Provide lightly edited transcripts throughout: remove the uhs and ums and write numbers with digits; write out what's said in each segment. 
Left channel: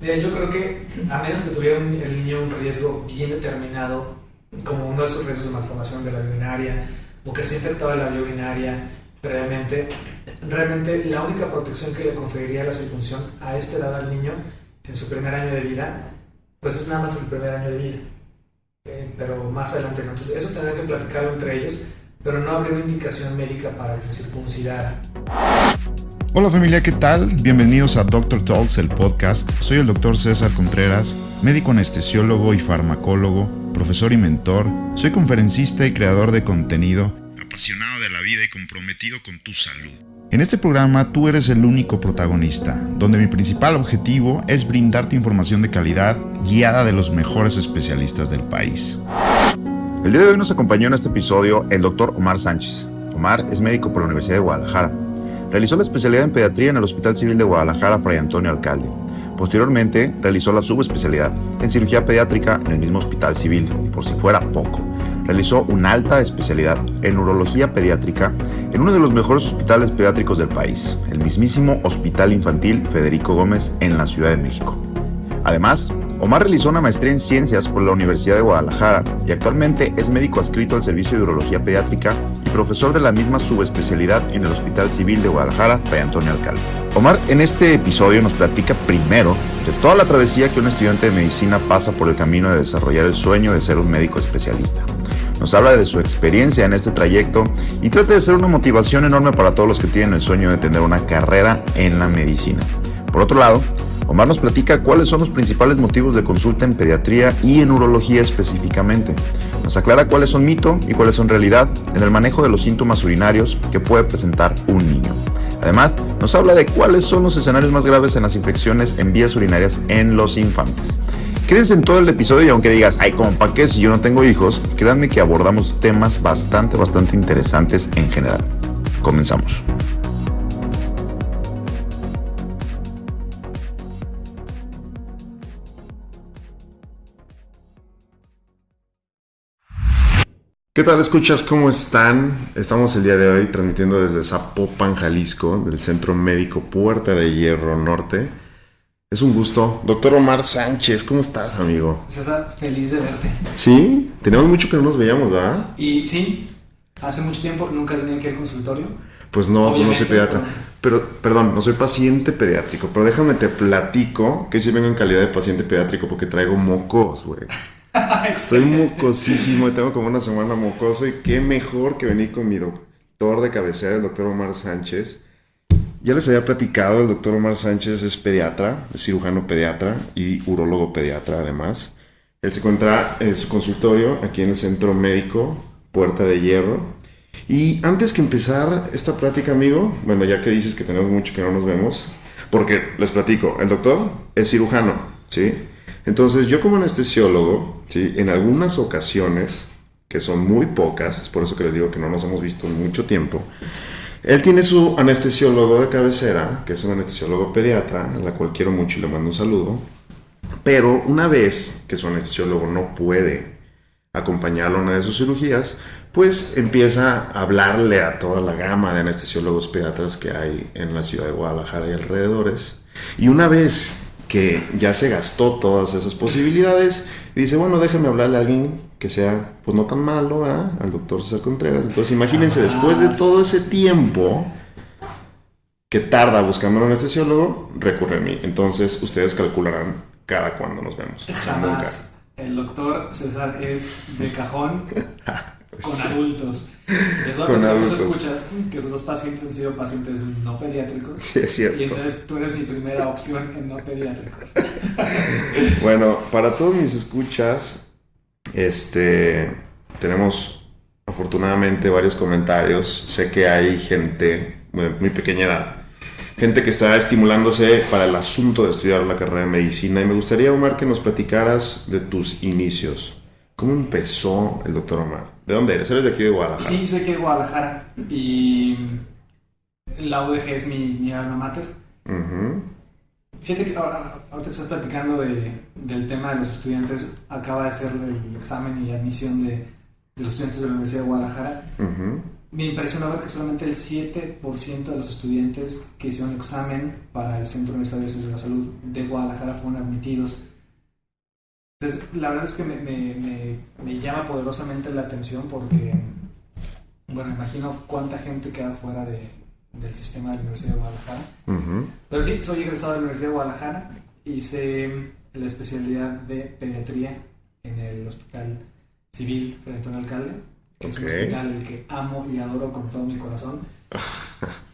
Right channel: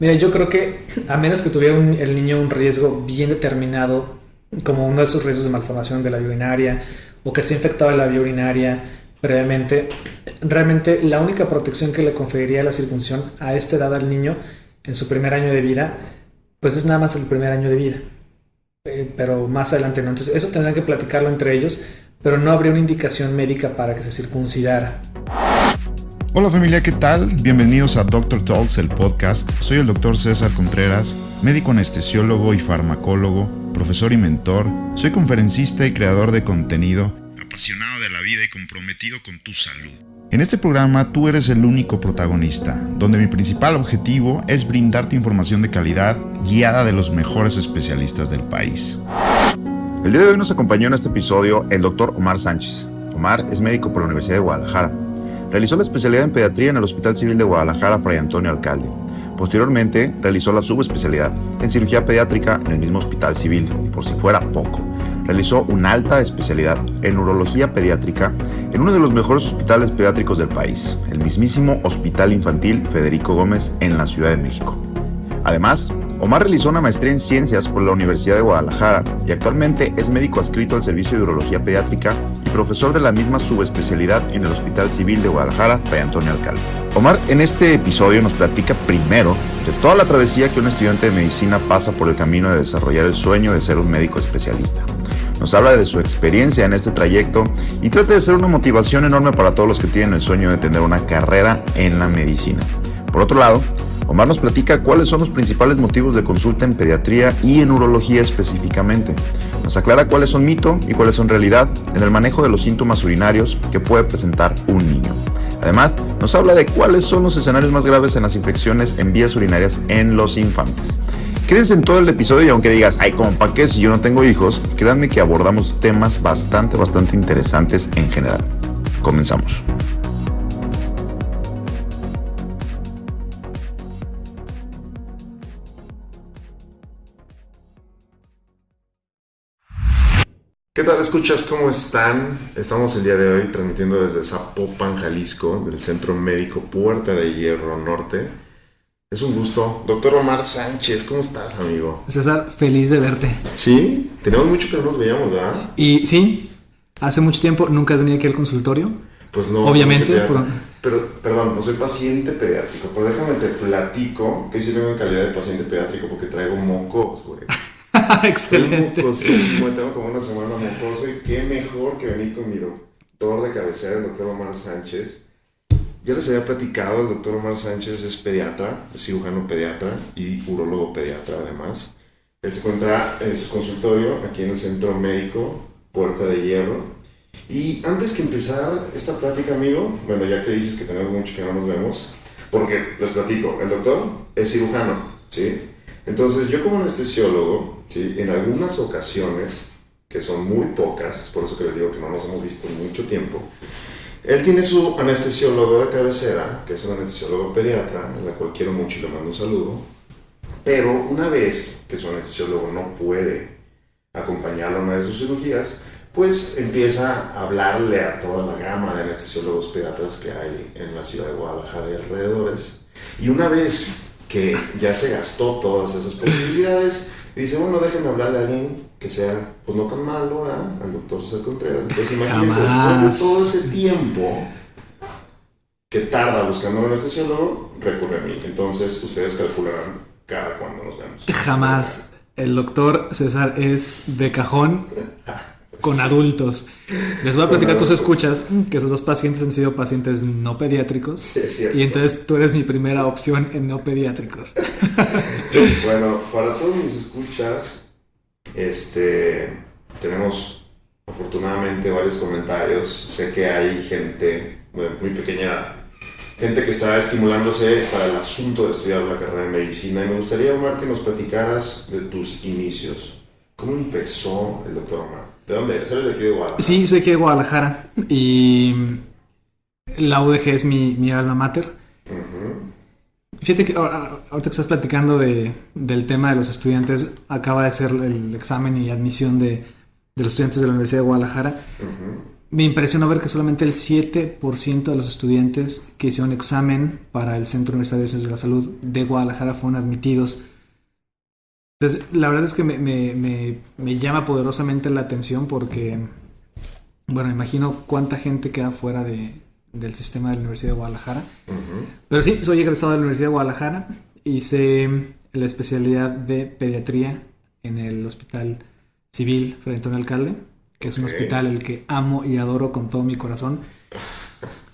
Mira, yo creo que a menos que tuviera el niño un riesgo bien determinado, como uno de esos riesgos de malformación de la vía urinaria, o que se infectaba la vía urinaria previamente, realmente la única protección que le conferiría la circuncisión a esta edad al niño en su primer año de vida, pues es nada más el primer año de vida. Pero más adelante no. Entonces eso tendrán que platicarlo entre ellos, pero no habría una indicación médica para que se circuncidara. Hola familia, ¿qué tal? Bienvenidos a Doctor Talks, el podcast. Soy el doctor César Contreras, médico anestesiólogo y farmacólogo, profesor y mentor. Soy conferencista y creador de contenido, apasionado de la vida y comprometido con tu salud. En este programa tú eres el único protagonista, donde mi principal objetivo es brindarte información de calidad guiada de los mejores especialistas del país. El día de hoy nos acompañó en este episodio el doctor Omar Sánchez. Omar es médico por la Universidad de Guadalajara. Realizó la especialidad en pediatría en el Hospital Civil de Guadalajara Fray Antonio Alcalde. Posteriormente, realizó la subespecialidad en cirugía pediátrica en el mismo Hospital Civil, y por si fuera poco, realizó una alta especialidad en urología pediátrica en uno de los mejores hospitales pediátricos del país, el mismísimo Hospital Infantil Federico Gómez en la Ciudad de México. Además, Omar realizó una maestría en ciencias por la Universidad de Guadalajara y actualmente es médico adscrito al Servicio de Urología Pediátrica y profesor de la misma subespecialidad en el Hospital Civil de Guadalajara, Fray Antonio Alcalde. Omar en este episodio nos platica primero de toda la travesía que un estudiante de medicina pasa por el camino de desarrollar el sueño de ser un médico especialista. Nos habla de su experiencia en este trayecto y trata de ser una motivación enorme para todos los que tienen el sueño de tener una carrera en la medicina. Por otro lado, Omar nos platica cuáles son los principales motivos de consulta en pediatría y en urología específicamente. Nos aclara cuáles son mito y cuáles son realidad en el manejo de los síntomas urinarios que puede presentar un niño. Además, nos habla de cuáles son los escenarios más graves en las infecciones en vías urinarias en los infantes. Quédense en todo el episodio y aunque digas, ay, ¿cómo para qué si yo no tengo hijos? Créanme que abordamos temas bastante interesantes en general. Comenzamos. ¿Qué tal, escuchas? ¿Cómo están? Estamos el día de hoy transmitiendo desde Zapopan, Jalisco, del Centro Médico Puerta de Hierro Norte. Es un gusto. Doctor Omar Sánchez, ¿cómo estás, amigo? César, feliz de verte. Sí, teníamos mucho que no nos veíamos, ¿verdad? Y sí, hace mucho tiempo nunca venía aquí al consultorio. Pues no, obviamente, no soy pediatra. Pero, perdón, no soy paciente pediátrico, pero déjame te platico que sí vengo en calidad de paciente pediátrico porque traigo mocos, güey. Estoy mocosísimo, tengo como una semana mocoso y qué mejor que venir con mi doctor de cabecera, el doctor Omar Sánchez. Ya les había platicado, el doctor Omar Sánchez es pediatra, es cirujano pediatra y urólogo pediatra además. Él se encuentra en su consultorio aquí en el Centro Médico Puerta de Hierro. Y antes que empezar esta plática, amigo, bueno, ya que dices que tenemos mucho que no nos vemos, porque les platico, el doctor es cirujano, ¿sí? Entonces yo como anestesiólogo, ¿sí? En algunas ocasiones, que son muy pocas, es por eso que les digo que no nos hemos visto en mucho tiempo, él tiene su anestesiólogo de cabecera, que es un anestesiólogo pediatra, a la cual quiero mucho y le mando un saludo, pero una vez que su anestesiólogo no puede acompañarlo en una de sus cirugías, pues empieza a hablarle a toda la gama de anestesiólogos pediatras que hay en la ciudad de Guadalajara y alrededores. Y una vez que ya se gastó todas esas posibilidades, y dice, bueno, déjame hablarle a alguien que sea, pues no tan malo, ¿eh? Al doctor César Contreras. Entonces imagínense, después de todo ese tiempo que tarda buscando un anestesiólogo, recurre a mí. Entonces ustedes calcularán cada cuándo nos vemos. Jamás. El doctor César es de cajón con adultos. Les voy a platicar, tú escuchas que esos dos pacientes han sido pacientes no pediátricos. Sí, es cierto. Y entonces tú eres mi primera opción en no pediátricos. Bueno, para todos mis escuchas, tenemos afortunadamente varios comentarios. Sé que hay gente de muy pequeña edad, gente que está estimulándose para el asunto de estudiar la carrera de medicina. Y me gustaría, Omar, que nos platicaras de tus inicios. ¿Cómo empezó el doctor Omar? ¿De dónde eres? ¿Eres de aquí de Guadalajara? Sí, soy aquí de Guadalajara y la UDG es mi alma mater. Uh-huh. Fíjate que ahorita que estás platicando del tema de los estudiantes, acaba de ser el examen y admisión de los estudiantes de la Universidad de Guadalajara. Uh-huh. Me impresionó ver que solamente el 7% de los estudiantes que hicieron examen para el Centro Universitario de Ciencias de la Salud de Guadalajara fueron admitidos. Entonces, la verdad es que me llama poderosamente la atención porque, bueno, imagino cuánta gente queda fuera del sistema de la Universidad de Guadalajara. Uh-huh. Pero sí, soy egresado de la Universidad de Guadalajara. Hice la especialidad de pediatría en el Hospital Civil Fray Antonio Alcalde, que es un hospital el que amo y adoro con todo mi corazón.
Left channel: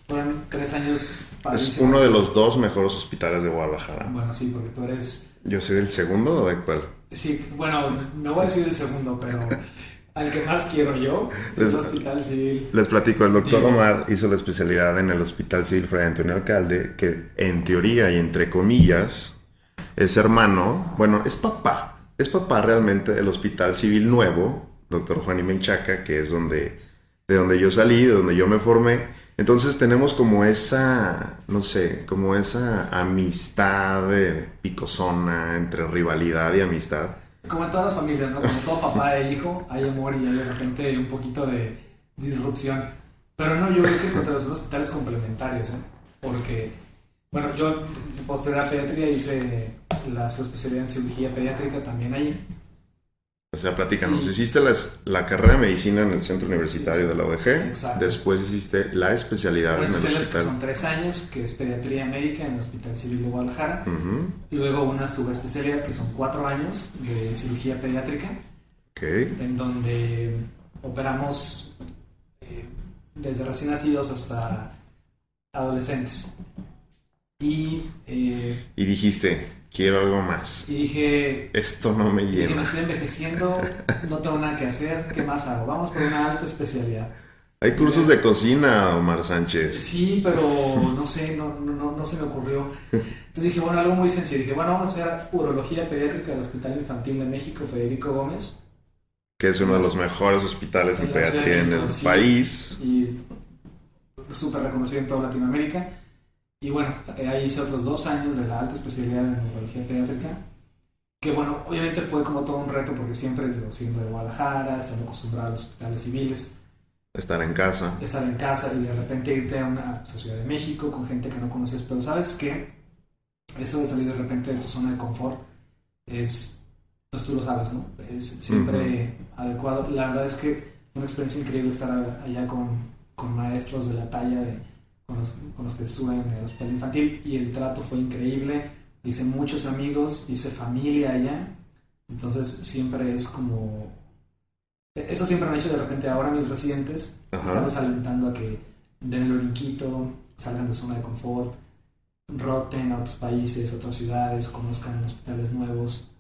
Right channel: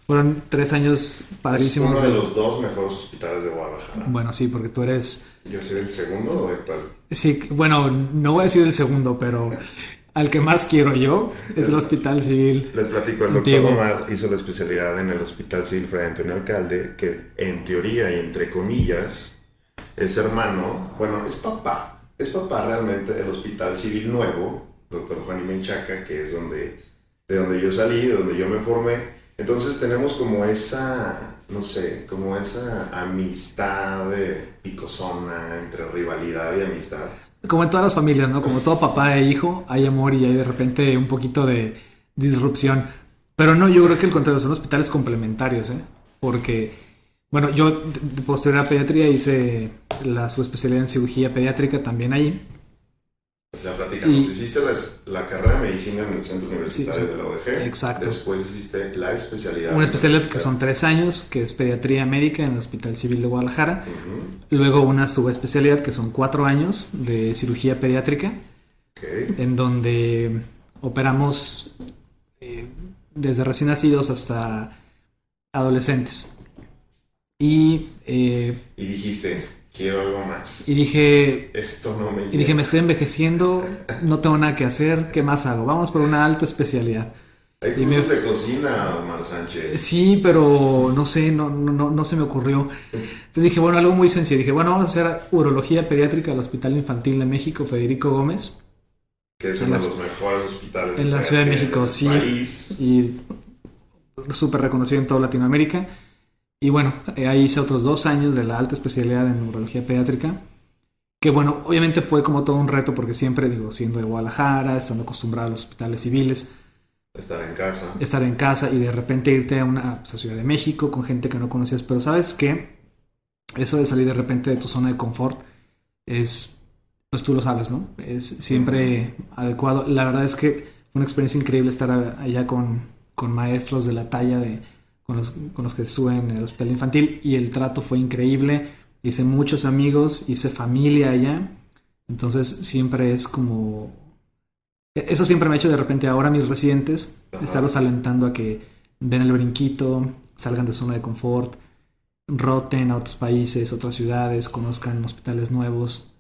Fueron 3 años padrísimos. Es uno de los 2 mejores hospitales de Guadalajara. Bueno, sí, porque tú eres... ¿Yo soy del segundo o del cuál? Sí, bueno, no voy a decir el segundo, pero al que más quiero yo es el Hospital Civil. Les platico, el doctor Diego. Omar hizo la especialidad en el Hospital Civil Fray Antonio Alcalde, que en teoría y entre comillas es hermano, bueno, es papá realmente del Hospital Civil Nuevo, doctor Juan y Menchaca, que es de donde yo salí, de donde yo me formé. Entonces tenemos como esa, no sé, como esa amistad picosona entre rivalidad y amistad. Como en todas las familias, ¿no? Como todo papá e hijo, hay amor y hay de repente un poquito de disrupción. Pero no, yo creo que el contrario, son hospitales complementarios, ¿eh? Porque, bueno, yo de posterior a pediatría hice la subespecialidad en cirugía pediátrica también ahí. O sea, platicamos, hiciste la carrera de medicina en el centro universitario de la UDG. Exacto. Después hiciste la especialidad. Una especialidad que son 3 años, que es pediatría médica en el Hospital Civil de Guadalajara. Uh-huh. Luego una subespecialidad que son 4 años de cirugía pediátrica. Okay. En donde operamos desde recién nacidos hasta adolescentes. Y dijiste, quiero algo más. Y dije... Esto no me llena. Y dije, me estoy envejeciendo, no tengo nada que hacer, ¿qué más hago? Vamos por una alta especialidad. Hay cursos de cocina, Omar Sánchez. Sí, pero no sé, no se me ocurrió. Entonces dije, bueno, algo muy sencillo. Dije, bueno, vamos a hacer urología pediátrica del Hospital Infantil de México, Federico Gómez. Que es uno de los mejores hospitales en la Ciudad de México, en el país. Y súper reconocido en toda Latinoamérica. Y bueno, ahí hice otros 2 años de la alta especialidad en urología pediátrica. Que bueno, obviamente fue como todo un reto porque siempre, digo, siendo de Guadalajara, estando acostumbrado a los hospitales civiles. Estar en casa Y de repente irte a Ciudad de México con gente que no conocías. Pero ¿sabes qué? Eso de salir de repente de tu zona de confort es, pues tú lo sabes, ¿no? Es siempre adecuado. La verdad es que fue una experiencia increíble estar allá con maestros de la talla con los que estuve en el hospital infantil, y el trato fue increíble. Hice muchos amigos, hice familia allá. Entonces siempre es como... Eso siempre me ha hecho de repente ahora mis residentes, estarlos alentando a que den el brinquito, salgan de su zona de confort, roten a otros países, otras ciudades, conozcan hospitales nuevos.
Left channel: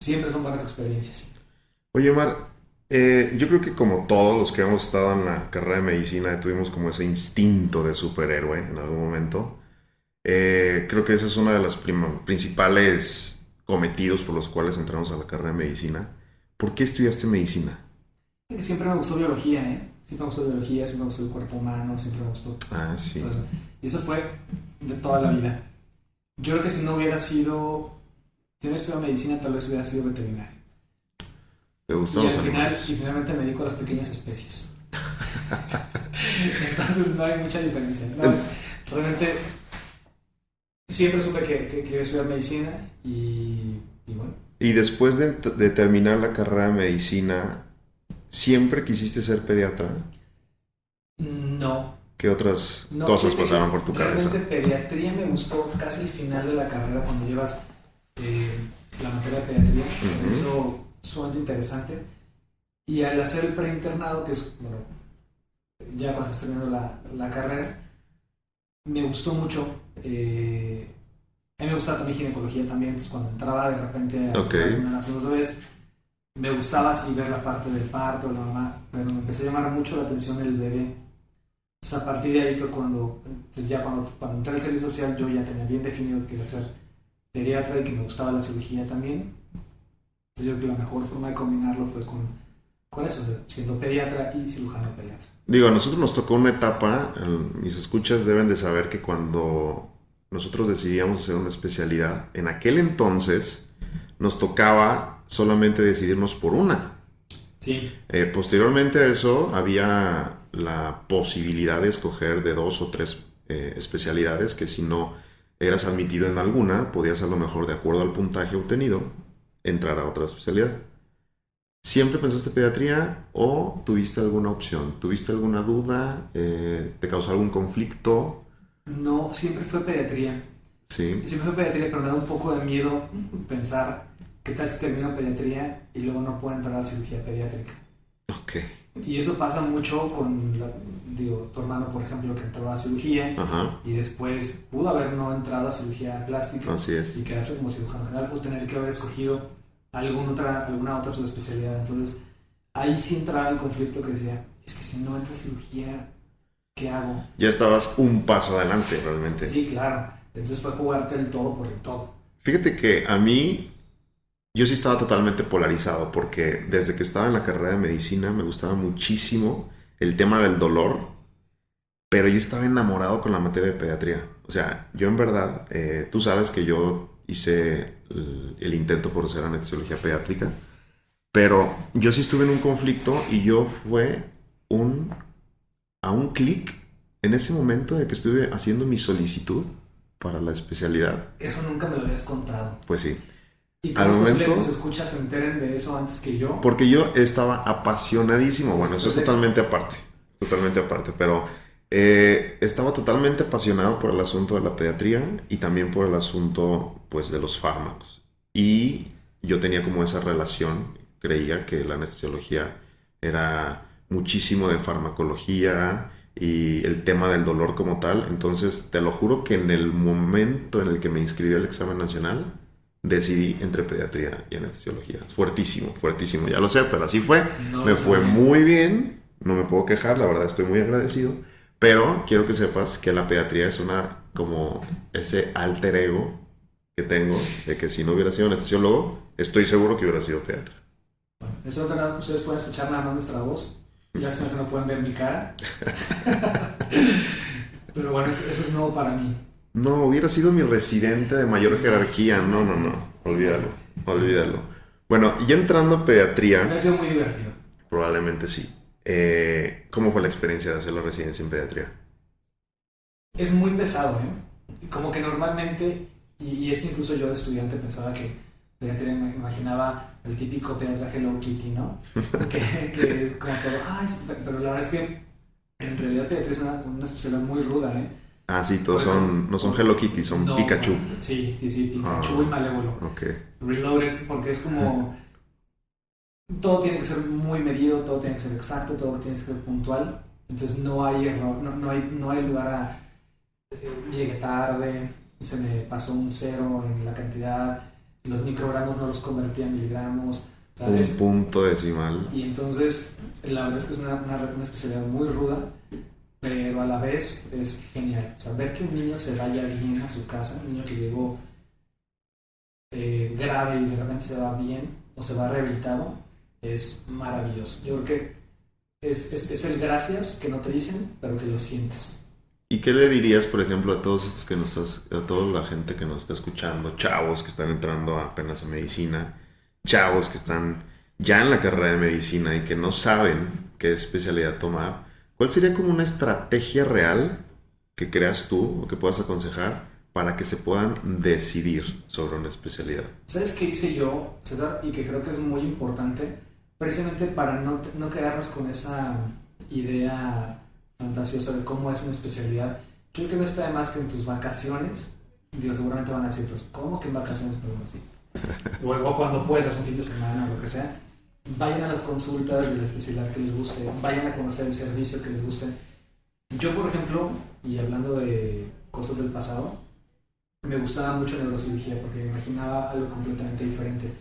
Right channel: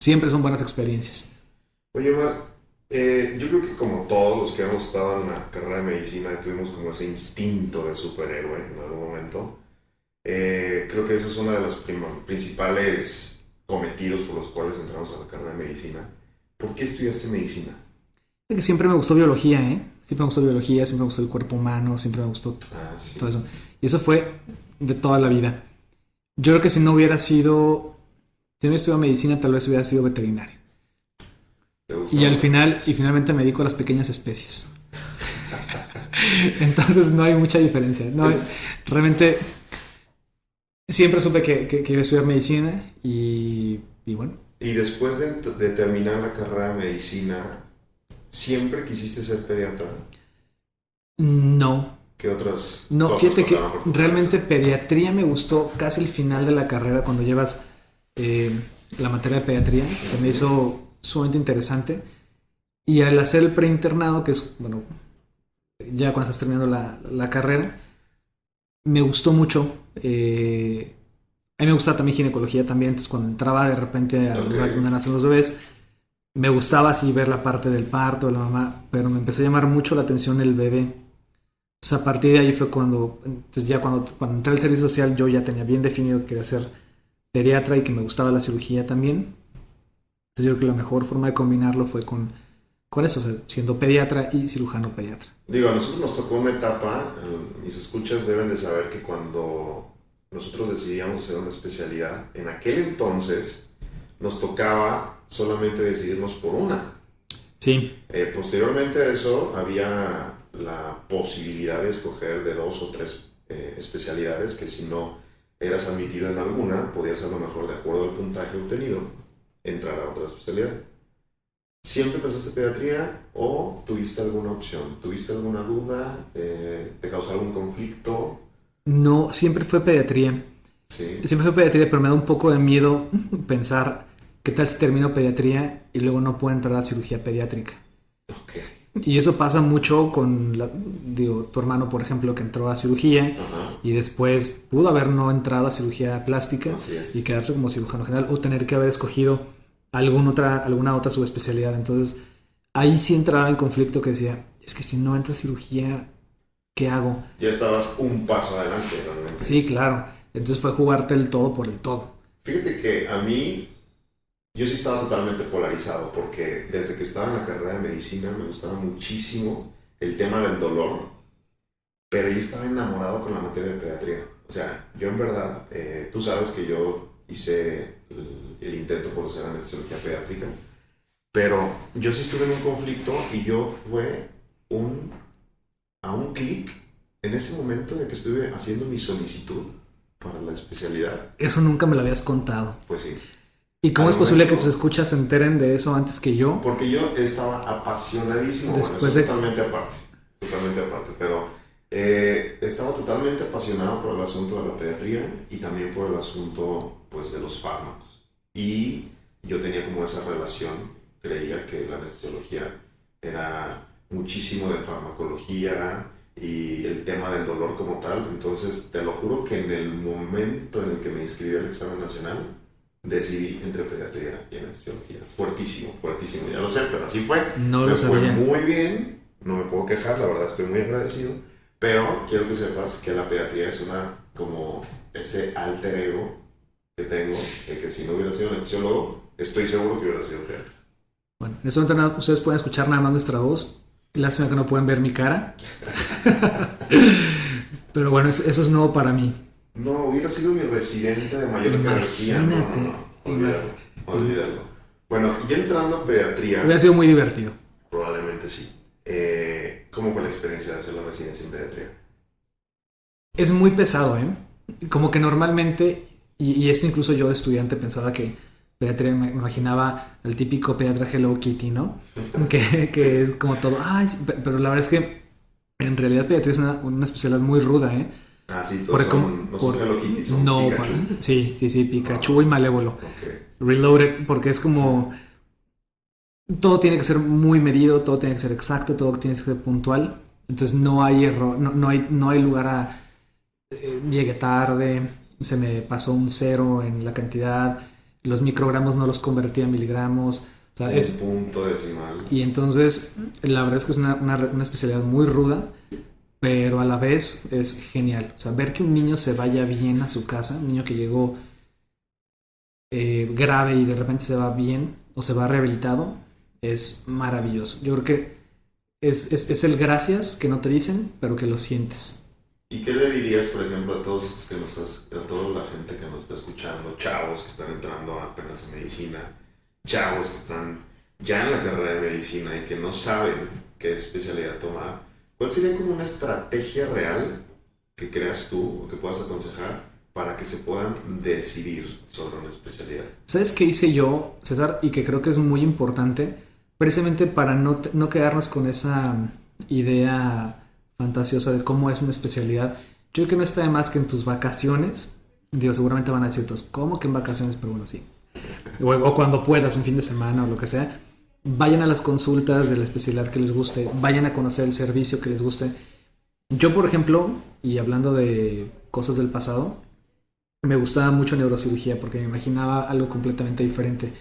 Siempre son buenas experiencias. Oye, Omar, yo creo que como todos los que hemos estado en la carrera de medicina tuvimos como ese instinto de superhéroe en algún momento. Creo que ese es uno de los principales cometidos por los cuales entramos a la carrera de medicina. ¿Por qué estudiaste medicina? Siempre me gustó biología, Siempre me gustó biología, siempre me gustó el cuerpo humano, siempre me gustó todo eso. Y eso fue de toda la vida. Yo creo que si no hubiera estudiado medicina, tal vez hubiera sido veterinario. ¿Te gustó? Y finalmente me dedico a las pequeñas especies. Entonces no hay mucha diferencia. No, realmente siempre supe que iba a estudiar medicina y bueno. Y después de terminar la carrera de medicina, ¿siempre quisiste ser pediatra? No. ¿Qué otras cosas pasaron por tu realmente cabeza? Pediatría me gustó casi el final de la carrera, cuando llevas la materia de pediatría. Se me hizo sumamente interesante. Y al hacer el preinternado, que es, bueno, ya cuando estás terminando la carrera, me gustó mucho. A mí me gustaba también ginecología también, entonces cuando entraba de repente a lugar donde nacen los bebés, me gustaba así ver la parte del parto de la mamá, pero me empezó a llamar mucho la atención el bebé. Entonces a partir de ahí fue cuando entré al servicio social, yo ya tenía bien definido que quería ser pediatra y que me gustaba la cirugía también. Entonces yo creo que la mejor forma de combinarlo fue con eso, o sea, siendo pediatra y cirujano pediatra. Digo, a nosotros nos tocó una etapa, mis escuchas deben de saber que cuando nosotros decidíamos hacer una especialidad, en aquel entonces nos tocaba solamente decidirnos por una. Sí, Posteriormente a eso, había la posibilidad de escoger de 2 o 3 especialidades que si no eras admitido en alguna, podías a lo mejor, de acuerdo al puntaje obtenido, entrar a otra especialidad. ¿Siempre pensaste pediatría o tuviste alguna opción? ¿Tuviste alguna duda? ¿Te causó algún conflicto? no, siempre fue pediatría. Sí, Siempre fue pediatría, pero me da un poco de miedo pensar qué tal si termino pediatría y luego no puedo entrar a cirugía pediátrica. ok, Y eso pasa mucho con, digo, tu hermano, por ejemplo, que entró a cirugía ajá, y después pudo haber no entrado a cirugía plástica así y es. quedarse como cirujano general o tener que haber escogido alguna otra subespecialidad. Entonces, ahí sí entraba en conflicto que decía, es que si no entra a cirugía, ¿qué hago? Ya estabas un paso adelante realmente. Sí, claro. Entonces fue jugarte el todo por el todo. Fíjate que a mí, yo sí estaba totalmente polarizado porque desde que estaba en la carrera de medicina me gustaba muchísimo el tema del dolor, pero yo estaba enamorado con la materia de pediatría. O sea, yo en verdad, tú sabes que yo hice el intento por hacer anestesiología pediátrica, pero yo sí estuve en un conflicto y yo fue un, a un clic en ese momento de que estuve haciendo mi solicitud para la especialidad. Eso nunca me lo habías contado. Pues sí, ¿Y cómo al es posible que momento, tus escuchas se enteren de eso antes que yo? porque yo estaba apasionadísimo, bueno, eso Después es de... totalmente aparte, pero estaba totalmente apasionado por el asunto de la pediatría y también por el asunto, pues, de los fármacos. Y yo tenía como esa relación, creía que la anestesiología era muchísimo de farmacología y el tema del dolor como tal, entonces te lo juro que en el momento en el que me inscribí al examen nacional, decidí entre pediatría y anestesiología. Fuertísimo, fuertísimo, ya lo sé, pero así fue. No Me lo fue sabía. muy bien, no me puedo quejar, la verdad estoy muy agradecido, pero quiero que sepas que la pediatría es como ese alter ego que tengo, de que si no hubiera sido anestesiólogo, estoy seguro que hubiera sido pediatra. Bueno, en este momento ustedes pueden escuchar nada más nuestra voz. Lástima que no pueden ver mi cara. Pero bueno, eso es nuevo para mí. No, hubiera sido mi residente de mayor jerarquía, no, no, Imagínate. no, olvídalo, olvídalo. Bueno, y entrando a pediatría, Hubiera sido muy divertido. probablemente sí. ¿Cómo fue la experiencia de hacer la residencia en pediatría? Es muy pesado, ¿eh? Como que normalmente, y esto incluso yo de estudiante pensaba que pediatría, me imaginaba el típico pediatra Hello Kitty, ¿no? Que es como todo, ay, sí, pero la verdad es que en realidad pediatría es una especialidad muy ruda, ¿eh? Ah, sí, todos Porque no son Hello Kitty, son no, Pikachu. bueno, sí, sí, sí, Pikachu Ah, y Malévolo. ok. Reloaded, porque es como todo tiene que ser muy medido, todo tiene que ser exacto, todo tiene que ser puntual. Entonces no hay error, no hay lugar a llegué tarde, se me pasó un cero en la cantidad, los microgramos no los convertí a miligramos, Un ¿sabes? punto decimal. Y entonces la verdad es que es una especialidad muy ruda, pero a la vez es genial. O sea, ver que un niño se vaya bien a su casa, un niño que llegó grave y de repente se va bien o se va rehabilitado, es maravilloso. Yo creo que es el gracias que no te dicen, pero que lo sientes. ¿Y qué le dirías, por ejemplo, a todos estos a toda la gente que nos está escuchando, chavos que están entrando apenas a medicina, chavos que están ya en la carrera de medicina y que no saben qué especialidad tomar? ¿Cuál sería como una estrategia real que creas tú o que puedas aconsejar para que se puedan decidir sobre una especialidad? ¿Sabes qué hice yo, César? Y que creo que es muy importante, precisamente para no quedarnos con esa idea fantasiosa de cómo es una especialidad. Yo creo que no está de más que en tus vacaciones, digo, seguramente van a decir, pues, ¿cómo que en vacaciones? Pero bueno, sí. O cuando puedas, un fin de semana o lo que sea, vayan a las consultas de la especialidad que les guste, vayan a conocer el servicio que les guste. Yo, por ejemplo, y hablando de cosas del pasado, me gustaba mucho neurocirugía porque me imaginaba algo completamente diferente.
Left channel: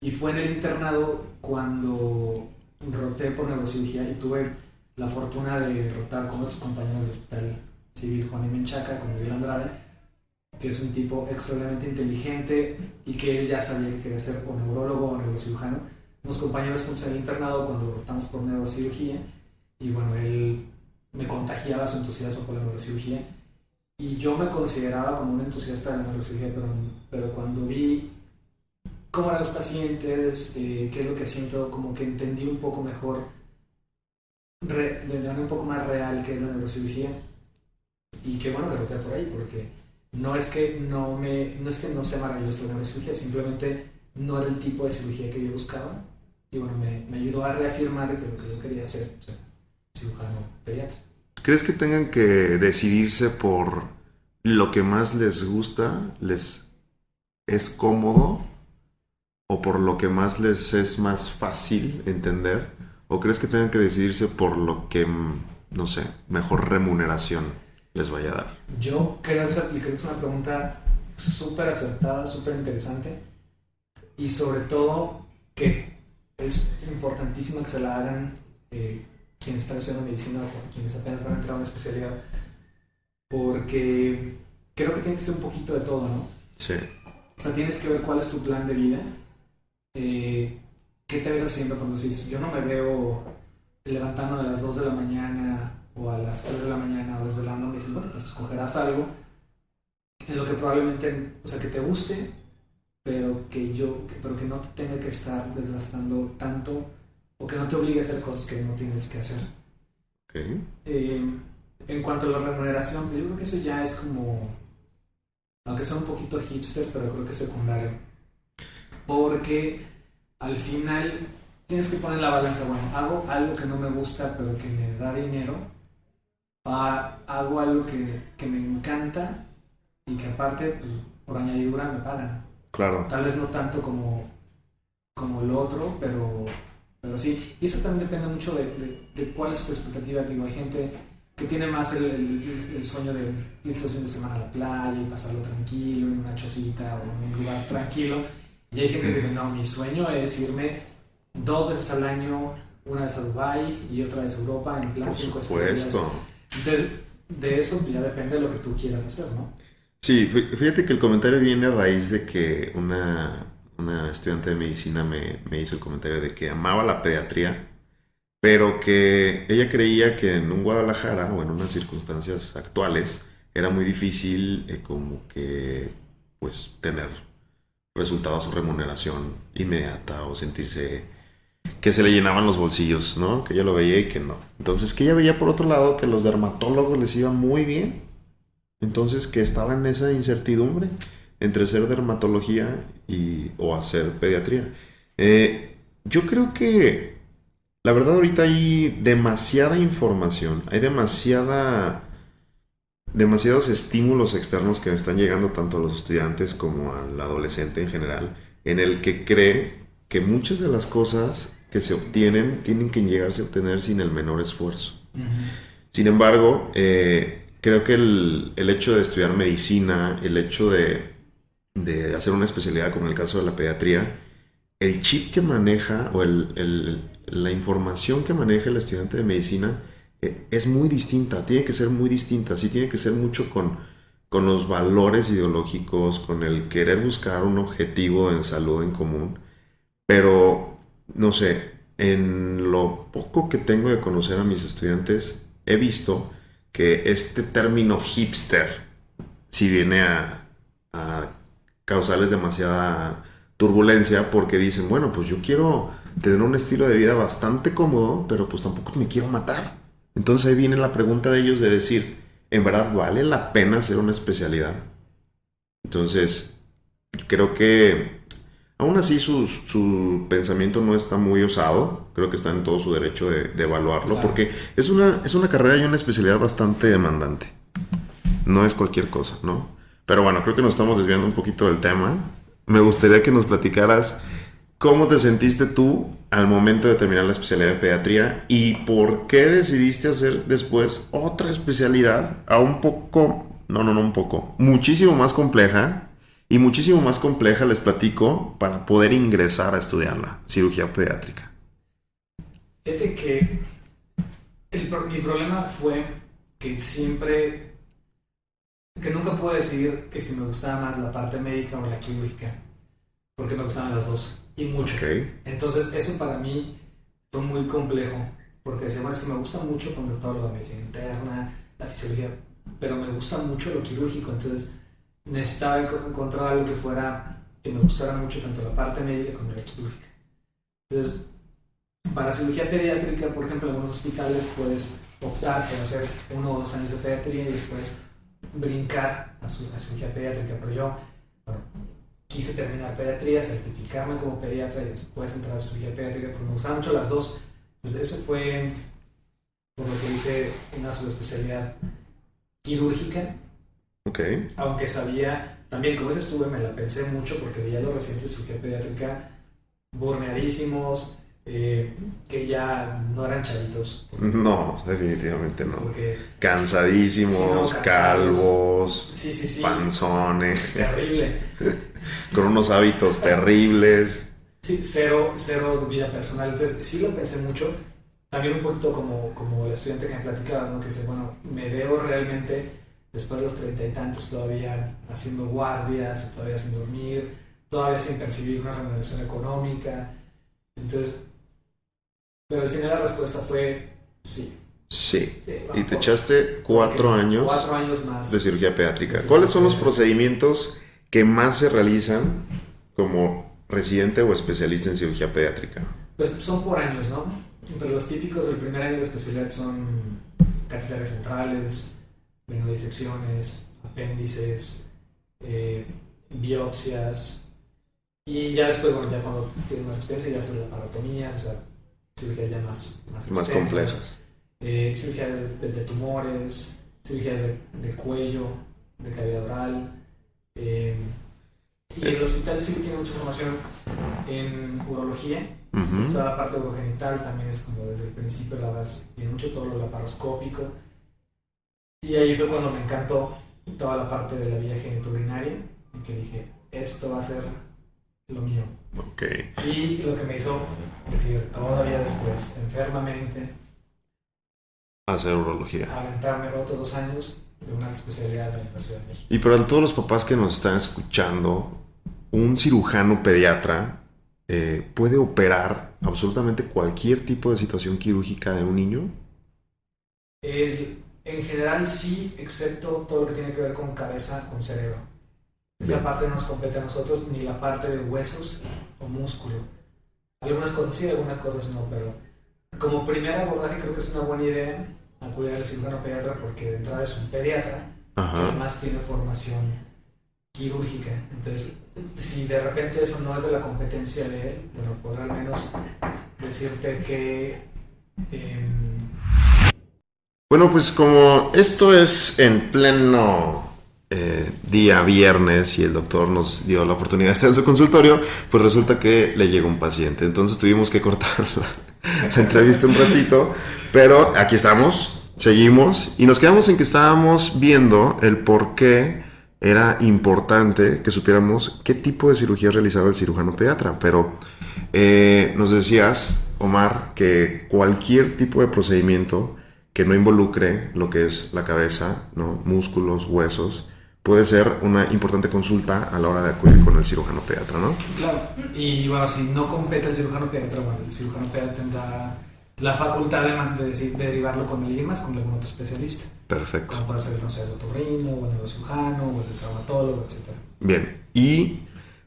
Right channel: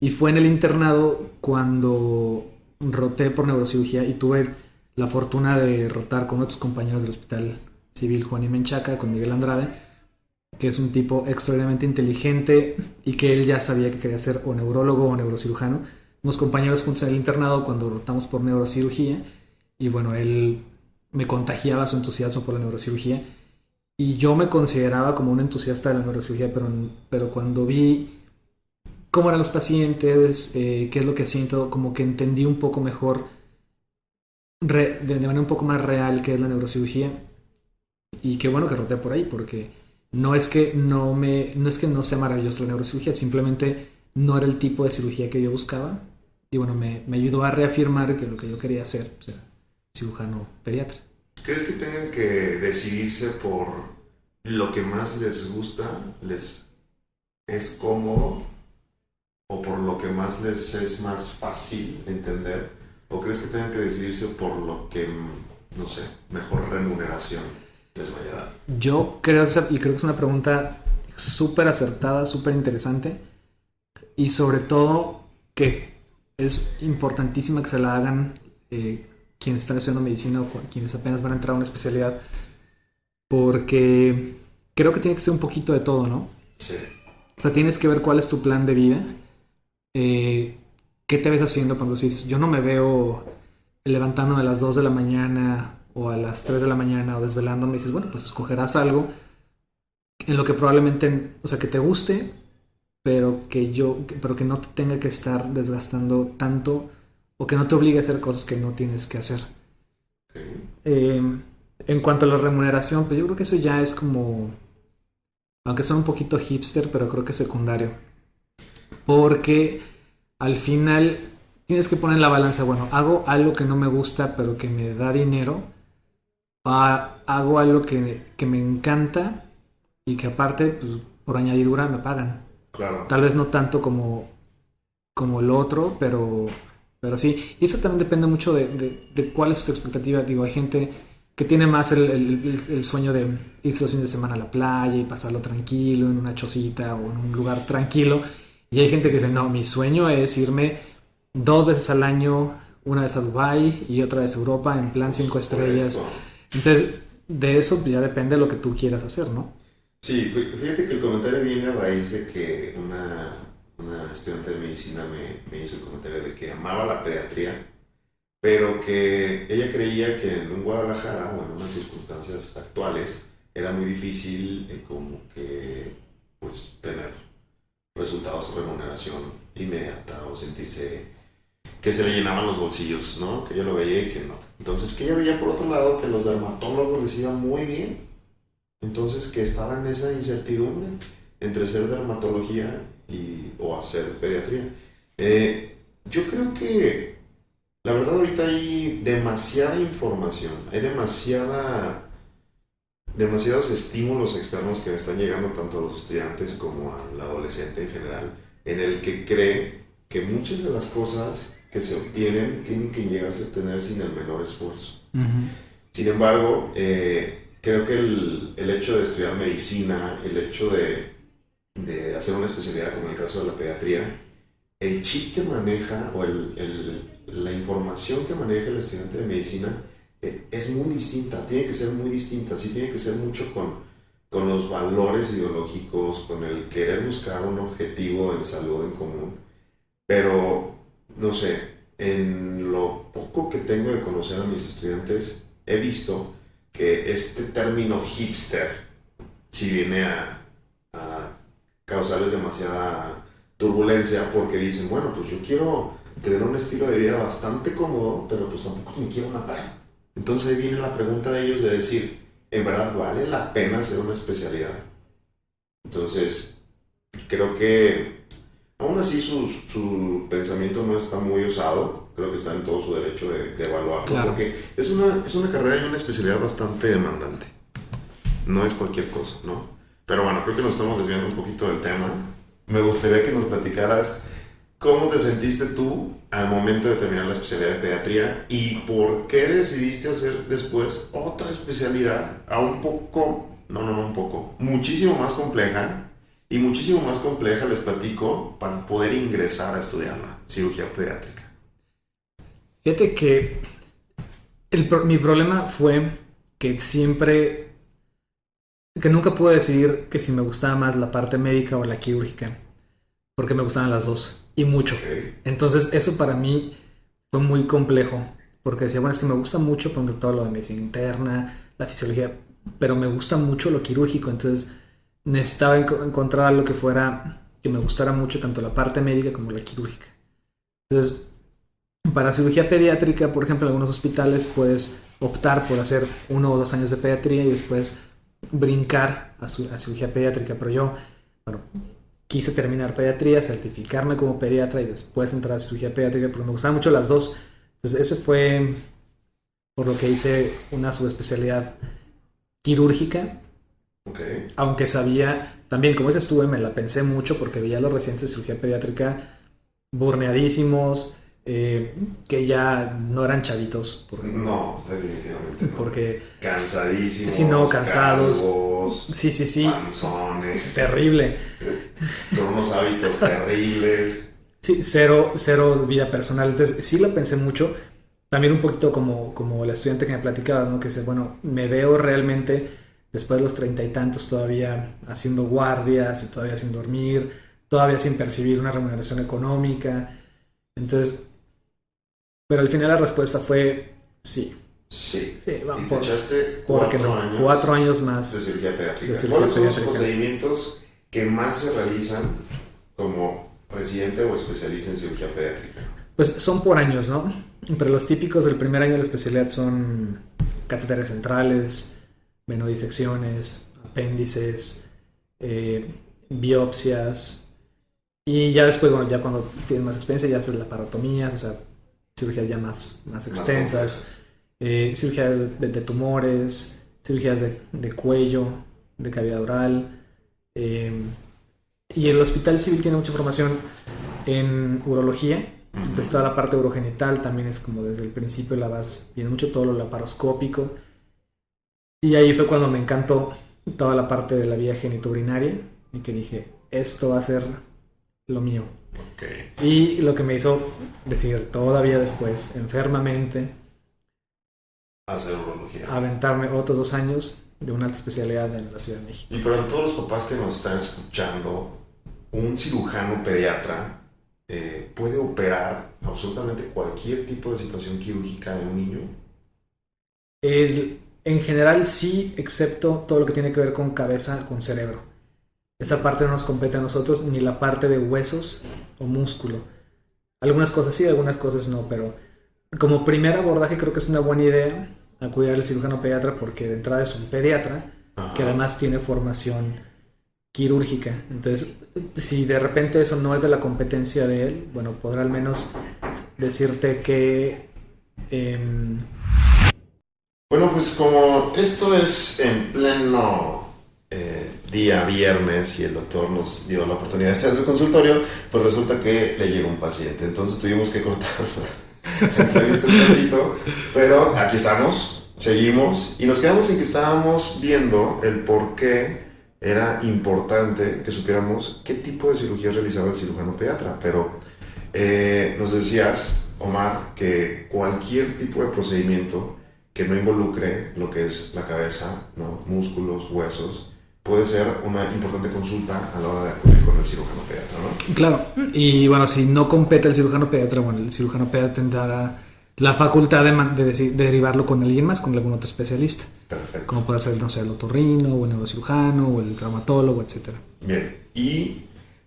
Y fue en el internado cuando roté por neurocirugía y tuve la fortuna de rotar con otros compañeros del Hospital Civil Juan y Menchaca, con Miguel Andrade, que es un tipo extraordinariamente inteligente y que él ya sabía que quería ser o neurólogo o neurocirujano. Unos compañeros juntos en el internado cuando rotamos por neurocirugía y bueno, él me contagiaba su entusiasmo por la neurocirugía y yo me consideraba como un entusiasta de la neurocirugía, pero cuando vi cómo eran los pacientes, qué es lo que siento, como que entendí un poco mejor, de manera un poco más real qué es la neurocirugía. Y qué bueno que roté por ahí, porque no es que no sea maravilloso la neurocirugía, simplemente no era el tipo de cirugía que yo buscaba. Y bueno, me ayudó a reafirmar que lo que yo quería hacer, o sea, cirujano pediatra. ¿Crees que tengan que decidirse por lo que más les gusta, les es cómodo, o por lo que más les es más fácil entender? ¿O crees que tengan que decidirse por lo que, no sé, mejor remuneración les vaya a dar? Y creo que es una pregunta súper acertada, súper interesante, y sobre todo que es importantísima que se la hagan quienes están estudiando medicina o quienes apenas van a entrar a una especialidad, porque creo que tiene que ser un poquito de todo, ¿no? Sí. O sea, tienes que ver cuál es tu plan de vida, qué te ves haciendo cuando dices, yo no me veo levantándome a las 2 de la mañana o a las 3 de la mañana o desvelándome, y dices, bueno, pues escogerás algo en lo que probablemente, o sea, que te guste, pero que no te tenga que estar desgastando tanto o que no te obligue a hacer cosas que no tienes que hacer. Okay. En cuanto a la remuneración, pues yo creo que eso ya es como, aunque sea un poquito hipster, pero creo que es secundario. Porque al final tienes que poner en la balanza, bueno, hago algo que no me gusta, pero que me da dinero, o hago algo que me encanta y que aparte, pues, por añadidura me pagan. Claro. Tal vez no tanto como lo otro, pero sí. Y eso también depende mucho de cuál es tu expectativa. Digo, hay gente que tiene más el sueño de irse los fines de semana a la playa y pasarlo tranquilo en una chocita o en un lugar tranquilo. Y hay gente que dice, no, mi sueño es irme 2 veces al año, una vez a Dubái y otra vez a Europa en plan 5 estrellas. Entonces, de eso pues, ya depende de lo que tú quieras hacer, ¿no? Sí, fíjate que el comentario viene a raíz de que una estudiante de medicina me hizo el comentario de que amaba la pediatría, pero que ella creía que en un Guadalajara o en unas circunstancias actuales era muy difícil como que pues tener resultados o remuneración inmediata o sentirse que se le llenaban los bolsillos, ¿no? Que ella lo veía y que no. Entonces que ella veía por otro lado que los dermatólogos les iba muy bien. Entonces que estaba en esa incertidumbre entre ser dermatología o hacer pediatría. Yo creo que la verdad ahorita hay demasiada información, hay demasiados estímulos externos que están llegando tanto a los estudiantes como al adolescente en general, en el que cree que muchas de las cosas que se obtienen tienen que llegarse a obtener sin el menor esfuerzo. Uh-huh. Sin embargo, creo que el hecho de estudiar medicina, el hecho de hacer una especialidad como el caso de la pediatría, el chip que maneja o la información que maneja el estudiante de medicina es muy distinta, tiene que ser muy distinta, sí tiene que ser mucho con los valores ideológicos, con el querer buscar un objetivo en salud en común, pero no sé, en lo poco que tengo de conocer a mis estudiantes, he visto que este término hipster sí viene a causarles demasiada turbulencia porque dicen, bueno, pues yo quiero tener un estilo de vida bastante cómodo, pero pues tampoco me quiero matar. Entonces ahí viene la pregunta de ellos de decir, ¿en verdad vale la pena hacer una especialidad? Entonces, creo que aún así su pensamiento no está muy osado, creo que está en todo su derecho de evaluarlo, Claro. porque es una carrera y una especialidad bastante demandante. No es cualquier cosa, ¿no? Pero bueno, creo que nos estamos desviando un poquito del tema. Me gustaría que nos platicaras cómo te sentiste tú al momento de terminar la especialidad de pediatría y por qué decidiste hacer después otra especialidad a un poco, no un poco, muchísimo más compleja. Y muchísimo más compleja, les platico, para poder ingresar a estudiarla, cirugía pediátrica. Fíjate que mi problema fue que que nunca pude decidir que si me gustaba más la parte médica o la quirúrgica, porque me gustaban las dos, y mucho. Okay. Entonces eso para mí fue muy complejo, porque decía, bueno, es que me gusta mucho, por ejemplo, todo lo de medicina interna, la fisiología, pero me gusta mucho lo quirúrgico, entonces necesitaba encontrar algo que fuera que me gustara mucho tanto la parte médica como la quirúrgica. Entonces, para cirugía pediátrica, por ejemplo, en algunos hospitales puedes optar por hacer 1 o 2 años de pediatría y después brincar a cirugía pediátrica, pero yo, bueno, quise terminar pediatría, certificarme como pediatra y después entrar a cirugía pediátrica, porque me gustaban mucho las dos. Entonces ese fue por lo que hice una subespecialidad quirúrgica. Okay. Aunque sabía, también como ese estuve, me la pensé mucho porque veía a los residentes de cirugía pediátrica burneadísimos, que ya no eran chavitos. No, definitivamente no. Porque cansadísimos, sí, no, cansados, calvos, sí, panzones, terrible, con unos hábitos terribles. Sí, cero vida personal. Entonces sí lo pensé mucho. También un poquito como el estudiante que me platicaba, ¿no? Que dice, bueno, me veo realmente después de los 30 y tantos todavía haciendo guardias, todavía sin dormir, todavía sin percibir una remuneración económica. Entonces, pero al final la respuesta fue sí. Sí, vamos y te echaste 4 años. 4 años más. De cirugía pediátrica. ¿Cuáles son los procedimientos que más se realizan como residente o especialista en cirugía pediátrica? Pues son por años, ¿no? Pero los típicos del primer año de la especialidad son catéteres centrales, menudisecciones, apéndices, biopsias. Y ya después, bueno, ya cuando tienes más experiencia, ya haces laparotomías, o sea, cirugías ya más extensas. Cirugías de tumores, cirugías de cuello, de cavidad oral. Y el hospital civil tiene mucha información en urología. Entonces toda la parte urogenital también es como desde el principio la vas viendo mucho, todo lo laparoscópico. Y ahí fue cuando me encantó toda la parte de la vía genitourinaria y que dije, esto va a ser lo mío. Okay. Y lo que me hizo decidir todavía después, enfermamente, hacer urología. Aventarme otros 2 años de una especialidad en la Ciudad de México. Y para todos los papás que nos están escuchando, un cirujano pediatra puede operar absolutamente cualquier tipo de situación quirúrgica de un niño. En general sí, excepto todo lo que tiene que ver con cabeza, con cerebro. Esa parte no nos compete a nosotros, ni la parte de huesos o músculo. Algunas cosas sí, algunas cosas no, pero como primer abordaje creo que es una buena idea acudir al cirujano pediatra porque de entrada es un pediatra. Ajá. Que además tiene formación quirúrgica. Entonces, si de repente eso no es de la competencia de él, bueno, podrá al menos decirte que... Bueno, pues como esto es en pleno día viernes y el doctor nos dio la oportunidad de estar en su consultorio, pues resulta que le llegó un paciente. Entonces tuvimos que cortar la entrevista un ratito, pero aquí estamos, seguimos y nos quedamos en que estábamos viendo el por qué era importante que supiéramos qué tipo de cirugía realizaba el cirujano pediatra. Pero nos decías, Omar, que cualquier tipo de procedimiento que no involucre lo que es la cabeza, ¿no? Músculos, huesos, puede ser una importante consulta a la hora de acudir con el cirujano pediatra, ¿no? Claro, y bueno, si no compete el cirujano pediatra, bueno, el cirujano pediatra tendrá la facultad de derivarlo con alguien más, con algún otro especialista. Perfecto. Como puede ser, no sé, el otorrino, o el neurocirujano, o el traumatólogo, etc. Bien, y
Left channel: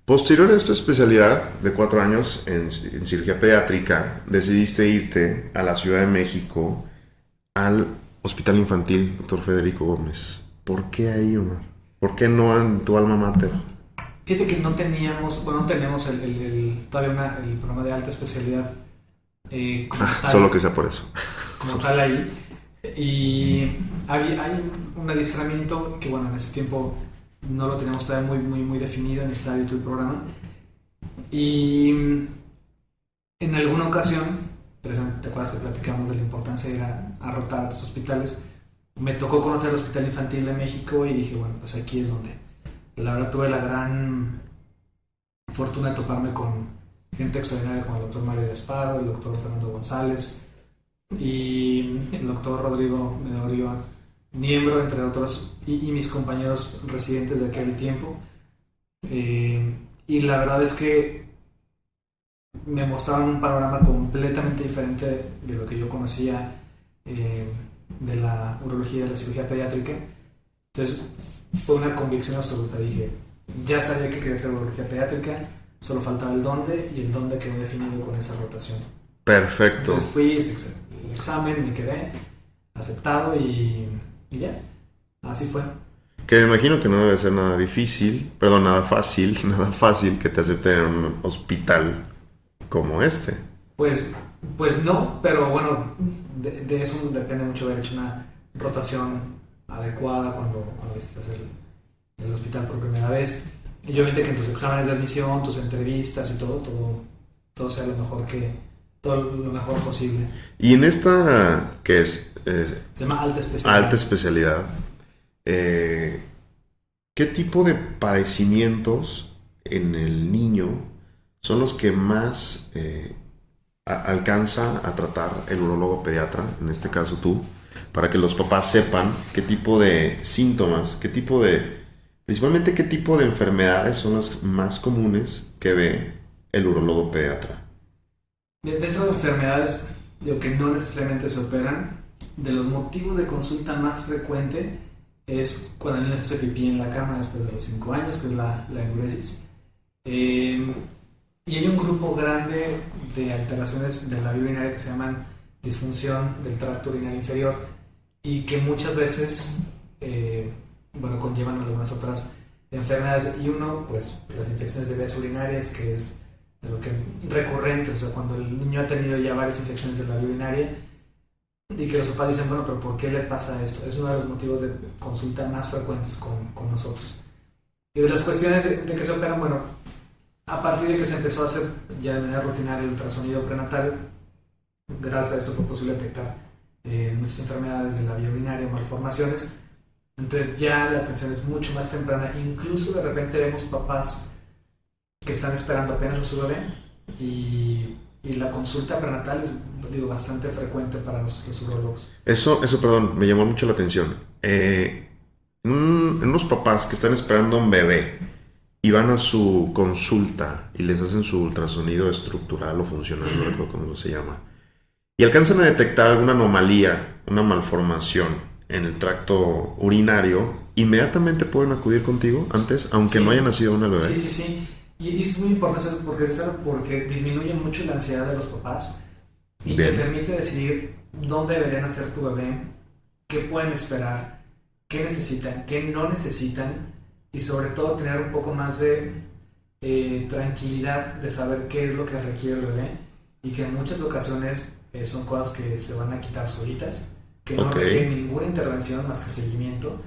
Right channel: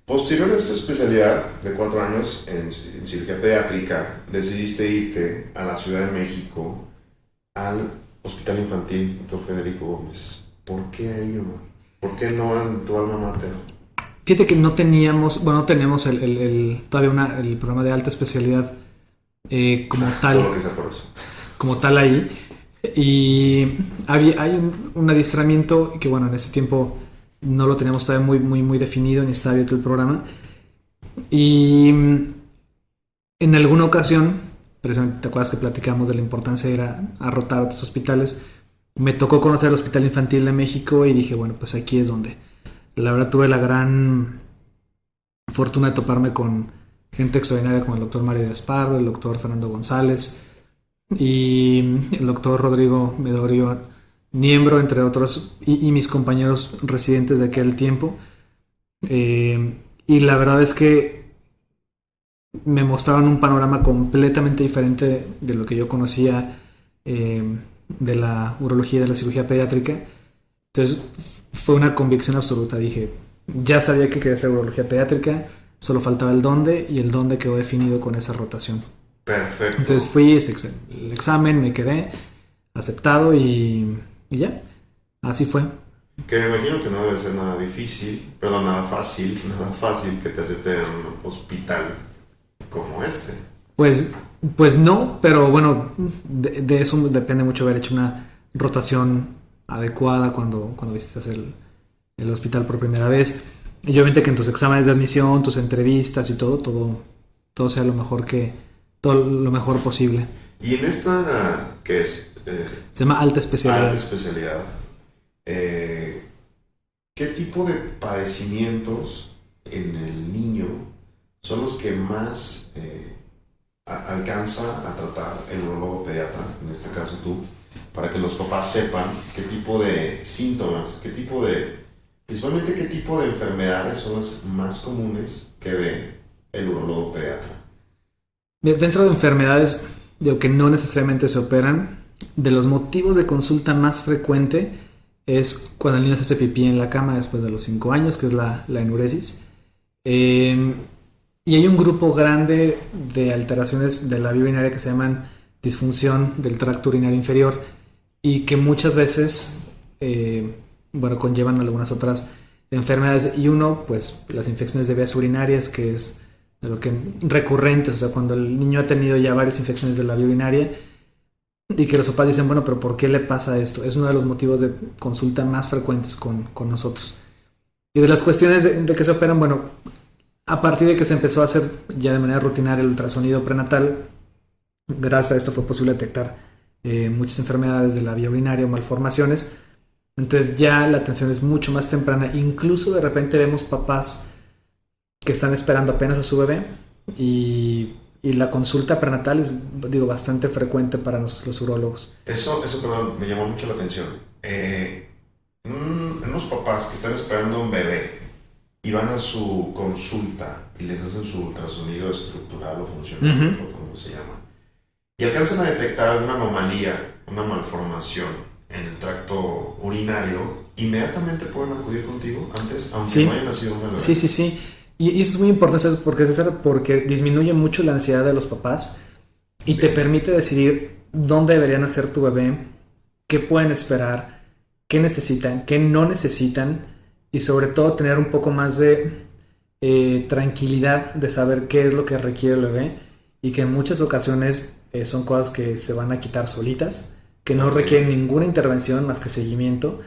posterior a esta especialidad de 4 años en cirugía pediátrica, decidiste irte a la Ciudad de México al Hospital Infantil Dr. Federico Gómez. ¿Por qué ahí, Omar? ¿Por qué no en tu alma mater? Fíjate que no tenemos todavía el programa de alta especialidad como tal. Solo que sea por eso. Como tal ahí. Y hay un adiestramiento que, bueno, en ese tiempo no lo teníamos todavía muy definido, ni estaba abierto el programa. Y en alguna ocasión, precisamente te acuerdas que platicamos de la importancia de ir a rotar a otros hospitales, me tocó conocer el Hospital Infantil de México y dije, bueno, pues aquí es donde. La verdad tuve la gran fortuna de toparme con gente extraordinaria como el doctor Mario Despardo, el doctor Fernando González y el doctor Rodrigo Medorio Niembro, entre otros, y mis compañeros residentes de aquel tiempo. Y la verdad es que me mostraban un panorama completamente diferente de lo que yo conocía de la urología y de la cirugía pediátrica. Entonces fue una convicción absoluta. Dije, ya sabía que quería hacer urología pediátrica, solo faltaba el dónde y el dónde quedó definido con esa rotación. Perfecto. Entonces fui, el examen, me quedé aceptado y ya, así fue. Que me imagino que no debe ser nada difícil, perdón, nada fácil que te acepten en un hospital como este. Pues no, pero bueno, de eso depende mucho haber hecho una rotación adecuada cuando visitas el hospital por primera vez. Y obviamente que en tus exámenes de admisión, tus entrevistas y todo sea todo lo mejor posible. Y en esta, ¿qué es? Se llama alta especialidad. Alta especialidad. ¿Qué tipo de padecimientos en el niño son los que más alcanza a tratar el urólogo pediatra, en este caso tú, para que los papás sepan qué tipo de síntomas, principalmente qué tipo de enfermedades son las más comunes que ve el urólogo pediatra? Dentro de enfermedades, digo que no necesariamente se operan, de los motivos de consulta más frecuente es cuando el niño se hace pipí en la cama después de los 5 años, que es la enuresis. Y hay un grupo grande de alteraciones de la vía urinaria que se llaman disfunción del tracto urinario inferior y que muchas veces conllevan algunas otras enfermedades. Y uno, pues las infecciones de vías urinarias, que es lo que recurrentes, o sea, cuando el niño ha tenido ya varias infecciones de la vía urinaria y que los papás dicen, bueno, pero ¿por qué le pasa esto? Es uno de los motivos de consulta más frecuentes con nosotros. Y de las cuestiones de que se operan, bueno, a partir de que se empezó a hacer ya de manera rutinaria el ultrasonido prenatal, gracias a esto fue posible detectar muchas enfermedades de la vía urinaria o malformaciones. Entonces ya la atención es mucho más temprana. Incluso de repente vemos papás que están esperando apenas a su bebé y la consulta prenatal es, bastante frecuente para los urólogos. Eso, perdón, me llamó mucho la atención. Unos papás que están esperando a un bebé y van a su consulta y les hacen su ultrasonido estructural o funcional, uh-huh, como se llama, y alcanzan a detectar alguna anomalía, una malformación en el tracto urinario, inmediatamente pueden acudir contigo antes, aunque no haya nacido una bebé. Sí. Y eso es muy importante porque disminuye mucho la ansiedad de los papás y te permite decidir dónde debería nacer tu bebé, qué pueden esperar, qué necesitan, qué no necesitan, y sobre todo tener un poco más de tranquilidad de saber qué es lo que requiere el bebé y que en muchas ocasiones son cosas que se van a quitar solitas, que no requieren ninguna intervención más que seguimiento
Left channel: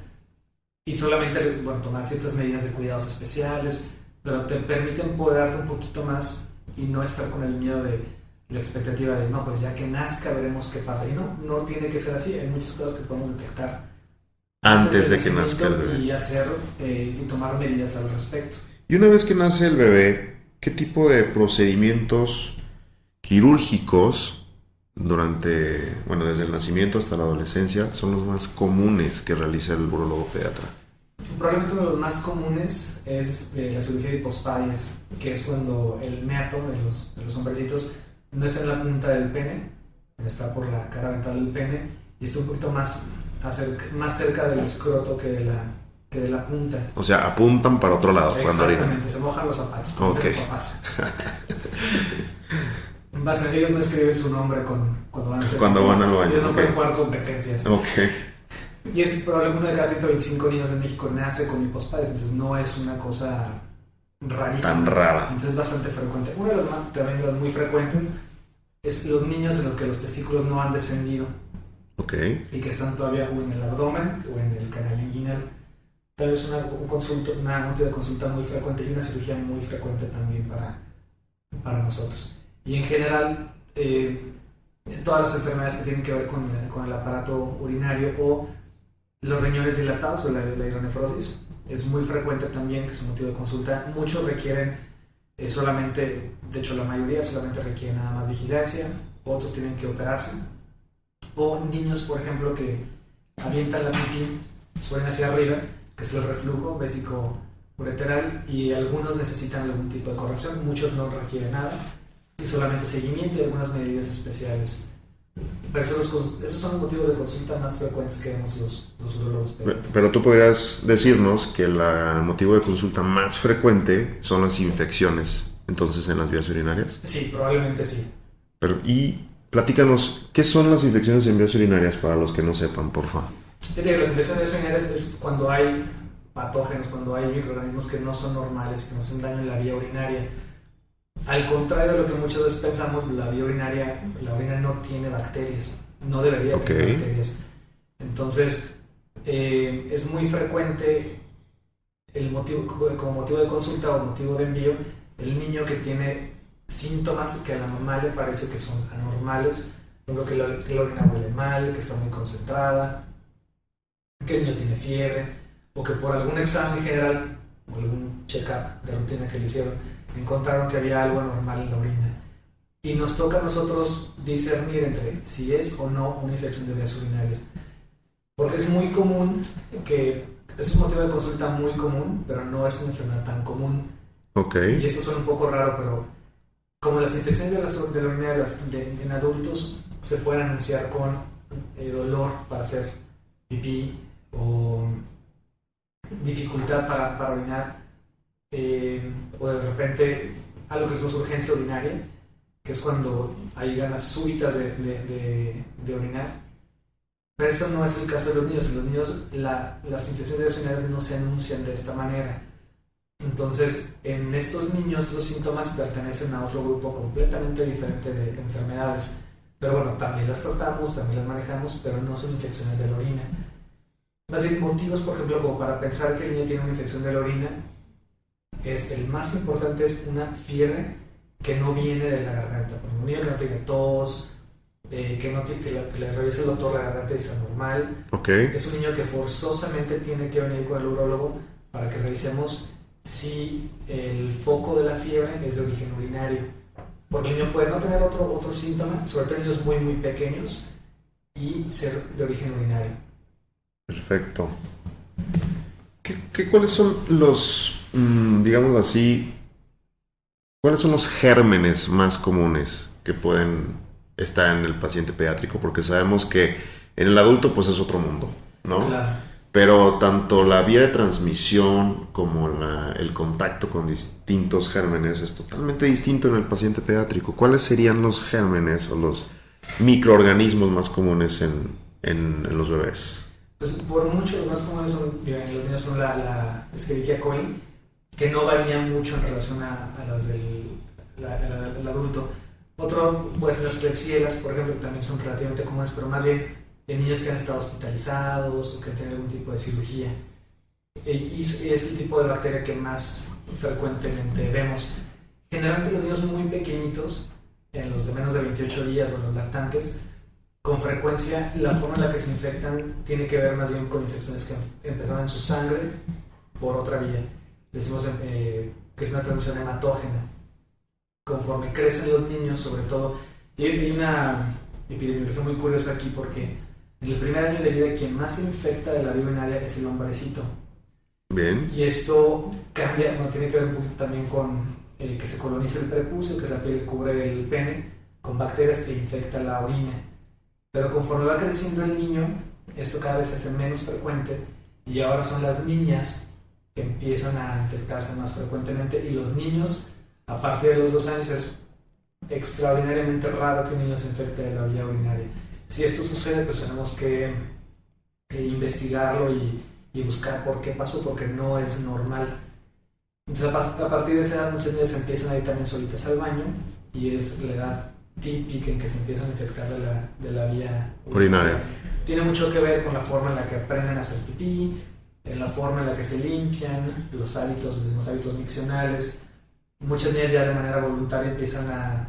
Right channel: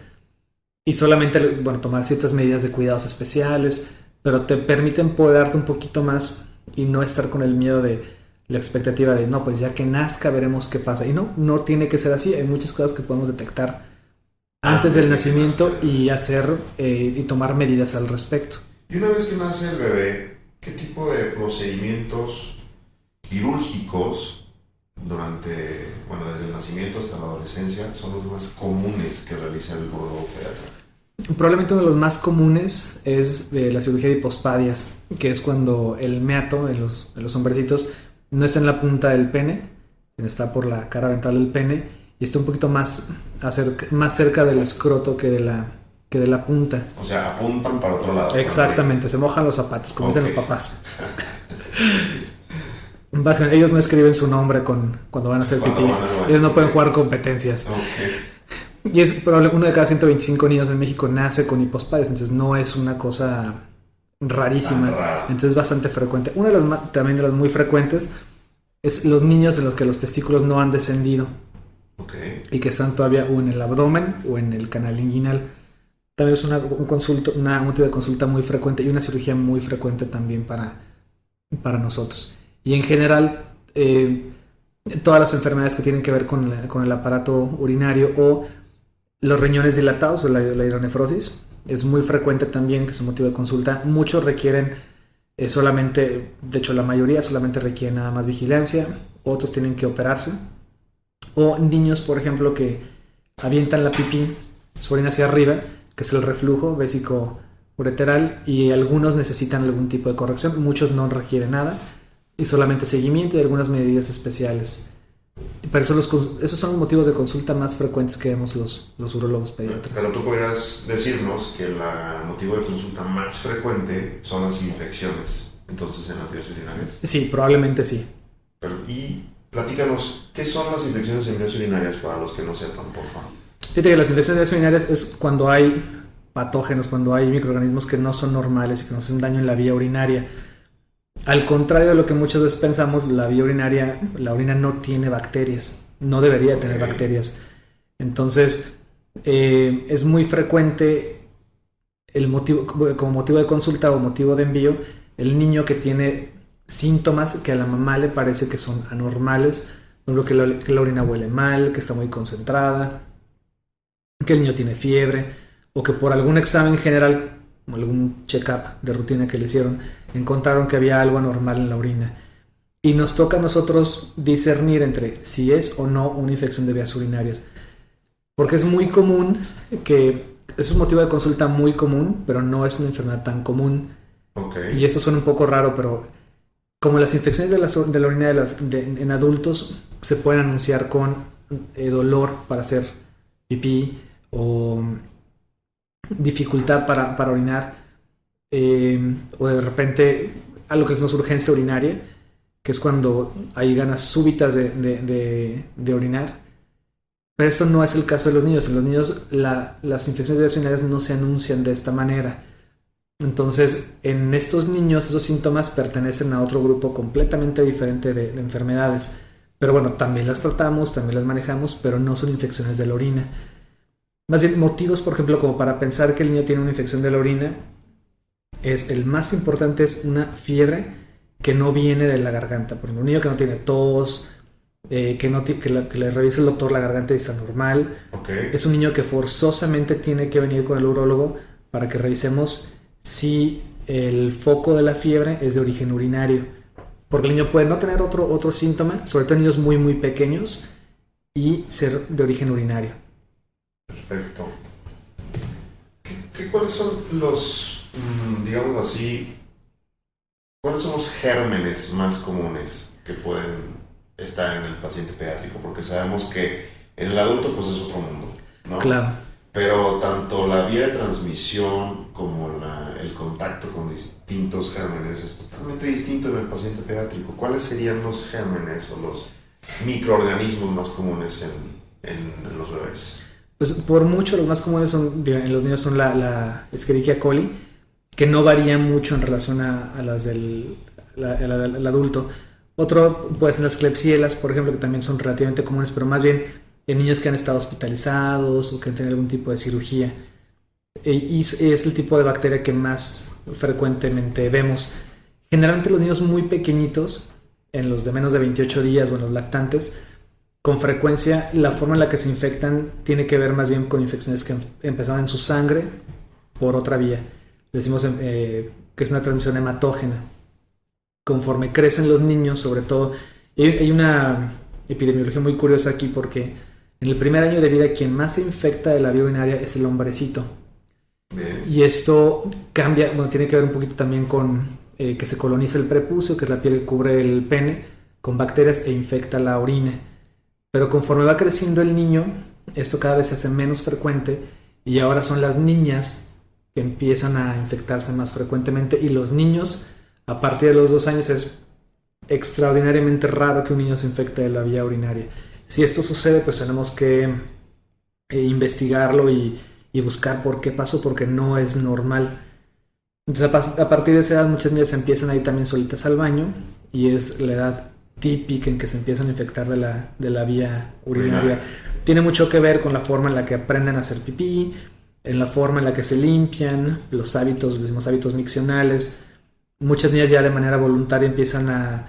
y solamente tomar ciertas medidas de cuidados especiales, pero te permiten poder darte un poquito más y no estar con el miedo de la expectativa de no, pues ya que nazca veremos qué pasa. Y no tiene que ser así. Hay muchas cosas que podemos detectar antes del nacimiento y hacer y tomar medidas al respecto. Y una vez que nace el bebé, ¿qué tipo de procedimientos quirúrgicos desde el nacimiento hasta la adolescencia son los más comunes que realiza el urólogo pediatra? Probablemente uno de los más comunes es la cirugía de hipospadias, que es cuando el meato de los hombrecitos no está en la punta del pene, está por la cara ventral del pene y está un poquito más cerca del escroto que de la punta. O sea, apuntan para otro lado. Exactamente, se mojan los zapatos, como dicen los papás. Básicamente, ellos no escriben su nombre cuando van a hacer pipí. Ellos no pueden jugar competencias. Y es probablemente uno de cada 125 niños en México nace con hipospadias, entonces no es una cosa rarísima. Entonces es bastante frecuente. Uno también de los muy frecuentes es los niños en los que los testículos no han descendido. Y que están todavía o en el abdomen o en el canal inguinal. Tal vez un tipo de consulta muy frecuente y una cirugía muy frecuente también para nosotros. Y en general, todas las enfermedades que tienen que ver con el aparato urinario o los riñones dilatados o la hidronefrosis es muy frecuente también, que es un motivo de consulta. Muchos requieren solamente, de hecho la mayoría solamente requieren nada más vigilancia, otros tienen que operarse. O niños, por ejemplo, que avientan la pipí, su orina hacia arriba, que es el reflujo vésico-ureteral, y algunos necesitan algún tipo de corrección, muchos no requieren nada, y solamente seguimiento y algunas medidas especiales Pero esos son los motivos de consulta más frecuentes que vemos los urólogos pediatras. Pero tú podrías decirnos que el motivo de consulta más frecuente son las infecciones, entonces, en las vías urinarias. Sí, probablemente sí. Y platícanos, ¿qué son las infecciones en vías urinarias para los que no sepan, por favor? Fíjate que las infecciones de vías urinarias es cuando hay patógenos, cuando hay microorganismos que no son normales y que nos hacen daño en la vía urinaria. Al contrario de lo que muchas veces pensamos, la vía urinaria, la orina no tiene bacterias, no debería tener bacterias. Entonces, es muy frecuente el motivo, como motivo de consulta o motivo de envío, el niño que tiene síntomas que a la mamá le parece que son anormales, por ejemplo, que la orina huele mal, que está muy concentrada, que el niño tiene fiebre, o que por algún examen general, o algún check-up de rutina que le hicieron, encontraron que había algo anormal en la orina. Y nos toca a nosotros discernir entre si es o no una infección de vías urinarias. Porque es muy común es un motivo de consulta muy común, pero no es una enfermedad tan común. Okay. Y esto suena un poco raro, pero como las infecciones de la orina en adultos se pueden anunciar con dolor para hacer pipí o dificultad para orinar, o de repente algo que es más urgencia urinaria, que es cuando hay ganas súbitas de orinar. Pero esto no es el caso de los niños. En los niños las infecciones de vías urinarias no se anuncian de esta manera. Entonces, en estos niños esos síntomas pertenecen a otro grupo completamente diferente de enfermedades. Pero bueno, también las tratamos, también las manejamos, pero no son infecciones de la orina. Más bien, motivos, por ejemplo, como para pensar que el niño tiene una infección de la orina, el más importante es una fiebre que no viene de la garganta. Por ejemplo, un niño que no tiene tos, que le revise el doctor la garganta y está normal. Okay. Es un niño que forzosamente tiene que venir con el urólogo para que revisemos si el foco de la fiebre es de origen urinario. Porque el niño puede no tener otro síntoma, sobre todo en niños muy muy pequeños, y ser de origen urinario. Perfecto. ¿Cuáles son los, digamos así, cuáles son los gérmenes más comunes que pueden estar en el paciente pediátrico? Porque sabemos que en el adulto pues es otro mundo, ¿no? Claro. Pero tanto la vía de transmisión como el contacto con distintos gérmenes es totalmente distinto en el paciente pediátrico. ¿Cuáles serían los gérmenes o los microorganismos más comunes en los bebés? Pues por mucho los más comunes en los niños son la Escherichia coli, que no varían mucho en relación a las del adulto. Otro puede ser las Klebsielas, por ejemplo, que también son relativamente comunes, pero más bien en niños que han estado hospitalizados o que han tenido algún tipo de cirugía. Y es el tipo de bacteria que más frecuentemente vemos. Generalmente los niños muy pequeñitos, en los de menos de 28 días o en los lactantes, con frecuencia la forma en la que se infectan tiene que ver más bien con infecciones que empezaron en su sangre por otra vía. Decimos que es una transmisión hematógena. Conforme crecen los niños, sobre todo, hay una epidemiología muy curiosa aquí porque en el primer año de vida quien más se infecta de la vía urinaria es el hombrecito. Bien. Y esto cambia, bueno, tiene que ver un poquito también con que se coloniza el prepucio, que es la piel que cubre el pene, con bacterias e infecta la orina. Pero conforme va creciendo el niño, esto cada vez se hace menos frecuente y ahora son las niñas que empiezan a infectarse más frecuentemente, y los niños a partir de los 2 años es extraordinariamente raro que un niño se infecte de la vía urinaria. Si esto sucede, pues tenemos que investigarlo y buscar por qué pasó, porque no es normal. Entonces, a partir de esa edad muchas niñas empiezan a ir también solitas al baño, y es la edad típica en que se empiezan a infectar de la vía urinaria. Tiene mucho que ver con la forma en la que aprenden a hacer pipí, en la forma en la que se limpian, los mismos hábitos miccionales. Muchas niñas ya de manera voluntaria empiezan a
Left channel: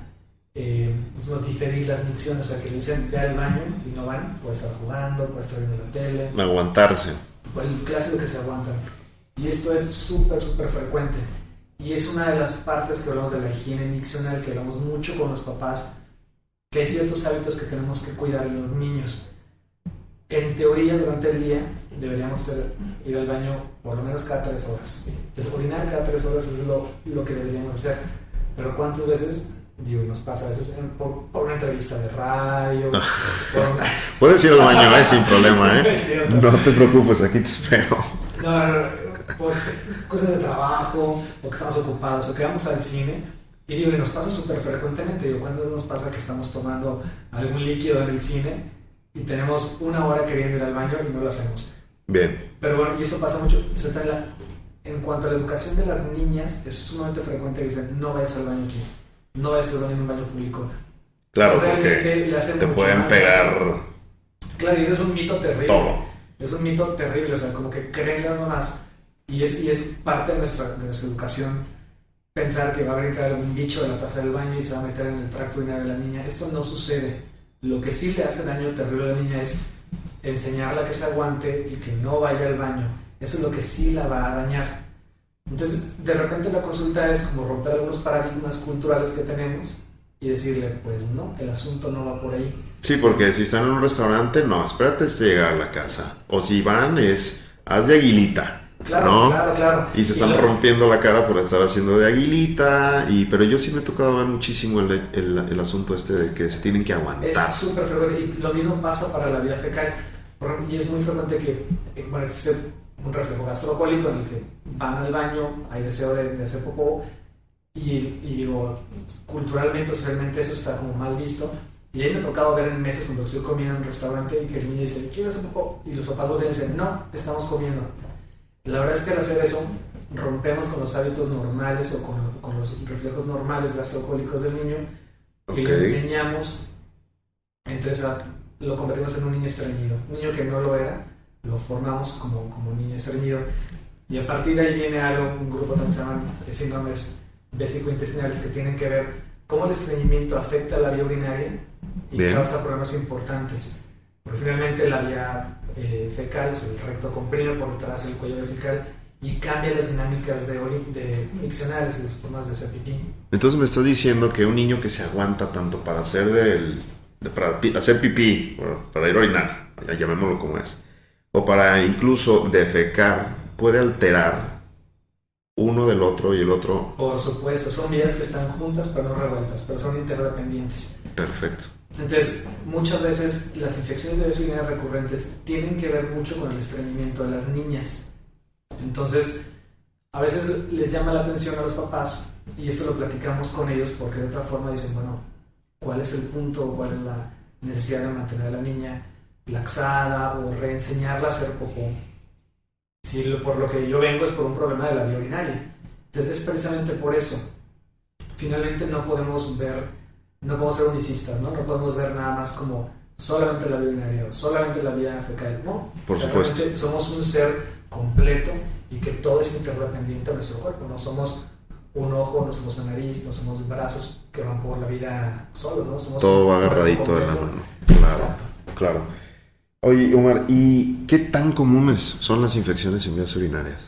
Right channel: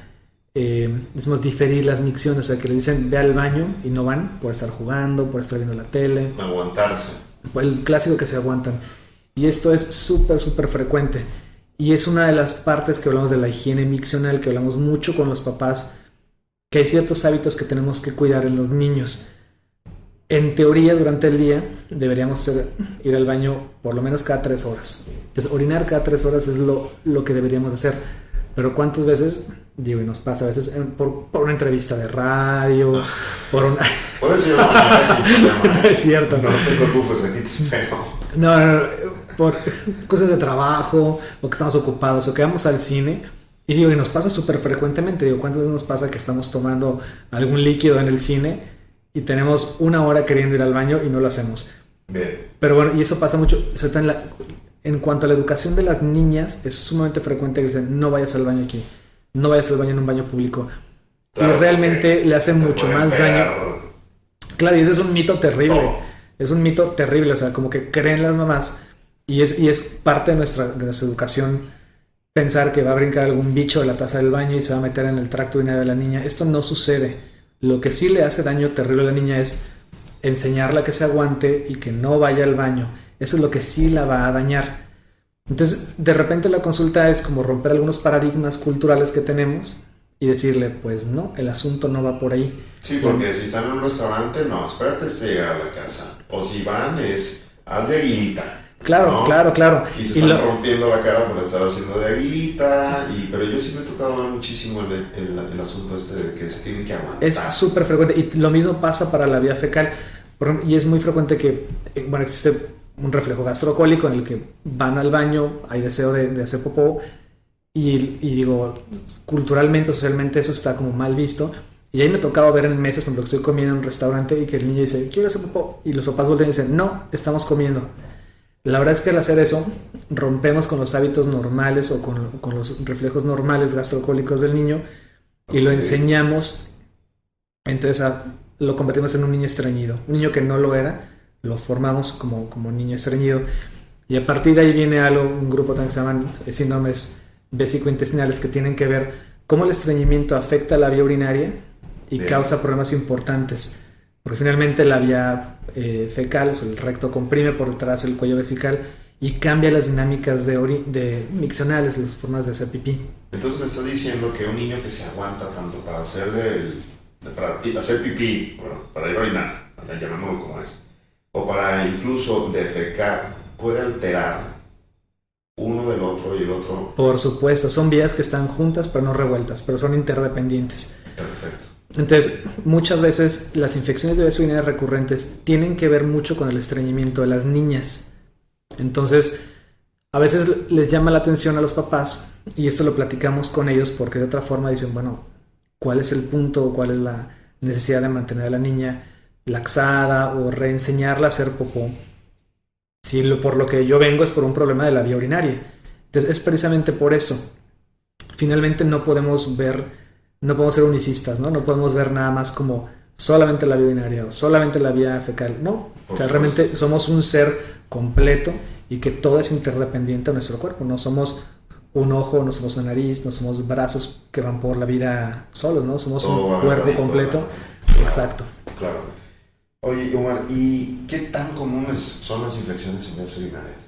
diferir las micciones, o sea que le dicen ve al baño y no van por estar jugando, por estar viendo la tele. Aguantarse. El clásico que se aguantan. Y esto es súper frecuente. Y es una de las partes que hablamos de la higiene miccional, que hablamos mucho con los papás, que hay ciertos hábitos que tenemos que cuidar en los niños. En teoría, durante el día deberíamos ir al baño por lo menos cada 3 horas. Entonces, orinar cada 3 horas es lo que deberíamos hacer. Pero ¿cuántas veces Digo, y nos pasa a veces por una entrevista de radio, por una... Puedes ir al baño, sin problema, ¿eh? Es cierto. No te preocupes, aquí te espero. No, por cosas de trabajo, o que estamos ocupados, o que vamos al cine. Y digo, y nos pasa súper frecuentemente. Digo, ¿cuántas veces nos pasa que estamos tomando algún líquido en el cine y tenemos una hora queriendo ir al baño y no lo hacemos? Bien. Pero bueno, y eso pasa mucho, sobre todo en cuanto a la educación de las niñas, es sumamente frecuente que dicen, no vayas al baño aquí, no vayas al baño en un baño público. Claro, pero realmente le hacen mucho más daño. Claro, y ese es un mito terrible. Todo. Es un mito terrible, o sea, como que creen las mamás, y es parte de nuestra educación pensar que va a brincar algún bicho de la taza del baño y se va a meter en el tracto urinario de la niña. Esto no sucede. Lo que sí le hace daño terrible a la niña es enseñarla que se aguante y que no vaya al baño. Eso es lo que sí la va a dañar. Entonces, de repente la consulta es como romper algunos paradigmas culturales que tenemos y decirle, pues no, el asunto no va por ahí. Sí, porque si están en un restaurante, no, espérate hasta llegar a la casa. O si van, haz de aguilita. Claro, ¿no? Claro. Y se están rompiendo la cara por estar haciendo de aguilita. Pero yo sí me he tocado ver muchísimo el asunto de que se tienen que aguantar. Es súper frecuente. Y lo mismo pasa para la vía fecal. Y es muy frecuente que, bueno, existe un reflejo gastrocólico en el que van al baño, hay deseo de hacer popó. Y digo, culturalmente, socialmente eso está como mal visto. Y ahí me ha tocado ver en mesas cuando estoy comiendo en un restaurante y que el niño dice, quiero hacer popó. Y los papás voltean y dicen, no, estamos comiendo. La verdad es que al hacer eso rompemos con los hábitos normales o con los reflejos normales gastrocólicos del niño y lo enseñamos, entonces lo convertimos en un niño estreñido. Un niño que no lo era, lo formamos como niño estreñido. Y a partir de ahí viene un grupo también que se llaman síndromes vésico-intestinales que tienen que ver cómo el estreñimiento afecta a la vía urinaria y causa problemas importantes. Porque finalmente la vía fecal, o sea, el recto comprime por detrás el cuello vesical y cambia las dinámicas miccionales, las formas de hacer pipí. Entonces me estás diciendo que un niño que se aguanta tanto para hacer para hacer pipí, bueno, para ir a orinar, llamémoslo como es, o para incluso defecar, puede alterar uno del otro y el otro. Por supuesto, son vías que están juntas pero no revueltas, pero son interdependientes. Perfecto. Entonces, muchas veces las infecciones de vías urinarias recurrentes tienen que ver mucho con el estreñimiento de las niñas. Entonces, a veces les llama la atención a los papás y esto lo platicamos con ellos porque de otra forma dicen, bueno, ¿cuál es el punto o cuál es la necesidad de mantener a la niña laxada o reenseñarla a hacer popó? Si por lo que yo vengo es por un problema de la vía urinaria. Entonces, es precisamente por eso. Finalmente no podemos ser unicistas, ¿no? No podemos ver nada más como solamente la vía urinaria o solamente la vía fecal. No, realmente somos un ser completo y que todo es interdependiente a nuestro cuerpo. No somos un ojo, no somos una nariz, no somos brazos que van por la vida solos, ¿no? Somos todo un cuerpo completo. Claro, exacto. Claro. Oye, Omar, ¿y qué tan comunes son las infecciones en vías urinarias?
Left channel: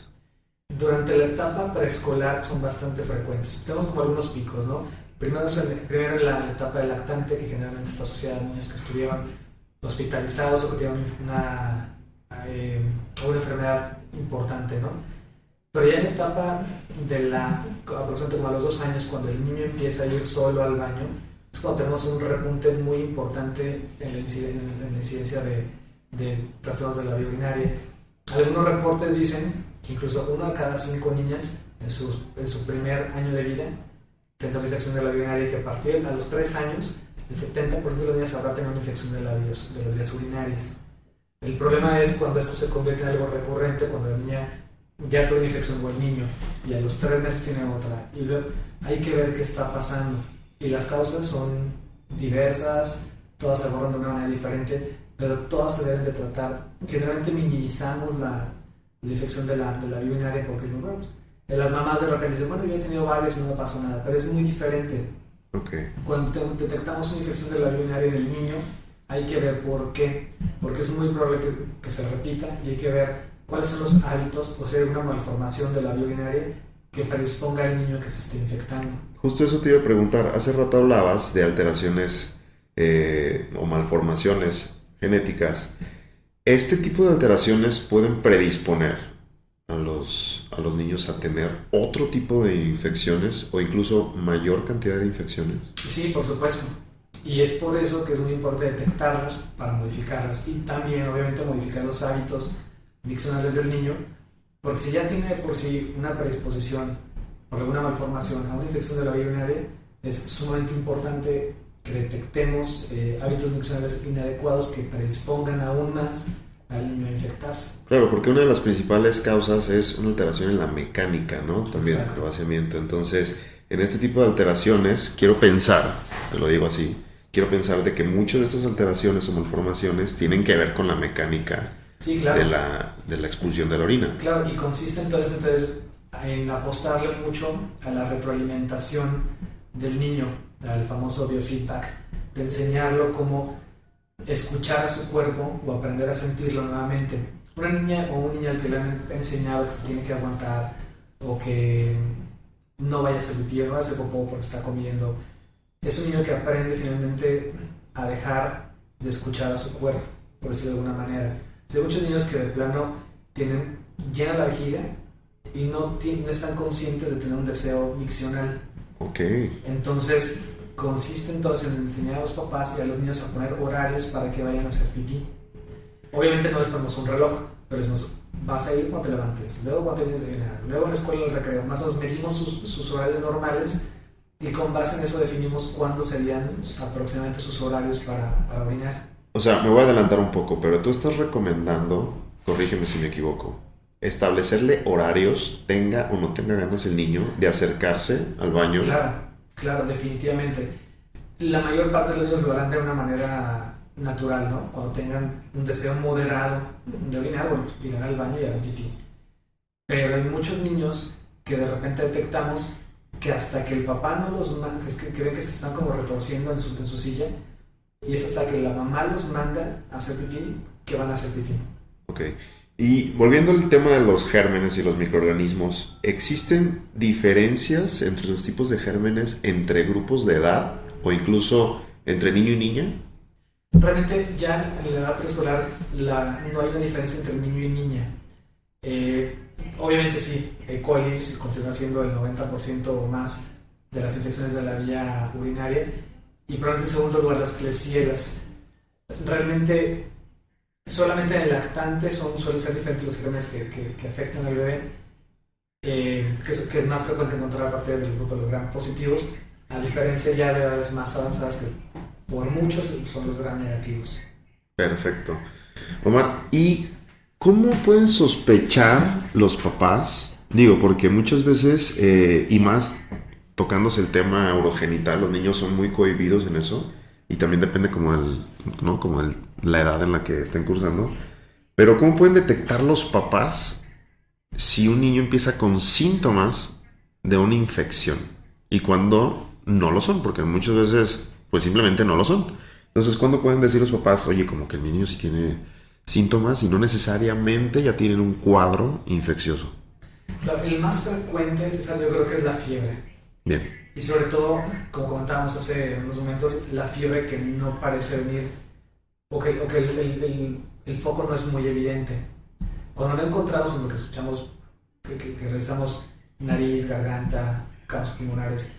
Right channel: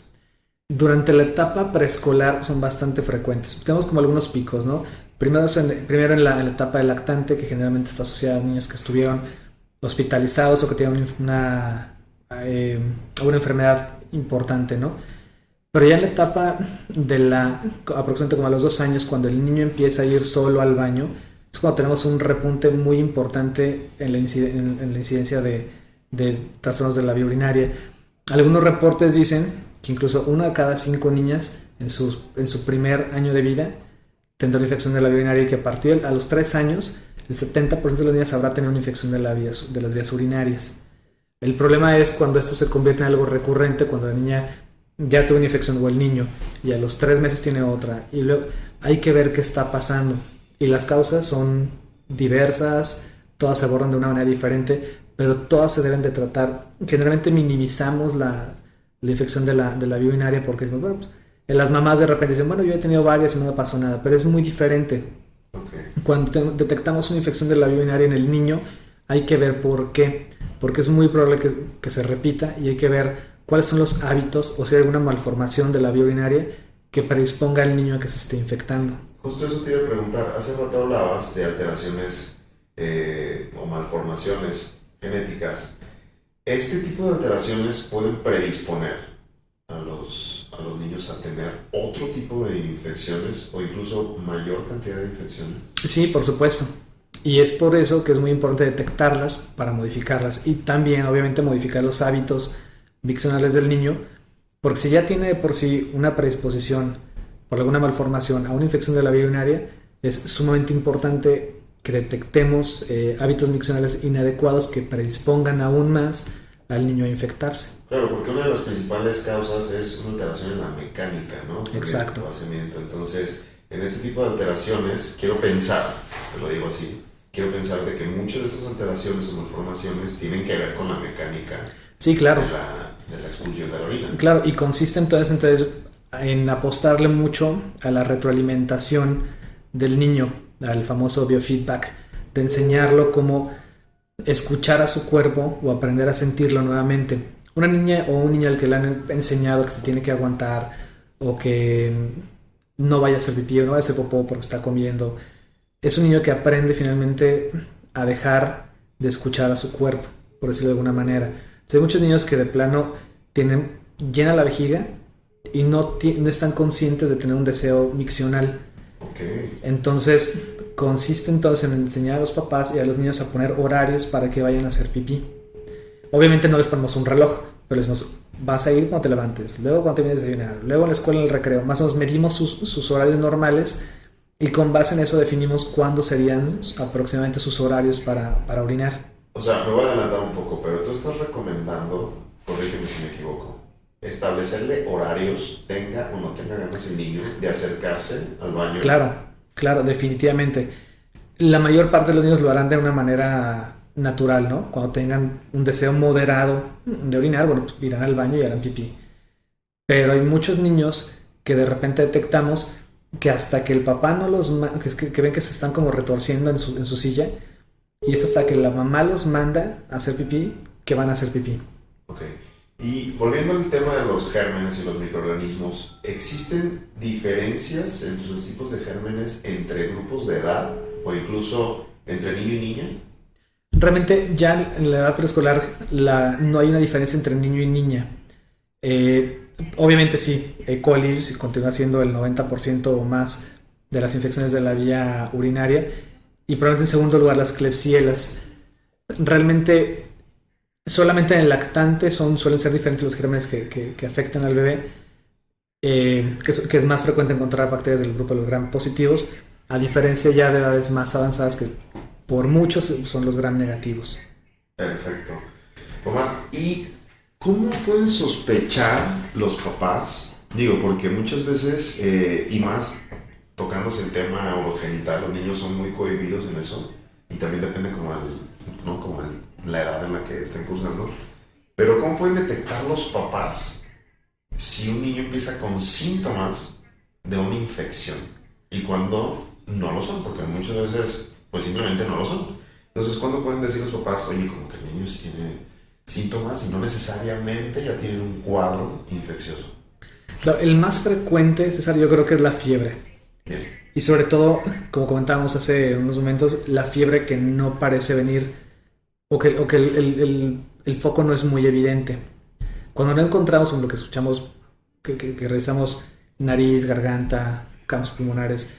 Durante la etapa preescolar son bastante frecuentes. Tenemos como algunos picos, ¿no? Primero en la etapa del lactante, que generalmente está asociada a niños que estuvieron hospitalizados o que tienen una enfermedad importante, ¿no? Pero ya en la etapa aproximadamente como a los 2 años, cuando el niño empieza a ir solo al baño, es cuando tenemos un repunte muy importante en la incidencia de trastornos de la vía urinaria. Algunos reportes dicen que incluso 1 de cada 5 niñas en su primer año de vida tendrá una infección de la vía urinaria y que a partir de los 3 años el 70% de las niñas habrá tenido una infección de las vías urinarias. El problema es cuando esto se convierte en algo recurrente, cuando la niña ya tuvo una infección o el niño y a los 3 meses tiene otra y luego hay que ver qué está pasando y las causas son diversas, todas se abordan de una manera diferente, pero todas se deben de tratar. Generalmente minimizamos la infección de la vía urinaria porque bueno, las mamás de repente dicen, bueno, yo he tenido varias y no me pasó nada, pero es muy diferente. Okay. Cuando detectamos una infección de la vía urinaria en el niño, hay que ver por qué, porque es muy probable que se repita y hay que ver cuáles son los hábitos o si hay alguna malformación de la vía urinaria que predisponga al niño a que se esté infectando. Justo eso te iba a preguntar, hace rato hablabas de alteraciones o malformaciones genéticas. ¿Este tipo de alteraciones pueden predisponer a a los niños a tener otro tipo de infecciones o incluso mayor cantidad de infecciones? Sí, por supuesto. Y es por eso que es muy importante detectarlas para modificarlas y también obviamente modificar los hábitos miccionales del niño, porque si ya tiene de por sí una predisposición por alguna malformación a una infección de la vía urinaria, es sumamente importante que detectemos hábitos miccionales inadecuados que predispongan aún más al niño a infectarse. Claro, porque una de las principales causas es una alteración en la mecánica, ¿no? Exacto. El vaciamiento. Entonces, en este tipo de alteraciones, quiero pensar, te lo digo así, quiero pensar de que muchas de estas alteraciones o malformaciones tienen que ver con la mecánica, sí, claro, de la expulsión de la orina. Claro, y consiste entonces en apostarle mucho a la retroalimentación del niño, al famoso biofeedback, de enseñarlo cómo escuchar a su cuerpo o aprender a sentirlo nuevamente. Una niña o un niño al que le han enseñado que se tiene que aguantar o que no vaya a hacer pipí o no vaya a hacer popó porque está comiendo, es un niño que aprende finalmente a dejar de escuchar a su cuerpo, por decirlo de alguna manera. Hay muchos niños que de plano tienen llena la vejiga y no están conscientes de tener un deseo miccional. Okay. Entonces consiste entonces en enseñar a los papás y a los niños a poner horarios para que vayan a hacer pipí. Obviamente no les ponemos un reloj, pero les decimos, vas a ir cuando te levantes, luego cuando te vienes a desayunar, luego en la escuela en el recreo. Más o menos medimos sus horarios normales y con base en eso definimos cuándo serían aproximadamente sus horarios para orinar. O sea, me voy a adelantar un poco, pero tú estás recomendando, corrígeme si me equivoco, establecerle horarios, tenga o no tenga ganas el niño de acercarse al baño. Claro, definitivamente. La mayor parte de los niños lo harán de una manera natural, ¿no? Cuando tengan un deseo moderado de orinar, bueno, pues irán al baño y harán pipí. Pero hay muchos niños que de repente detectamos que hasta que el papá no los que ven que se están como retorciendo en su silla, y es hasta que la mamá los manda a hacer pipí que van a hacer pipí. Ok. Y volviendo al tema de los gérmenes y los microorganismos, ¿existen diferencias entre los tipos de gérmenes entre grupos de edad o incluso entre niño y niña? Realmente ya en la edad preescolar no hay una diferencia entre niño y niña. Obviamente sí, E. coli continúa siendo el 90% o más de las infecciones de la vía urinaria y probablemente en segundo lugar las Klebsielas. Realmente solamente en el lactante suelen ser diferentes los gérmenes que afectan al bebé, que es más frecuente encontrar bacterias del grupo de los gram positivos, a diferencia ya de edades más avanzadas que por muchos son los gram negativos. Perfecto. Omar, ¿y cómo pueden sospechar los papás? Digo, porque muchas veces, y más tocándose el tema urogenital, los niños son muy cohibidos en eso, y también depende como la edad en la que estén cursando. Pero ¿cómo pueden detectar los papás si un niño empieza con síntomas de una infección y cuando no lo son? Porque muchas veces pues simplemente no lo son. Entonces, ¿cuándo pueden decir los papás, oye, como que el niño sí tiene síntomas y no necesariamente ya tienen un cuadro infeccioso? Claro, el más frecuente, César, yo creo que es la fiebre. Bien. Y sobre todo, como comentábamos hace unos momentos, la fiebre que no parece venir o que el foco no es muy evidente. Cuando no encontramos lo que escuchamos, que revisamos nariz, garganta, campos pulmonares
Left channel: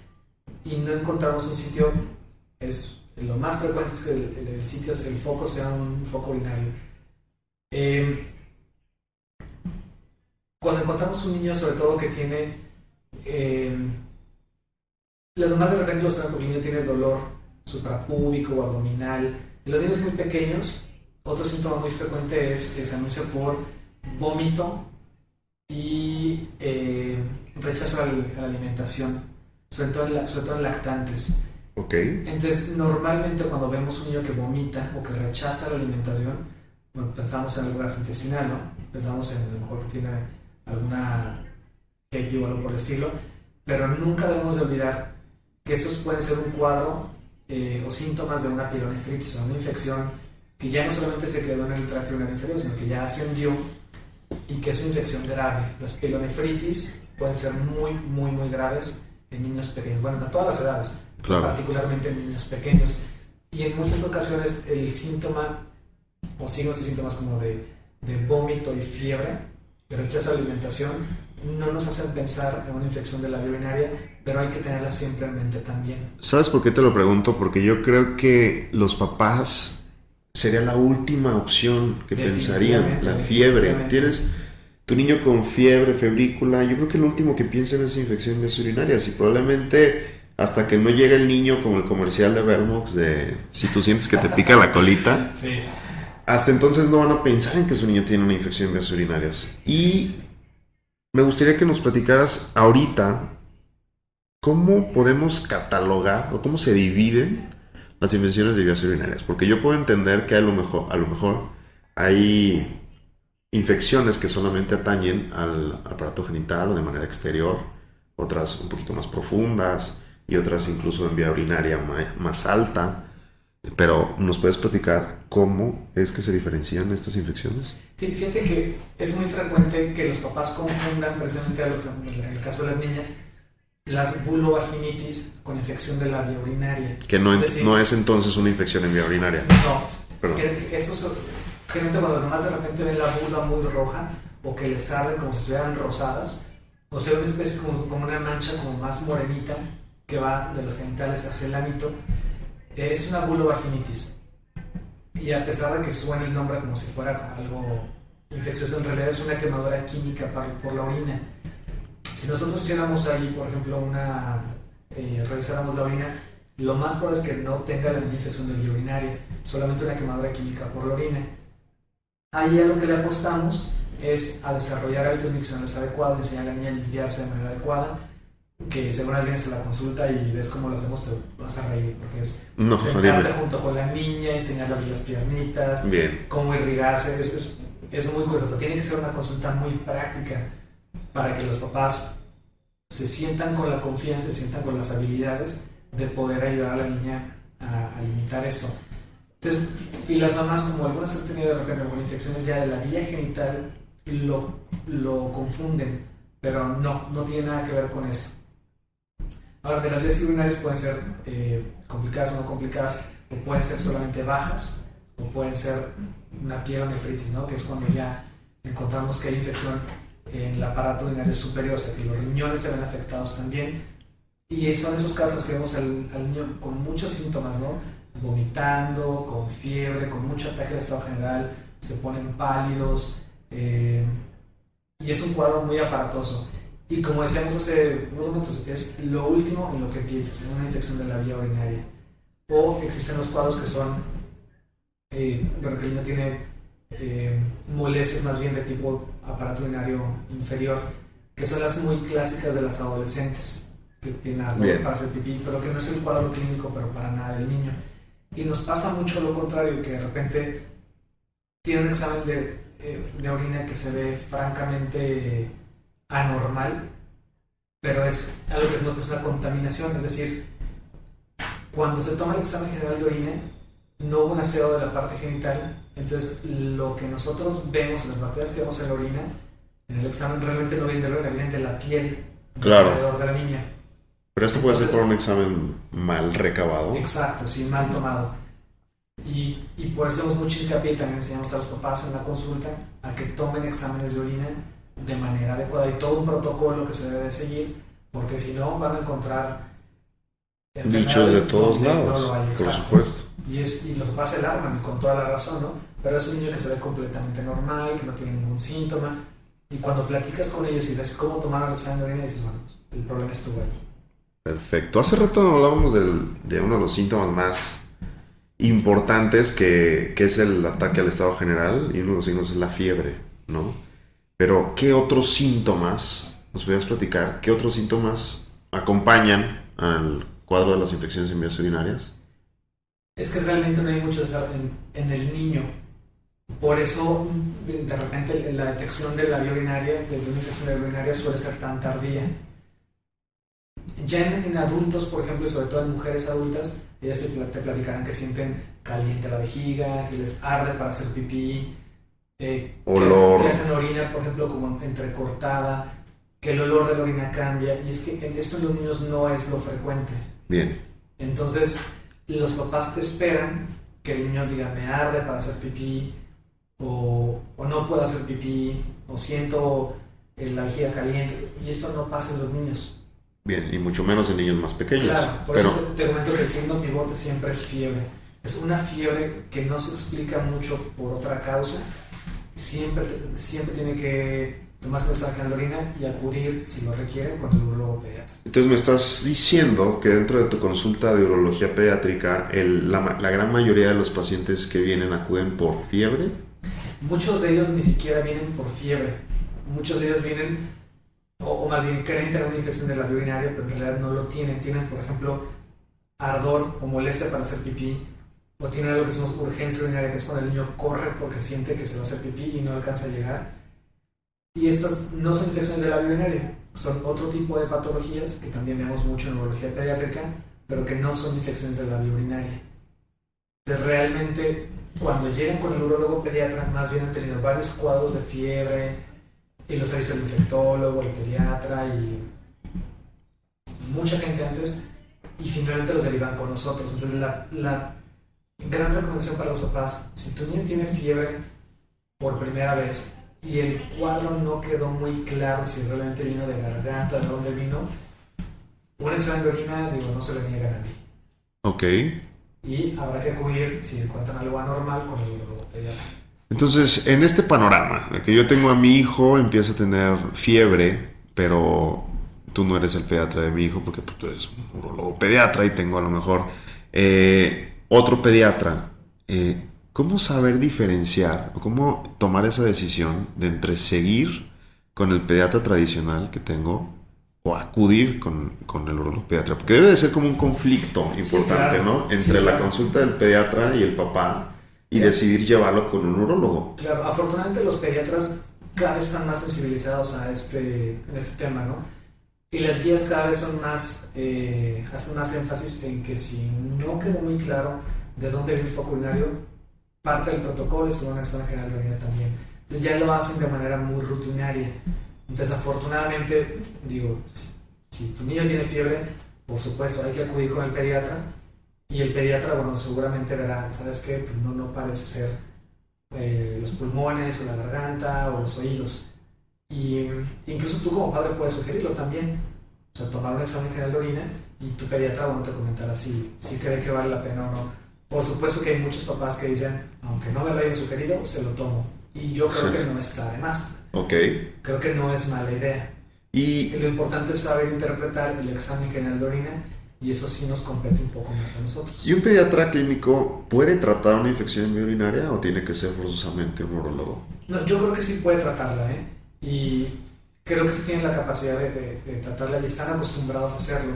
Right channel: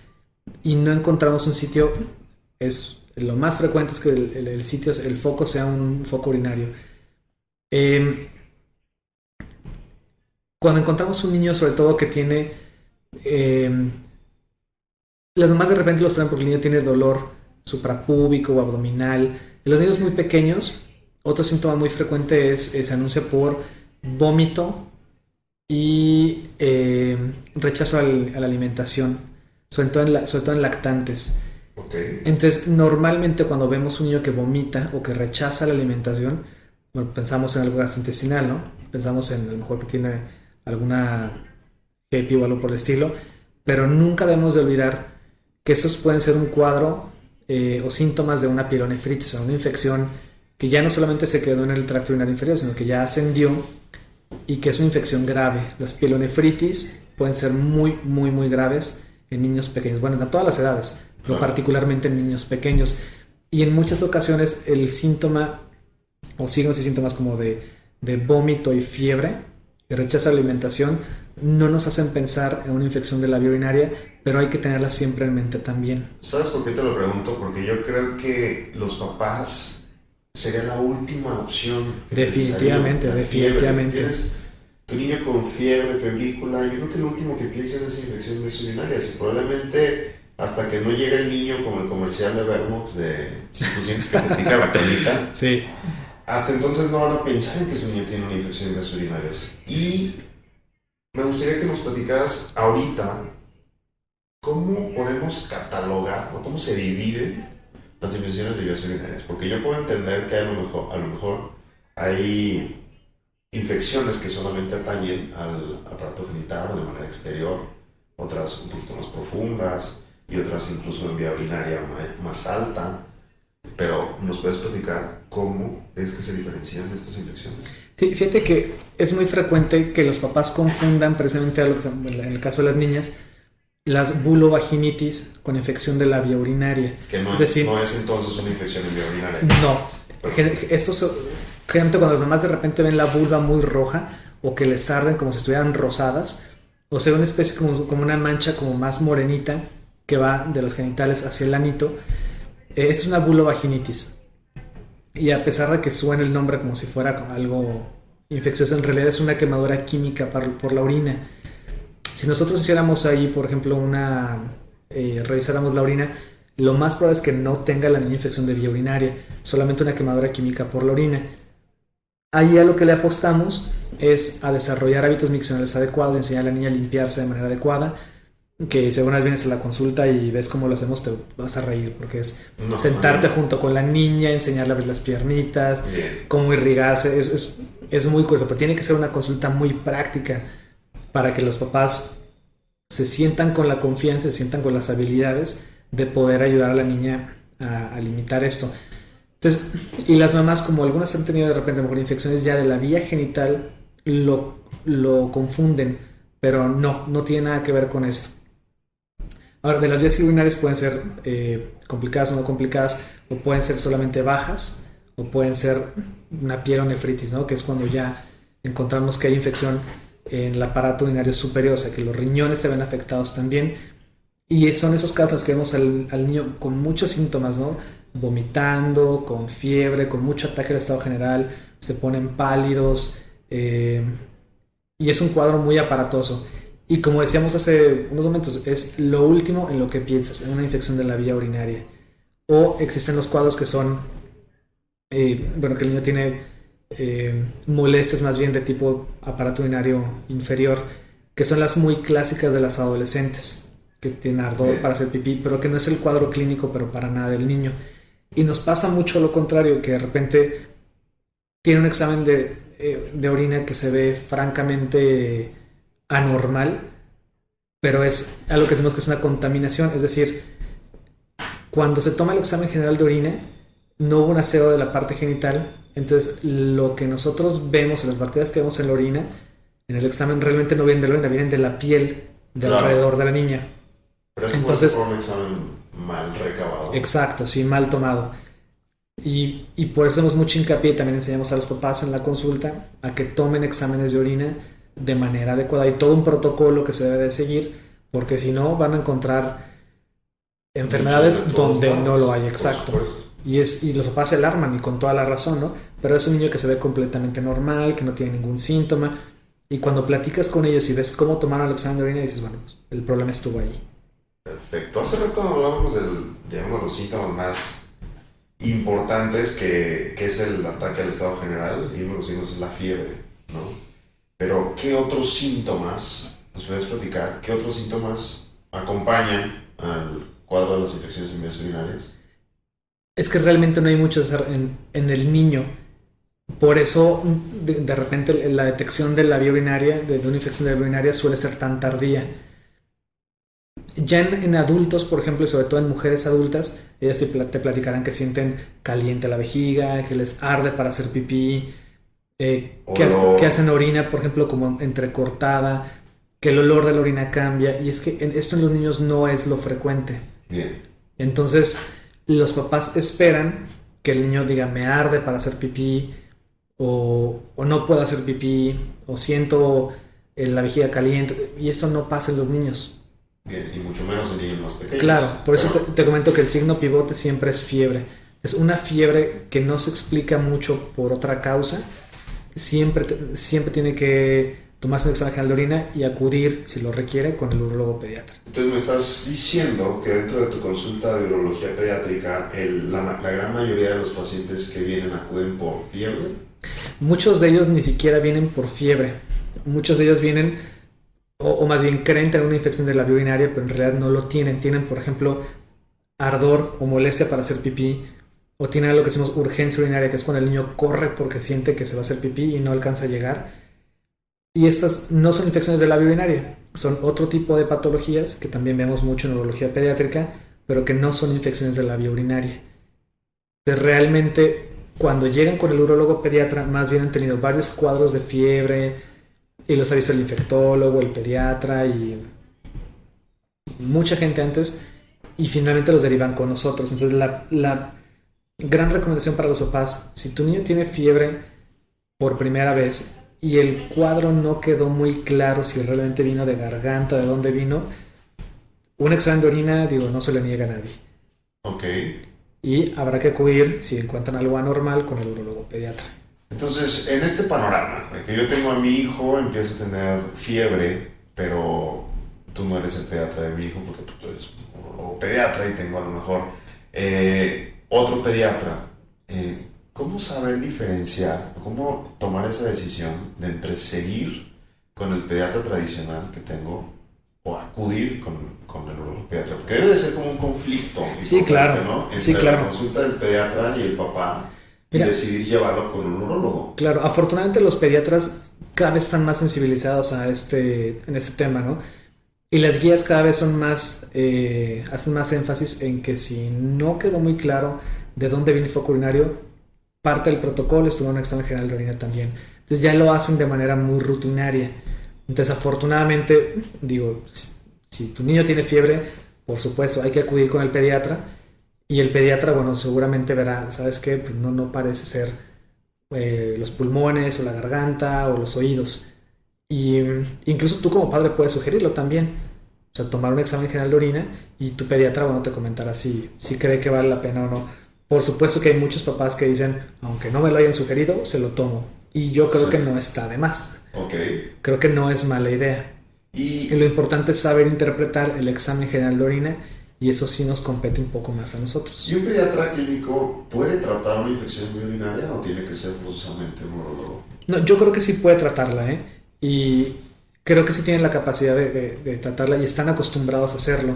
y no encontramos un sitio, lo más frecuente es que el foco sea un foco urinario. Cuando encontramos un niño, sobre todo que tiene las mamás de repente los traen porque el niño tiene dolor suprapúbico o abdominal. En los niños muy pequeños, otro síntoma muy frecuente se anuncia por vómito y rechazo a la alimentación, sobre todo en lactantes. Okay. Entonces, normalmente cuando vemos un niño que vomita o que rechaza la alimentación, bueno, pensamos en algo gastrointestinal, ¿no? Pensamos en a lo mejor que tiene alguna HEPI o algo por el estilo, pero nunca debemos de olvidar que estos pueden ser un cuadro o síntomas de una pielonefritis, o una infección que ya no solamente se quedó en el tracto urinario inferior, sino que ya ascendió y que es una infección grave. Las pielonefritis pueden ser muy, muy, muy graves en niños pequeños, bueno, a todas las edades, claro, particularmente en niños pequeños. Y en muchas ocasiones el síntoma o signos y síntomas como de vómito y fiebre y rechazo a la alimentación no nos hacen pensar en una infección de la vía urinaria, pero hay que tenerla siempre en mente también. ¿Sabes por qué te lo pregunto? Porque yo creo que los papás sería la última opción que Definitivamente, pensarían. La fiebre. definitivamente. Tienes tu niño con fiebre, febrícula. Yo creo que lo último que piensan es infección de vías urinarias. Y probablemente hasta que no llegue el niño, como el comercial de Vermox, de si tú sientes que te pica la colita, Sí. hasta entonces no van a pensar en que su niño tiene una infección de vías urinarias. Y me gustaría que nos platicaras ahorita cómo podemos catalogar o cómo se dividen las infecciones de vías urinarias. Porque yo puedo entender que a lo mejor hay infecciones que solamente atañen al aparato genital o de manera exterior, otras un poquito más profundas y otras incluso en vía urinaria más alta. Pero ¿nos puedes platicar cómo es que se diferencian estas infecciones? Sí, fíjate que es muy frecuente que los papás confundan precisamente en el caso de las niñas, las bulovaginitis con infección de la vía urinaria. Que no, Es decir, no es entonces una infección en vía urinaria. no. Pero, Gente cuando las mamás de repente ven la vulva muy roja o que les arden como si estuvieran rosadas, o sea, una especie como una mancha como más morenita que va de los genitales hacia el anito, es una bulovaginitis. Y a pesar de que suene el nombre como si fuera algo infeccioso, en realidad es una quemadura química por la orina. Si nosotros hiciéramos ahí, por ejemplo, revisáramos la orina, lo más probable es que no tenga la niña infección de vía urinaria, solamente una quemadura química por la orina. Ahí a lo que le apostamos es a desarrollar hábitos miccionales adecuados, enseñar a la niña a limpiarse de manera adecuada, que si alguna vez vienes a la consulta y ves cómo lo hacemos, te vas a reír, porque es sentarte junto con la niña, enseñarle a abrir las piernitas, bien, cómo irrigarse, es muy curioso, pero tiene que ser una consulta muy práctica para que los papás se sientan con la confianza, se sientan con las habilidades de poder ayudar a la niña a limitar esto. Entonces, y las mamás, como algunas han tenido de repente mejor infecciones ya de la vía genital, lo confunden, pero no tiene nada que ver con esto. Ahora, de las vías urinarias pueden ser complicadas o no complicadas, o pueden ser solamente bajas, o pueden ser una pielonefritis, ¿no? Que es cuando ya encontramos que hay infección en el aparato urinario superior, o sea que los riñones se ven afectados también. Y son esos casos que vemos al niño con muchos síntomas, ¿no? Vomitando, con fiebre, con mucho ataque al estado general, se ponen pálidos, y es un cuadro muy aparatoso. Y como decíamos hace unos momentos, es lo último en lo que piensas, en una infección de la vía urinaria. O existen los cuadros que son, que el niño tiene molestias más bien de tipo aparato urinario inferior, que son las muy clásicas de las adolescentes, que tienen ardor para hacer pipí, pero que no es el cuadro clínico, pero para nada del niño. Y nos pasa mucho lo contrario, que de repente tiene un examen de orina que se ve francamente anormal, pero es algo que decimos que es una contaminación, es decir, cuando se toma el examen general de orina, no hubo un aseo de la parte genital, entonces lo que nosotros vemos, las bacterias que vemos en la orina, en el examen realmente no vienen de la orina, vienen de la piel de alrededor de la niña. Pero esto puede ser por un examen mal recabado. Exacto, sí, mal tomado. Y por eso hacemos mucho hincapié, también enseñamos a los papás en la consulta a que tomen exámenes de orina de manera adecuada y todo un protocolo que se debe de seguir, porque si no van a encontrar enfermedades donde lados, no lo hay, exacto. Y los papás se alarman y con toda la razón, ¿no? Pero es un niño que se ve completamente normal, que no tiene ningún síntoma, y cuando platicas con ellos y ves cómo tomaron el examen de orina, dices, bueno, pues, el problema estuvo ahí. Perfecto. Hace rato hablábamos de uno de los síntomas más importantes que es el ataque al estado general, y uno de los síntomas es la fiebre, ¿no? Pero, ¿qué otros síntomas, nos podrías platicar, qué otros síntomas acompañan al cuadro de las infecciones en vías urinarias? Es que realmente no hay muchos en el niño. Por eso, de repente, la detección de la vía urinaria, de una infección de la vía urinaria, suele ser tan tardía. Ya en adultos, por ejemplo, y sobre todo en mujeres adultas, ellas te platicarán que sienten caliente la vejiga, que les arde para hacer pipí, que hacen orina, por ejemplo, como entrecortada, que el olor de la orina cambia, y es que esto en los niños no es lo frecuente. Bien. Entonces, los papás esperan que el niño diga, me arde para hacer pipí, o no puedo hacer pipí, o siento la vejiga caliente, y esto no pasa en los niños. Bien, y mucho menos en niños más pequeños. Claro, por eso te comento que el signo pivote siempre es fiebre. Es una fiebre que no se explica mucho por otra causa. Siempre tiene que tomarse un examen general de orina y acudir, si lo requiere, con el urólogo pediatra. Entonces me estás diciendo que dentro de tu consulta de urología pediátrica, la gran mayoría de los pacientes que vienen acuden por fiebre. Muchos de ellos ni siquiera vienen por fiebre. Muchos de ellos vienen, o más bien creen tener una infección de la vía urinaria, pero en realidad no lo tienen. Tienen, por ejemplo, ardor o molestia para hacer pipí, o tienen algo que decimos urgencia urinaria, que es cuando el niño corre porque siente que se va a hacer pipí y no alcanza a llegar. Y estas no son infecciones de la vía urinaria, son otro tipo de patologías que también vemos mucho en urología pediátrica, pero que no son infecciones de la vía urinaria. Entonces, realmente, cuando llegan con el urólogo pediatra, más bien han tenido varios cuadros de fiebre, y los ha visto el infectólogo, el pediatra y mucha gente antes, y finalmente los derivan con nosotros. Entonces, la gran recomendación para los papás: si tu niño tiene fiebre por primera vez y el cuadro no quedó muy claro si realmente vino de garganta, de dónde vino, un examen de orina, no se le niega a nadie. Ok. Y habrá que acudir, si encuentran algo anormal, con el urólogo pediatra. Entonces, en este panorama de que yo tengo a mi hijo, empieza a tener fiebre, pero tú no eres el pediatra de mi hijo porque tú eres un urólogo pediatra y tengo a lo mejor otro pediatra. ¿Cómo saber diferenciar o cómo tomar esa decisión de entre seguir con el pediatra tradicional que tengo o acudir con el urólogo pediatra? Porque debe de ser como un conflicto importante, sí, claro, ¿no? Entre sí, claro. la consulta del pediatra y el papá y decidir llevarlo con un urólogo. Claro, afortunadamente los pediatras cada vez están más sensibilizados en este tema, ¿no? Y las guías cada vez son más, hacen más énfasis en que si no quedó muy claro de dónde viene el foco urinario, parte del protocolo es tomar un examen general de orina también. Entonces ya lo hacen de manera muy rutinaria. Entonces, afortunadamente, si tu niño tiene fiebre, por supuesto hay que acudir con el pediatra, y el pediatra, seguramente verá, ¿sabes qué? Pues no parece ser los pulmones o la garganta o los oídos. Y incluso tú como padre puedes sugerirlo también. O sea, tomar un examen general de orina y tu pediatra, te comentará si cree que vale la pena o no. Por supuesto que hay muchos papás que dicen, aunque no me lo hayan sugerido, se lo tomo. Y yo creo que no está de más. Ok. Creo que no es mala idea. Y lo importante es saber interpretar el examen general de orina, y eso sí nos compete un poco más a nosotros. ¿Y un pediatra clínico puede tratar una infección urinaria o tiene que ser forzosamente un urólogo? No, yo creo que sí puede tratarla, y creo que sí tienen la capacidad de tratarla y están acostumbrados a hacerlo.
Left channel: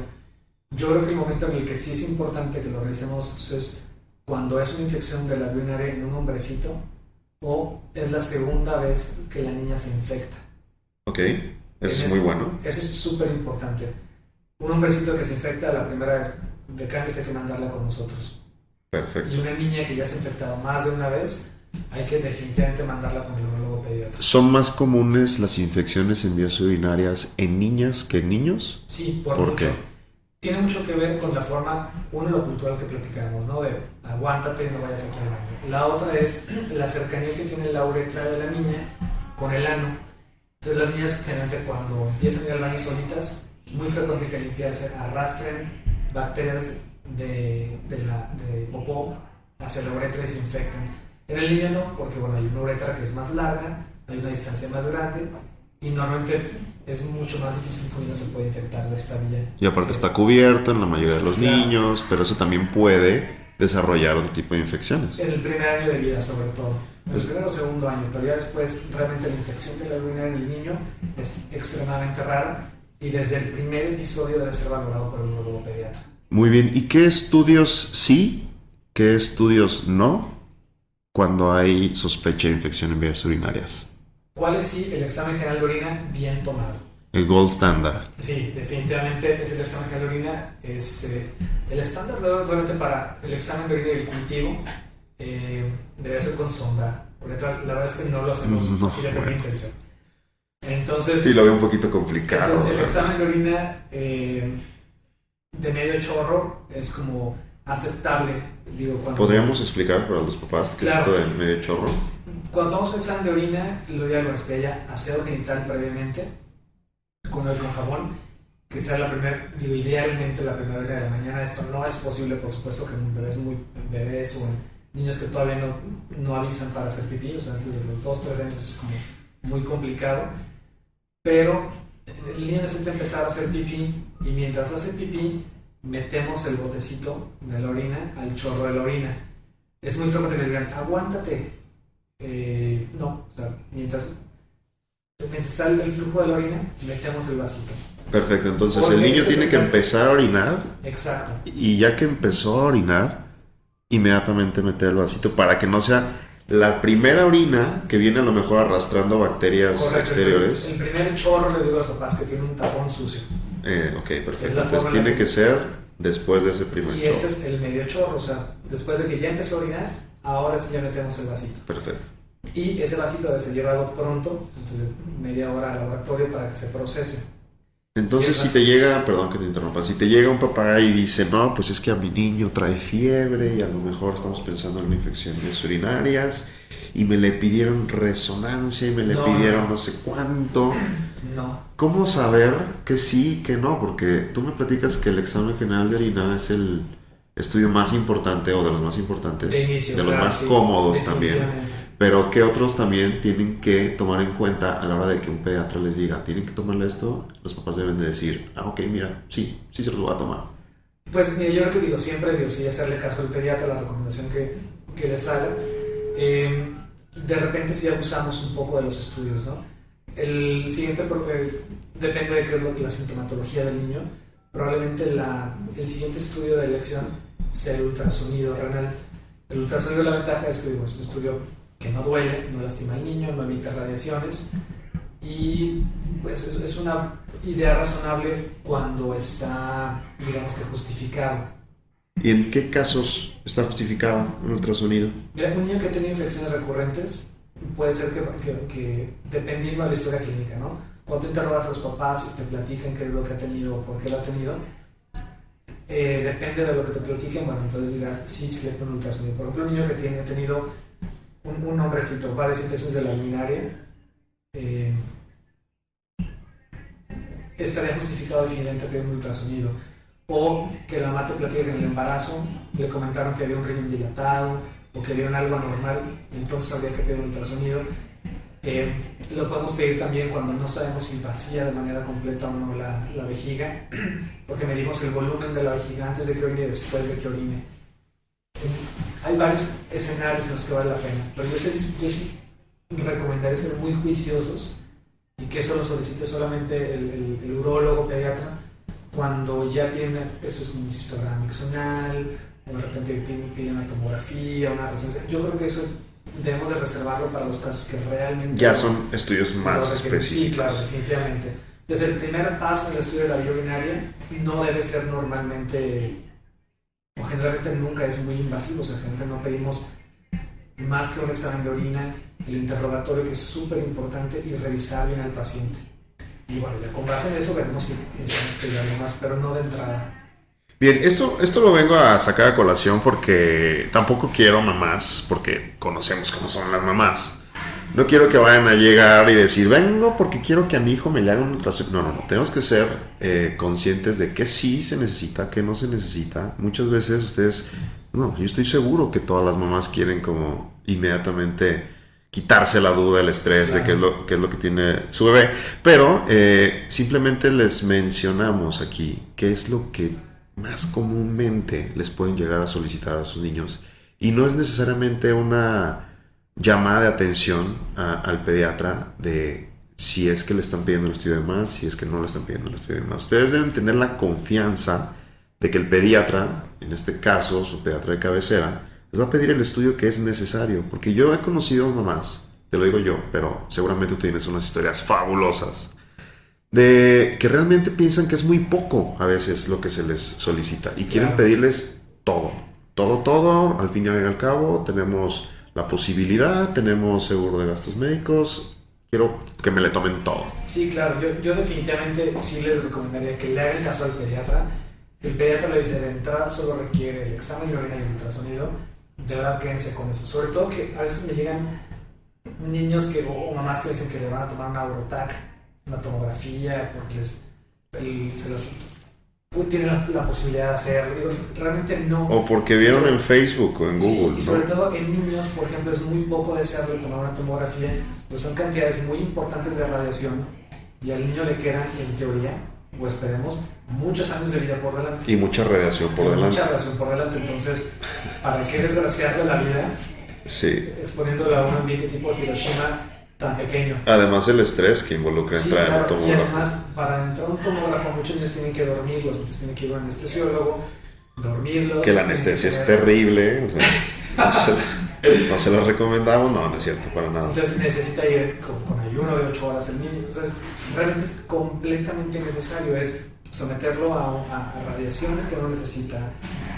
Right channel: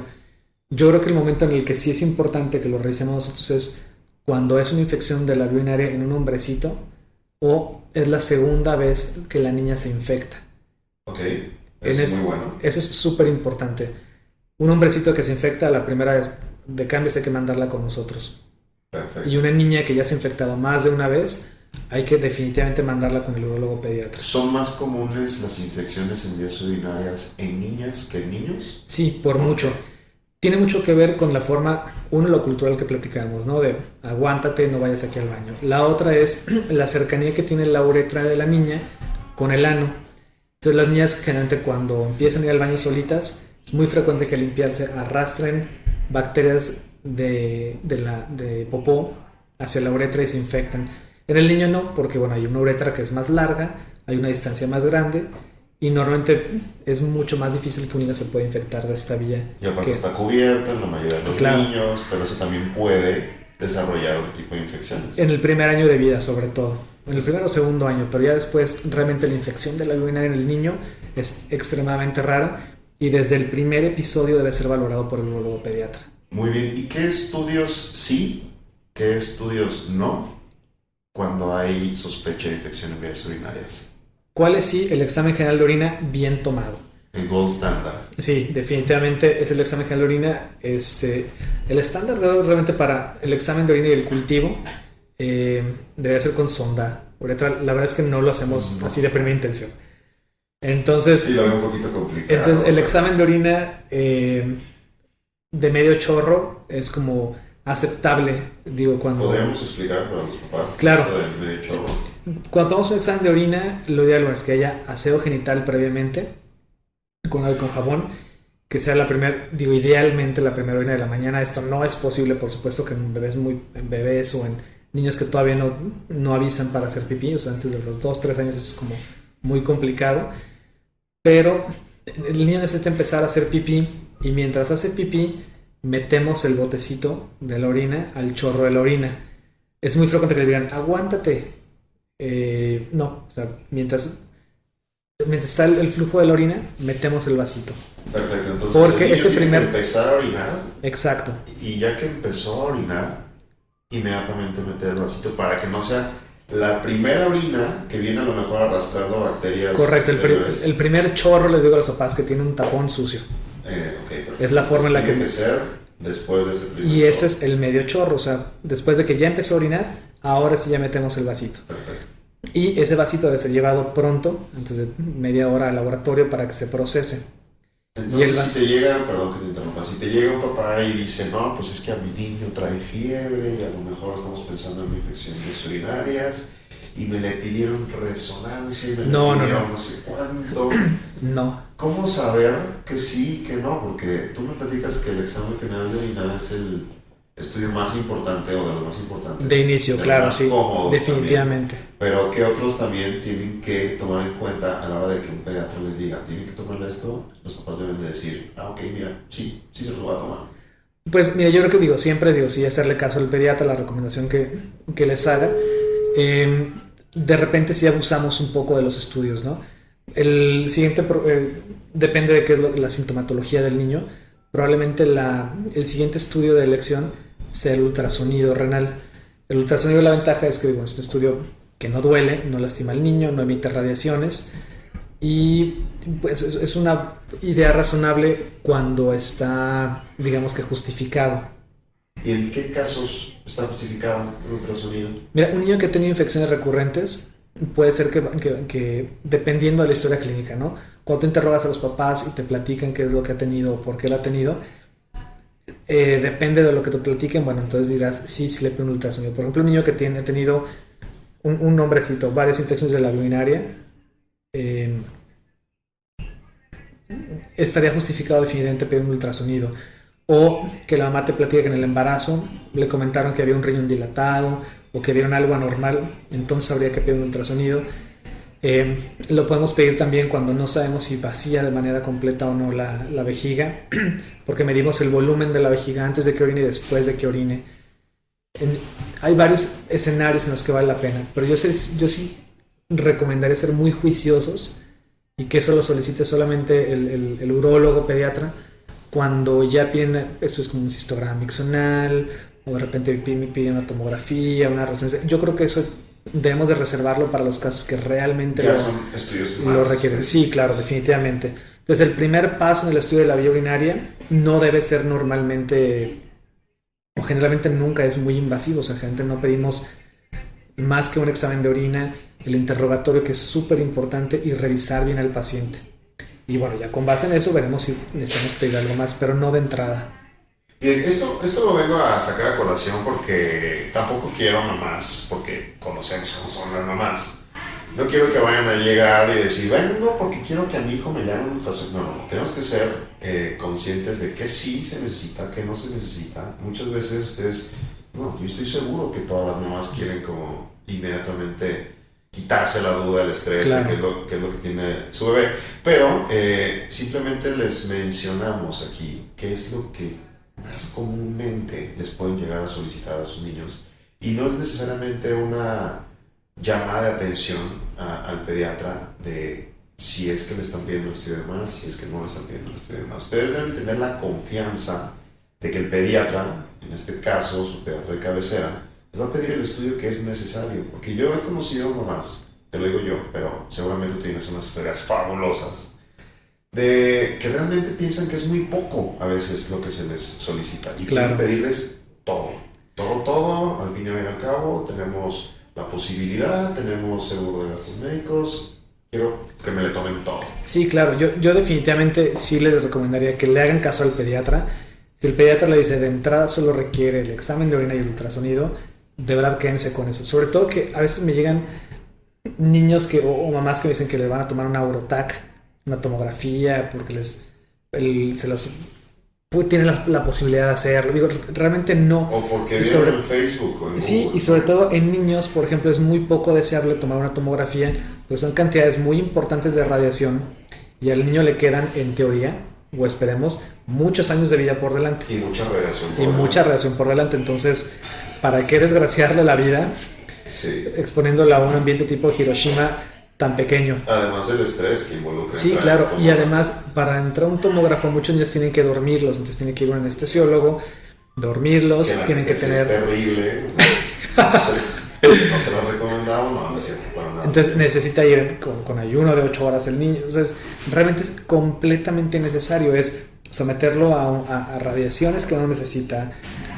Yo creo que el momento en el que sí es importante que lo revisemos nosotros es cuando es una infección de la vía urinaria en un hombrecito o es la segunda vez que la niña se infecta. Ok, eso es muy bueno. Eso es súper importante. Un hombrecito que se infecta la primera vez, de cambio hay que mandarla con nosotros. Perfecto. Y una niña que ya se ha infectado más de una vez, hay que definitivamente mandarla con el urólogo pediatra. ¿Son más comunes las infecciones en vías urinarias en niñas que en niños? Sí, por mucho. Tiene mucho que ver con la forma, uno, lo cultural que platicamos, ¿no? De aguántate y no vayas aquí al baño. La otra es la cercanía que tiene la uretra de la niña con el ano. Entonces las niñas generalmente cuando empiezan a ir al baño solitas, es muy frecuente que al limpiarse arrastren bacterias de popó hacia la uretra y se infectan. En el niño no, porque hay una uretra que es más larga, hay una distancia más grande, y normalmente es mucho más difícil que un niño se pueda infectar de esta vía. Y aparte está cubierta en la mayoría de los niños, pero eso también puede desarrollar otro tipo de infecciones. En el primer año de vida, sobre todo. En el primer o segundo año, pero ya después realmente la infección de la vía urinaria en el niño es extremadamente rara, y desde el primer episodio debe ser valorado por el urólogo pediatra. Muy bien, ¿y qué estudios sí, qué estudios no cuando hay sospecha de infección en vías urinarias? ¿Cuál es el examen general de orina bien tomado? El gold standard. Sí, definitivamente es el examen general de orina. El estándar realmente para el examen de orina y el cultivo debería ser con sonda. La verdad es que no lo hacemos así de primera intención. Entonces, sí, lo veo un poquito complicado. Entonces, el examen de orina de medio chorro es como aceptable, digo, cuando... ¿Podríamos explicar para los papás Claro. esto de medio chorro? Cuando tomamos un examen de orina, lo ideal es que haya aseo genital previamente, con jabón, que sea idealmente la primera orina de la mañana. Esto no es posible, por supuesto, que en bebés o en niños que todavía no avisan para hacer pipí, o sea, antes de los 2-3 años eso es como muy complicado, pero el niño necesita empezar a hacer pipí y mientras hace pipí metemos el botecito de la orina al chorro de la orina. Es muy frecuente que le digan, aguántate. No, o sea, mientras está el flujo de la orina, metemos el vasito. Perfecto, entonces Porque el niño tiene que primer... empezar a orinar. Exacto. Y ya que empezó a orinar, inmediatamente meter el vasito para que no sea la primera orina que viene a lo mejor arrastrando bacterias. Correcto, exteriores. el primer chorro, les digo a los papás, que tiene un tapón sucio. Ok, perfecto. Es la forma en la tiene que ser después de ese primer Y chorro. ese es el medio chorro, o sea, después de que ya empezó a orinar, ahora sí ya metemos el vasito. Perfecto. Y ese vasito debe ser llevado pronto, antes de media hora al laboratorio para que se procese. Entonces, si te llega, perdón que te interrumpa, si te llega un papá y dice, no, pues es que a mi niño trae fiebre y a lo mejor estamos pensando en una infección urinarias y me le pidieron resonancia y me le pidieron no sé cuánto. No. ¿Cómo saber que sí, que no? Porque tú me platicas que el examen general de orina es el estudio más importante o de los más importantes. De inicio, de claro, los más sí. cómodos Definitivamente. También. Pero ¿qué otros también tienen que tomar en cuenta a la hora de que un pediatra les diga, tienen que tomarle esto? Los papás deben de decir, ok, mira, sí se los voy a tomar. Pues mira, yo creo que siempre sí, hacerle caso al pediatra, la recomendación que les haga. De repente sí abusamos un poco de los estudios, ¿no? El siguiente, depende de qué es la sintomatología del niño, probablemente el siguiente estudio de elección sea el ultrasonido renal. El ultrasonido, la ventaja es que es un estudio que no duele, no lastima al niño, no emite radiaciones y pues es una idea razonable cuando está, digamos que justificado. ¿Y en qué casos está justificado el ultrasonido? Mira, un niño que ha tenido infecciones recurrentes puede ser que dependiendo de la historia clínica, ¿no? Cuando tú interrogas a los papás y te platican qué es lo que ha tenido o por qué lo ha tenido, depende de lo que te platiquen, bueno, entonces dirás, sí le pido un ultrasonido. Por ejemplo, un niño que ha tenido un hombrecito, varias infecciones de la urinaria, estaría justificado definitivamente pedir un ultrasonido. O que la mamá te platique que en el embarazo le comentaron que había un riñón dilatado o que vieron algo anormal, entonces habría que pedir un ultrasonido. Lo podemos pedir también cuando no sabemos si vacía de manera completa o no la vejiga, porque medimos el volumen de la vejiga antes de que orine y después de que orine. Hay varios escenarios en los que vale la pena, pero yo sí recomendaría ser muy juiciosos y que eso lo solicite solamente el urólogo pediatra cuando ya piden, esto es como un cistograma mixonal o de repente piden una tomografía, una resonancia. Yo creo que eso debemos de reservarlo para los casos que realmente ya son estudios más lo requieren. Sí, claro, definitivamente. Entonces el primer paso en el estudio de la vía urinaria no debe ser normalmente o generalmente nunca es muy invasivo, o sea, gente no pedimos más que un examen de orina, el interrogatorio que es súper importante y revisar bien al paciente. Y bueno, ya con base en eso veremos si necesitamos pedir algo más, pero no de entrada. Bien, esto lo vengo a sacar a colación porque tampoco quiero mamás, porque conocemos cómo son las mamás. No quiero que vayan a llegar y decir, vengo porque quiero que a mi hijo me le hagan un ultrasonido. No, tenemos que ser conscientes de que sí se necesita, que no se necesita. Muchas veces ustedes, no, yo estoy seguro que todas las mamás quieren como inmediatamente quitarse la duda, el estrés, claro, de qué es lo que tiene su bebé. Pero simplemente les mencionamos aquí qué es lo que más comúnmente les pueden llegar a solicitar a sus niños. Y no es necesariamente una llamada de atención al pediatra de si es que le están pidiendo el estudio de más, si es que no le están pidiendo el estudio de más. Ustedes deben tener la confianza de que el pediatra, en este caso su pediatra de cabecera, les va a pedir el estudio que es necesario, porque yo he conocido mamás, te lo digo yo, pero seguramente tú tienes unas historias fabulosas de que realmente piensan que es muy poco a veces lo que se les solicita y quieren pedirles todo, al fin y al cabo tenemos la posibilidad, tenemos seguro de gastos médicos, quiero que me le tomen todo. Sí, claro, yo definitivamente sí les recomendaría que le hagan caso al pediatra. Si el pediatra le dice de entrada solo requiere el examen de orina y el ultrasonido, de verdad quédense con eso. Sobre todo que a veces me llegan niños o mamás que me dicen que les van a tomar una Eurotac, una tomografía, porque se los tiene la posibilidad de hacerlo. Digo, realmente no. O porque vieron en Facebook o en Google. Sí, y sobre todo en niños, por ejemplo, es muy poco deseable tomar una tomografía, pues son cantidades muy importantes de radiación y al niño le quedan, en teoría, o esperemos, muchos años de vida por delante. Y mucha radiación por delante. Entonces, ¿para qué desgraciarle la vida? Sí. Exponiéndola a un ambiente tipo Hiroshima tan pequeño. Además el estrés que involucra. Sí, claro, y además para entrar a un tomógrafo muchos niños tienen que dormirlos, entonces tienen que ir a un anestesiólogo, dormirlos. Que la anestesia es terrible, o sea, no se lo recomendamos, no es cierto, para nada. Entonces necesita ir con ayuno de 8 horas el niño, entonces realmente es completamente necesario, es someterlo a radiaciones que no necesita,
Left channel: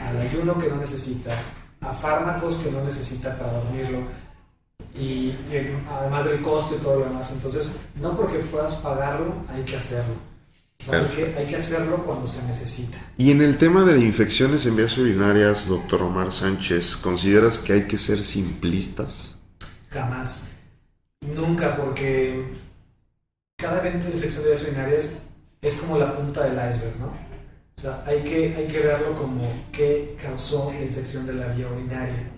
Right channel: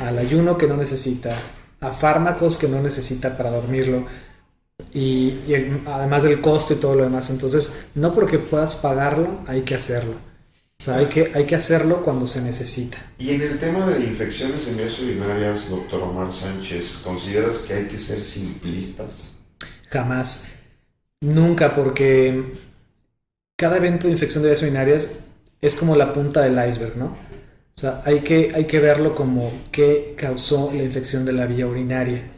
al ayuno que no necesita, a fármacos que no necesita para dormirlo. Y además del costo y todo lo demás, entonces no porque puedas pagarlo hay que hacerlo, o sea, hay que hacerlo cuando se necesita. Y en el tema de infecciones en vías urinarias, doctor Omar Sánchez, ¿consideras que hay que ser simplistas? Jamás, nunca, porque cada evento de infección de vías urinarias es como la punta del iceberg, ¿no? O sea, hay que verlo como qué causó la infección de la vía urinaria.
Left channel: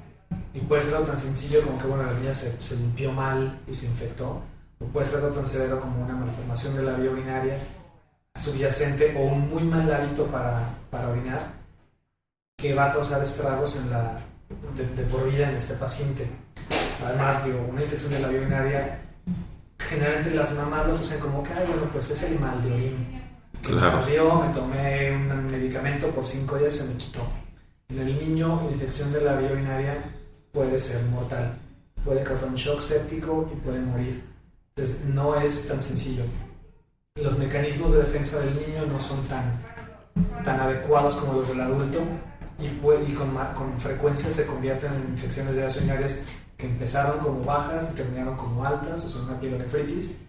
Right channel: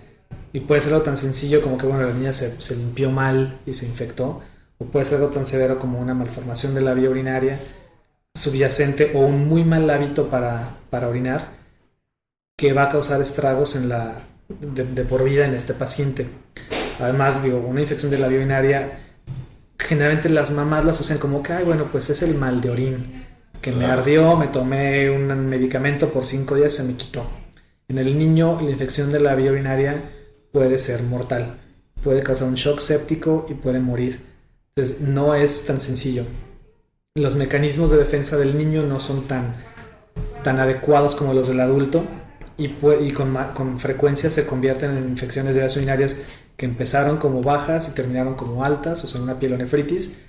Y puede ser algo tan sencillo como que, bueno, la niña se limpió mal y se infectó, o puede ser algo tan severo como una malformación de la vía urinaria subyacente o un muy mal hábito para orinar que va a causar estragos de por vida en este paciente. Además, digo, una infección de la vía urinaria, generalmente las mamás la asocian como que, bueno, pues es el mal de orín, que me ardió, me tomé un medicamento por 5 días, se me quitó. En el niño, la infección de la vía urinaria puede ser mortal, puede causar un shock séptico y puede morir. Entonces no es tan sencillo. Los mecanismos de defensa del niño no son tan adecuados como los del adulto y con frecuencia se convierten en infecciones de vías urinarias que empezaron como bajas y terminaron como altas, o sea, una pielonefritis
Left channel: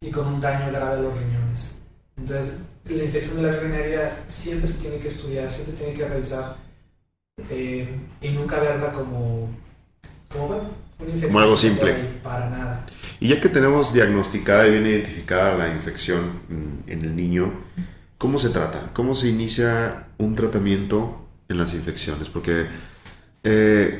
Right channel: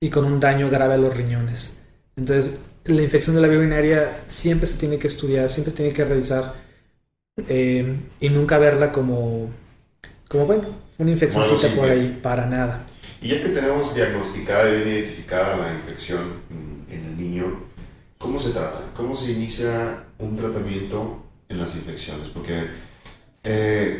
y con un daño grave a los riñones. Entonces la infección de la vía urinaria siempre se tiene que estudiar, siempre se tiene que revisar. Y nunca verla como bueno, una infección por ahí, para nada. Y ya que tenemos diagnosticada y bien identificada la infección en el niño, ¿cómo se trata? ¿Cómo se inicia un tratamiento en las infecciones? Porque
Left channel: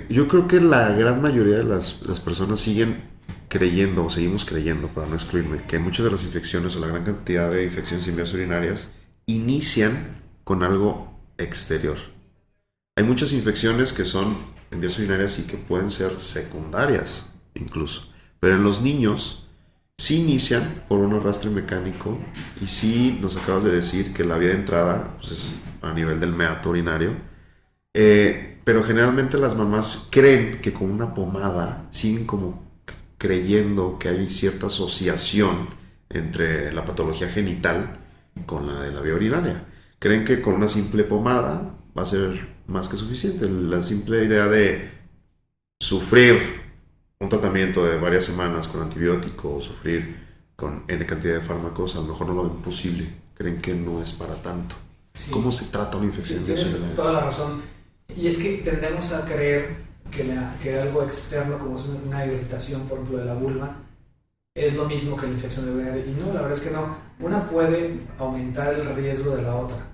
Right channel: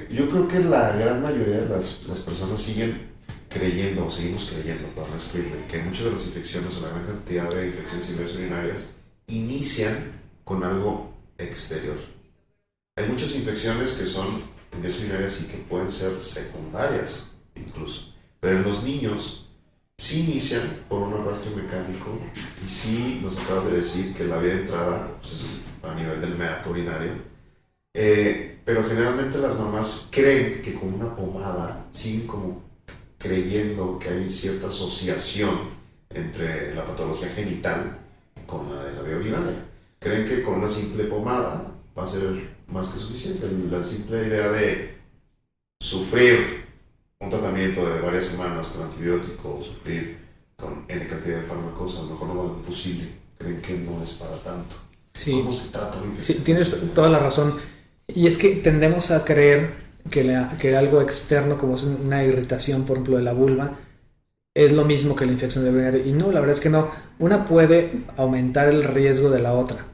yo creo que la gran mayoría de las personas seguimos creyendo, para no excluirme, que muchas de las infecciones o la gran cantidad de infecciones en vías urinarias inician con algo exterior. Hay muchas infecciones que son en vías urinarias y que pueden ser secundarias incluso. Pero en los niños sí inician por un arrastre mecánico y sí nos acabas de decir que la vía de entrada pues, es a nivel del meato urinario. Pero generalmente las mamás creen que con una pomada siguen como creyendo que hay cierta asociación entre la patología genital con la de la vía urinaria. Creen que con una simple pomada va a ser más que suficiente. La simple idea de sufrir un tratamiento de varias semanas con antibiótico o sufrir con N cantidad de fármacos, a lo mejor no lo ven posible. Creen que no es para tanto. Sí. ¿Cómo se trata una infección? Sí, tienes toda la razón. Y es que tendemos a creer que algo externo, como es una irritación, por ejemplo, de la vulva, es lo mismo que la infección de urinaria. Y no, la verdad es que no. Una puede aumentar el riesgo de la otra,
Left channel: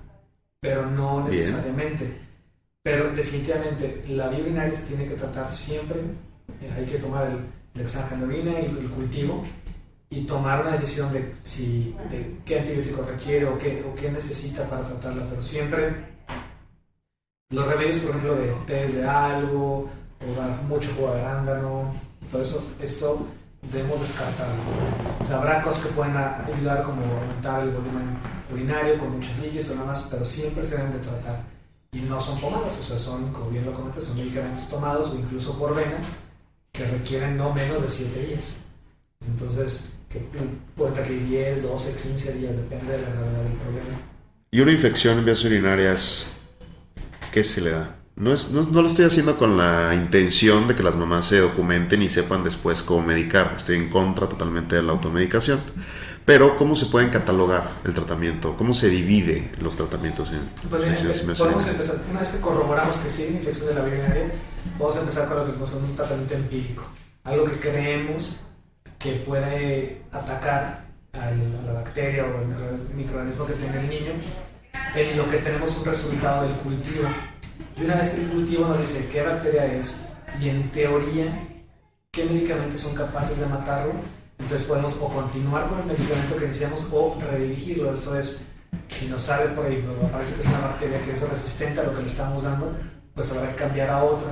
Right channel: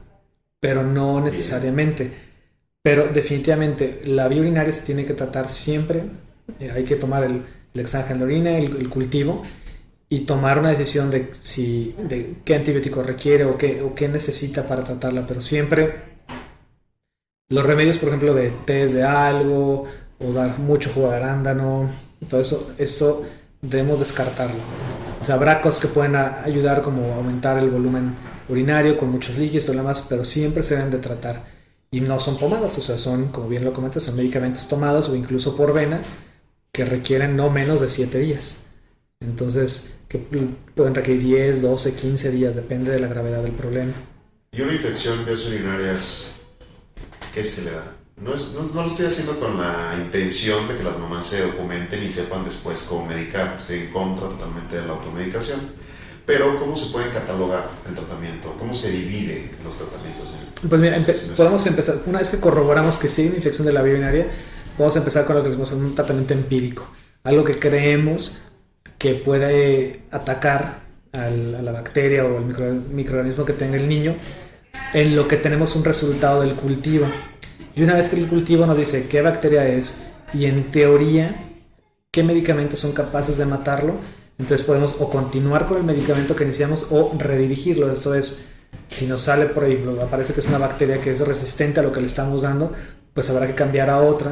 pero no necesariamente. Bien. Pero definitivamente la vía urinaria se tiene que tratar siempre. Hay que tomar el examen de orina, el cultivo, y tomar una decisión de qué antibiótico requiere o qué necesita para tratarla. Pero siempre los remedios, por ejemplo, de tés de algo o dar mucho jugo de arándano, todo eso, esto debemos descartarlo. O sea, habrá cosas que pueden ayudar, como aumentar el volumen urinario con muchos líquidos y lo demás, pero siempre se deben de tratar. Y no son pomadas, o sea, son, como bien lo comentas, son medicamentos tomados o incluso por vena que requieren no menos de 7 días. Entonces, que pueden requerir 10, 12, 15 días, depende de la gravedad del problema. Y una infección en vías urinarias, ¿qué se le da? No lo estoy haciendo con la intención de que las mamás se documenten y sepan después cómo medicar. Estoy en contra totalmente de la automedicación. Pero, ¿cómo se pueden catalogar el tratamiento? ¿Cómo se divide los tratamientos Pues mira, podemos empezar, una vez que corroboramos que sí hay una infección de la vía urinaria, podemos empezar con lo que decimos un tratamiento empírico, algo que creemos que puede atacar a la bacteria o al microorganismo que tenga el niño, en lo que tenemos un resultado del cultivo. Y una vez que el cultivo nos dice qué bacteria es y en teoría qué medicamentos son capaces de matarlo, entonces podemos o continuar con el medicamento que iniciamos o redirigirlo. Esto es, si nos sale por ahí, parece que es una bacteria que es resistente a lo que le estamos dando, pues habrá que cambiar a otra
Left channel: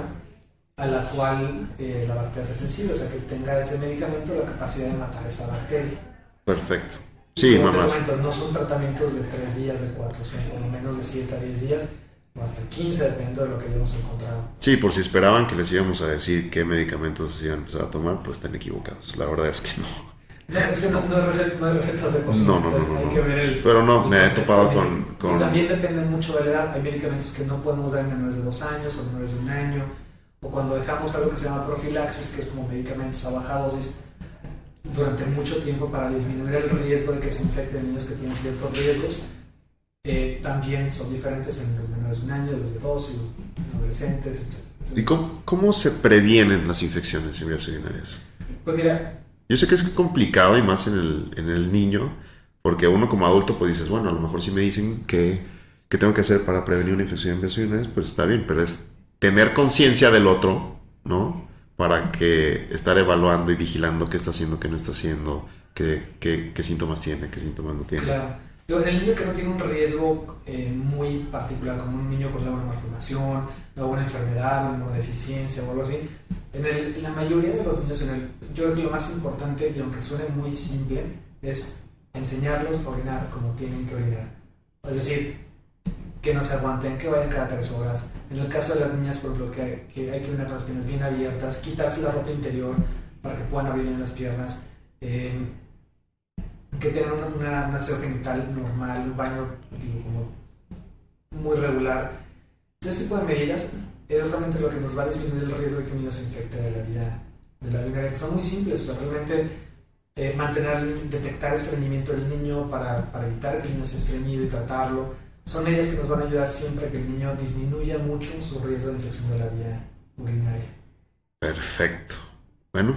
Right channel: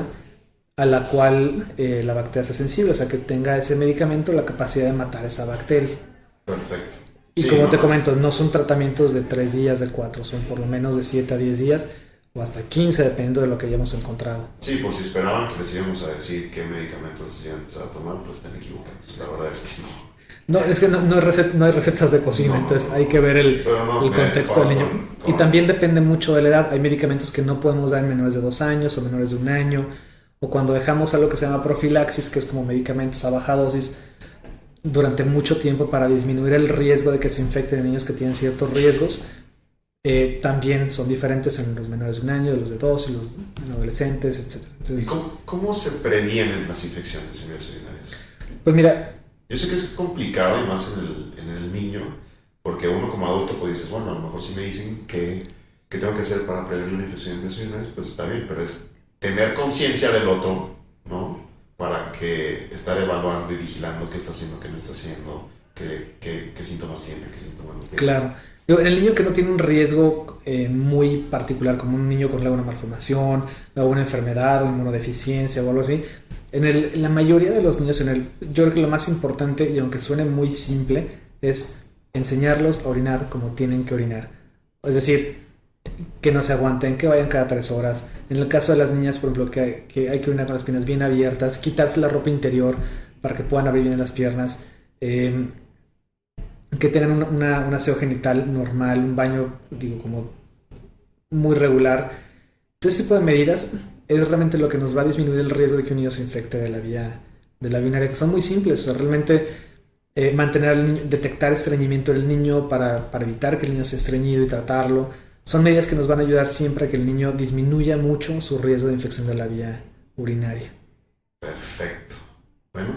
a la cual la bacteria sea sensible, o sea que tenga ese medicamento la capacidad de matar esa bacteria. Perfecto. Y sí, como te comento, no son tratamientos de 3 días, de 4, son por lo menos de 7 a 10 días o hasta 15, dependiendo de lo que hayamos encontrado. Sí, por si esperaban que les íbamos a decir qué medicamentos se iban a empezar a tomar, pues están equivocados. La verdad es que no. No, es que no hay recetas de cocina, entonces hay que ver el contexto del niño. Y también depende mucho de la edad. Hay medicamentos que no podemos dar en menores de 2 años o menores de 1 año, o cuando dejamos algo que se llama profilaxis, que es como medicamentos a baja dosis durante mucho tiempo para disminuir el riesgo de que se infecten niños que tienen ciertos riesgos. También son diferentes en los menores de 1 año, los de 2 y los adolescentes, etc. Entonces, ¿y cómo se previenen las infecciones en vías urinarias? Pues mira, yo sé que es complicado y más en el niño, porque uno como adulto pues dices, bueno, a lo mejor si me dicen que tengo que hacer para prevenir una infección en vías urinarias, pues está bien, pero es tener conciencia del otro, ¿no? Para que estar evaluando y vigilando qué está haciendo, qué no está haciendo, qué síntomas tiene, qué síntomas no tiene. Claro. En el niño que no tiene un riesgo muy particular, como un niño con alguna malformación, alguna enfermedad o inmunodeficiencia o algo así, en la mayoría de los niños, yo creo que lo más importante, y aunque suene muy simple, es enseñarlos a orinar como tienen que orinar. Es decir, que no se aguanten, que vayan cada 3 horas. En el caso de las niñas, por ejemplo, que hay que orinar con las piernas bien abiertas, quitarse la ropa interior para que puedan abrir bien las piernas, que tengan un aseo genital normal, un baño, como muy regular. Todo este tipo de medidas es realmente lo que nos va a disminuir el riesgo de que un niño se infecte de la vía urinaria, que son muy simples. O sea, realmente mantener al niño, detectar estreñimiento del niño para evitar que el niño sea estreñido y tratarlo. Son medidas que nos van a ayudar siempre a que el niño disminuya mucho su riesgo de infección de la vía urinaria. Perfecto. Bueno,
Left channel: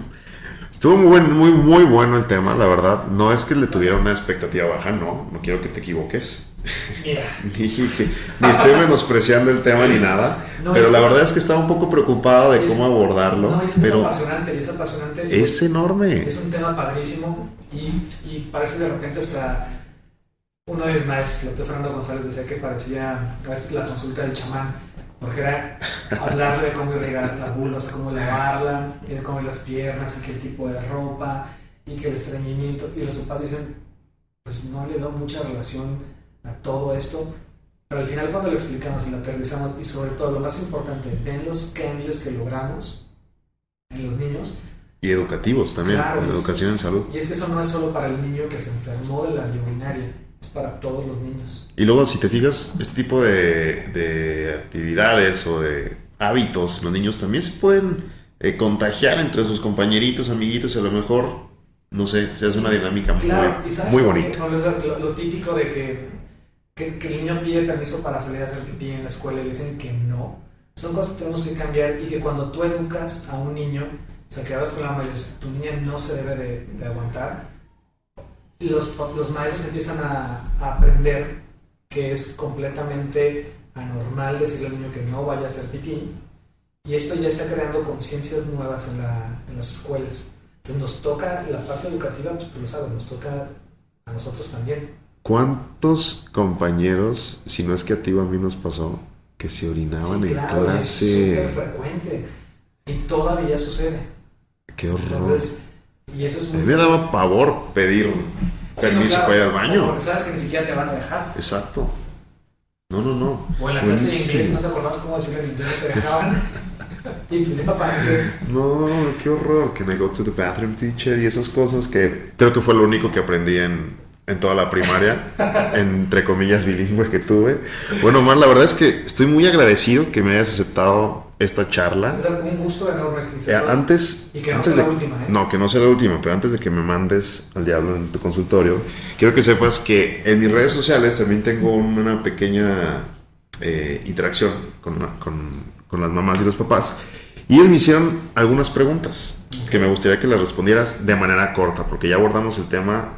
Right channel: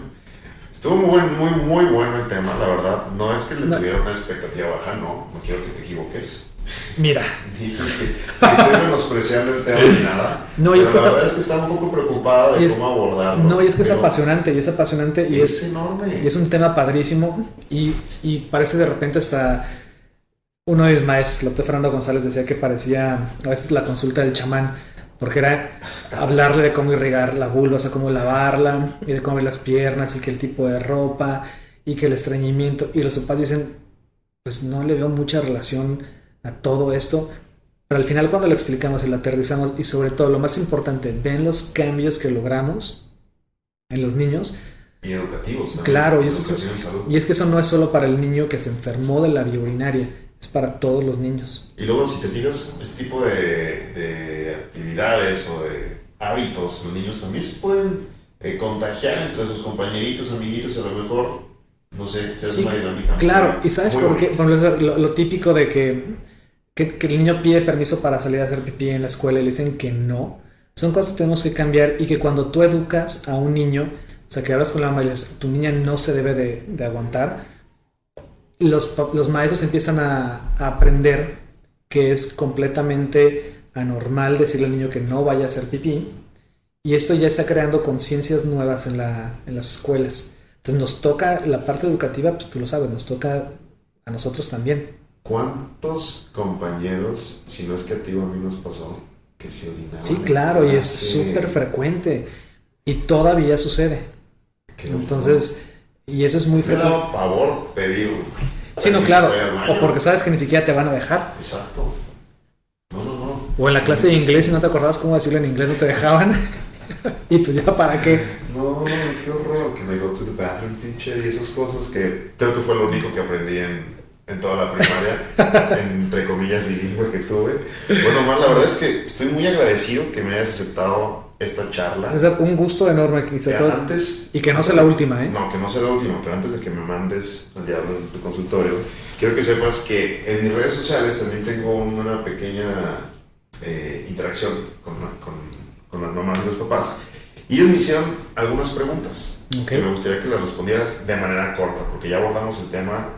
estuvo muy bueno el tema, la verdad. No es que le tuviera una expectativa baja, no quiero que te equivoques. Mira. Ni estoy menospreciando el tema ni nada. No, pero la verdad es que estaba un poco preocupada de cómo abordarlo. No, y es que es apasionante. Y es enorme. Es un tema padrísimo y parece de repente hasta... Uno de mis maestros, el doctor Fernando González, decía que parecía a veces la consulta del chamán, porque era hablarle de cómo irrigar la vulva, o sea, cómo lavarla, y de cómo las piernas, y que el tipo de ropa, y que el estreñimiento. Y los papás dicen, pues no le veo mucha relación a todo esto, pero al final cuando lo explicamos y lo aterrizamos, y sobre todo lo más importante, ven los cambios que logramos en los niños. Y educativos también, claro, educación en salud. Y es que eso no es solo para el niño que se enfermó de la vía urinaria, es para todos los niños. Y luego, si te fijas, este tipo de actividades o de hábitos, los niños también se pueden contagiar entre sus compañeritos, amiguitos, a lo mejor, no sé, se hace una dinámica claro, y ¿sabes muy por qué? Lo típico de que el niño pide permiso para salir a hacer pipí en la escuela y le dicen que no, son cosas que tenemos que cambiar, y que cuando tú educas a un niño, o sea, que hablas con la mamá y le dices, tu niña no se debe de aguantar, los maestros empiezan a aprender que es completamente anormal decirle al niño que no vaya a hacer pipí, y esto ya está creando conciencias nuevas en las escuelas. Entonces nos toca la parte educativa, pues tú lo sabes, nos toca a nosotros también. ¿Cuántos compañeros, si no es que a ti o a mí nos pasó, que se orinaban en claro, clase? Y es súper frecuente y todavía sucede. Qué horror. Entonces, y eso es muy me daba pavor pedir claro, para ir al baño. O porque sabes que ni siquiera te van a dejar. Exacto. No. O en la clase de inglés, si no te acordabas cómo decirlo en inglés, no te dejaban. Y pues ya, ¿para qué? No, qué horror. Que me go to the bathroom, teacher, y esas cosas que creo que fue lo único que aprendí en toda la primaria, entre comillas bilingüe que tuve. Bueno, Omar, la verdad es que estoy muy agradecido que me hayas aceptado esta charla. César, un gusto enorme que hice todo. Y que no sea la última, ¿eh? No, que no sea la última, pero antes de que me mandes al diablo en tu consultorio, quiero que sepas que en mis redes sociales también tengo una pequeña interacción con las mamás y los papás. Y ellos me hicieron algunas preguntas que me gustaría que las respondieras de manera corta, porque ya abordamos el tema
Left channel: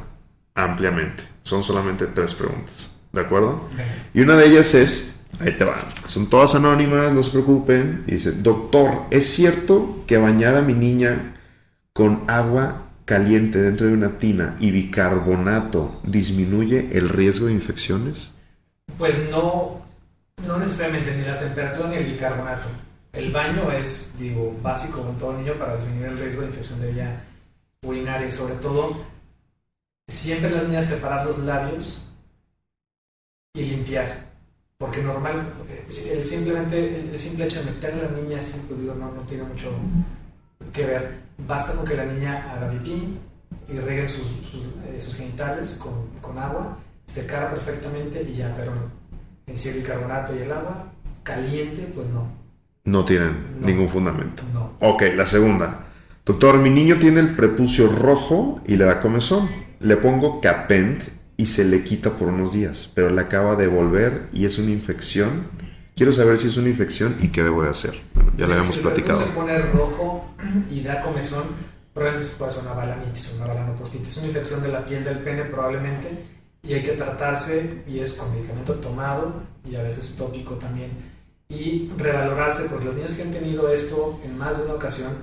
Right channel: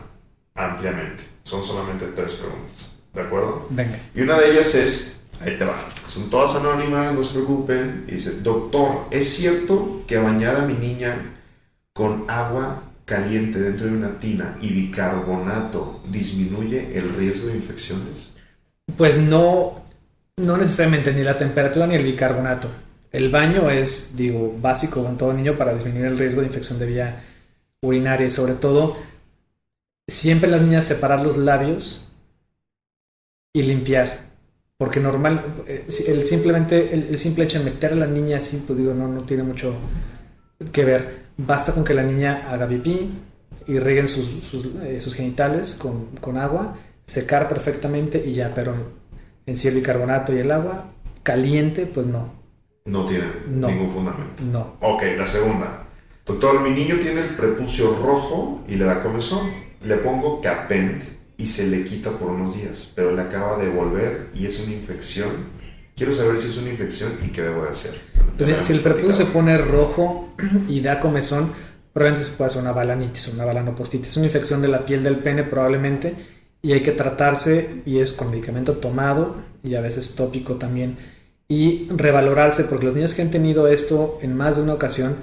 ampliamente. Son solamente 3 preguntas, ¿de acuerdo? Venga. Y una de ellas es, ahí te va, son todas anónimas, no se preocupen. Y dice, doctor, ¿es cierto que bañar a mi niña con agua caliente dentro de una tina y bicarbonato disminuye el riesgo de infecciones? Pues no necesariamente ni la temperatura ni el bicarbonato. El baño es, básico en todo niño para disminuir el riesgo de infección de vía urinaria y sobre todo siempre las niñas separar los labios y limpiar, porque el simple hecho de meter a la niña así, pues no tiene mucho que ver. Basta con que la niña haga pipí y rieguen sus genitales con agua, secar perfectamente y ya, pero en sí el bicarbonato y el agua caliente, pues no. No tienen ningún fundamento. No. Ok, la segunda. Doctor, mi niño tiene el prepucio rojo y le da comezón. Le pongo Capent y se le quita por unos días, pero le acaba de volver y es una infección. Quiero saber si es una infección y qué debo de hacer. Bueno, si el prepucio se pone rojo y da comezón, probablemente puede ser una balanitis o una balanopostitis. Es una infección de la piel del pene probablemente y hay que tratarse, y es con medicamento tomado y a veces tópico también. Y revalorarse, porque los niños que han tenido esto en más de una ocasión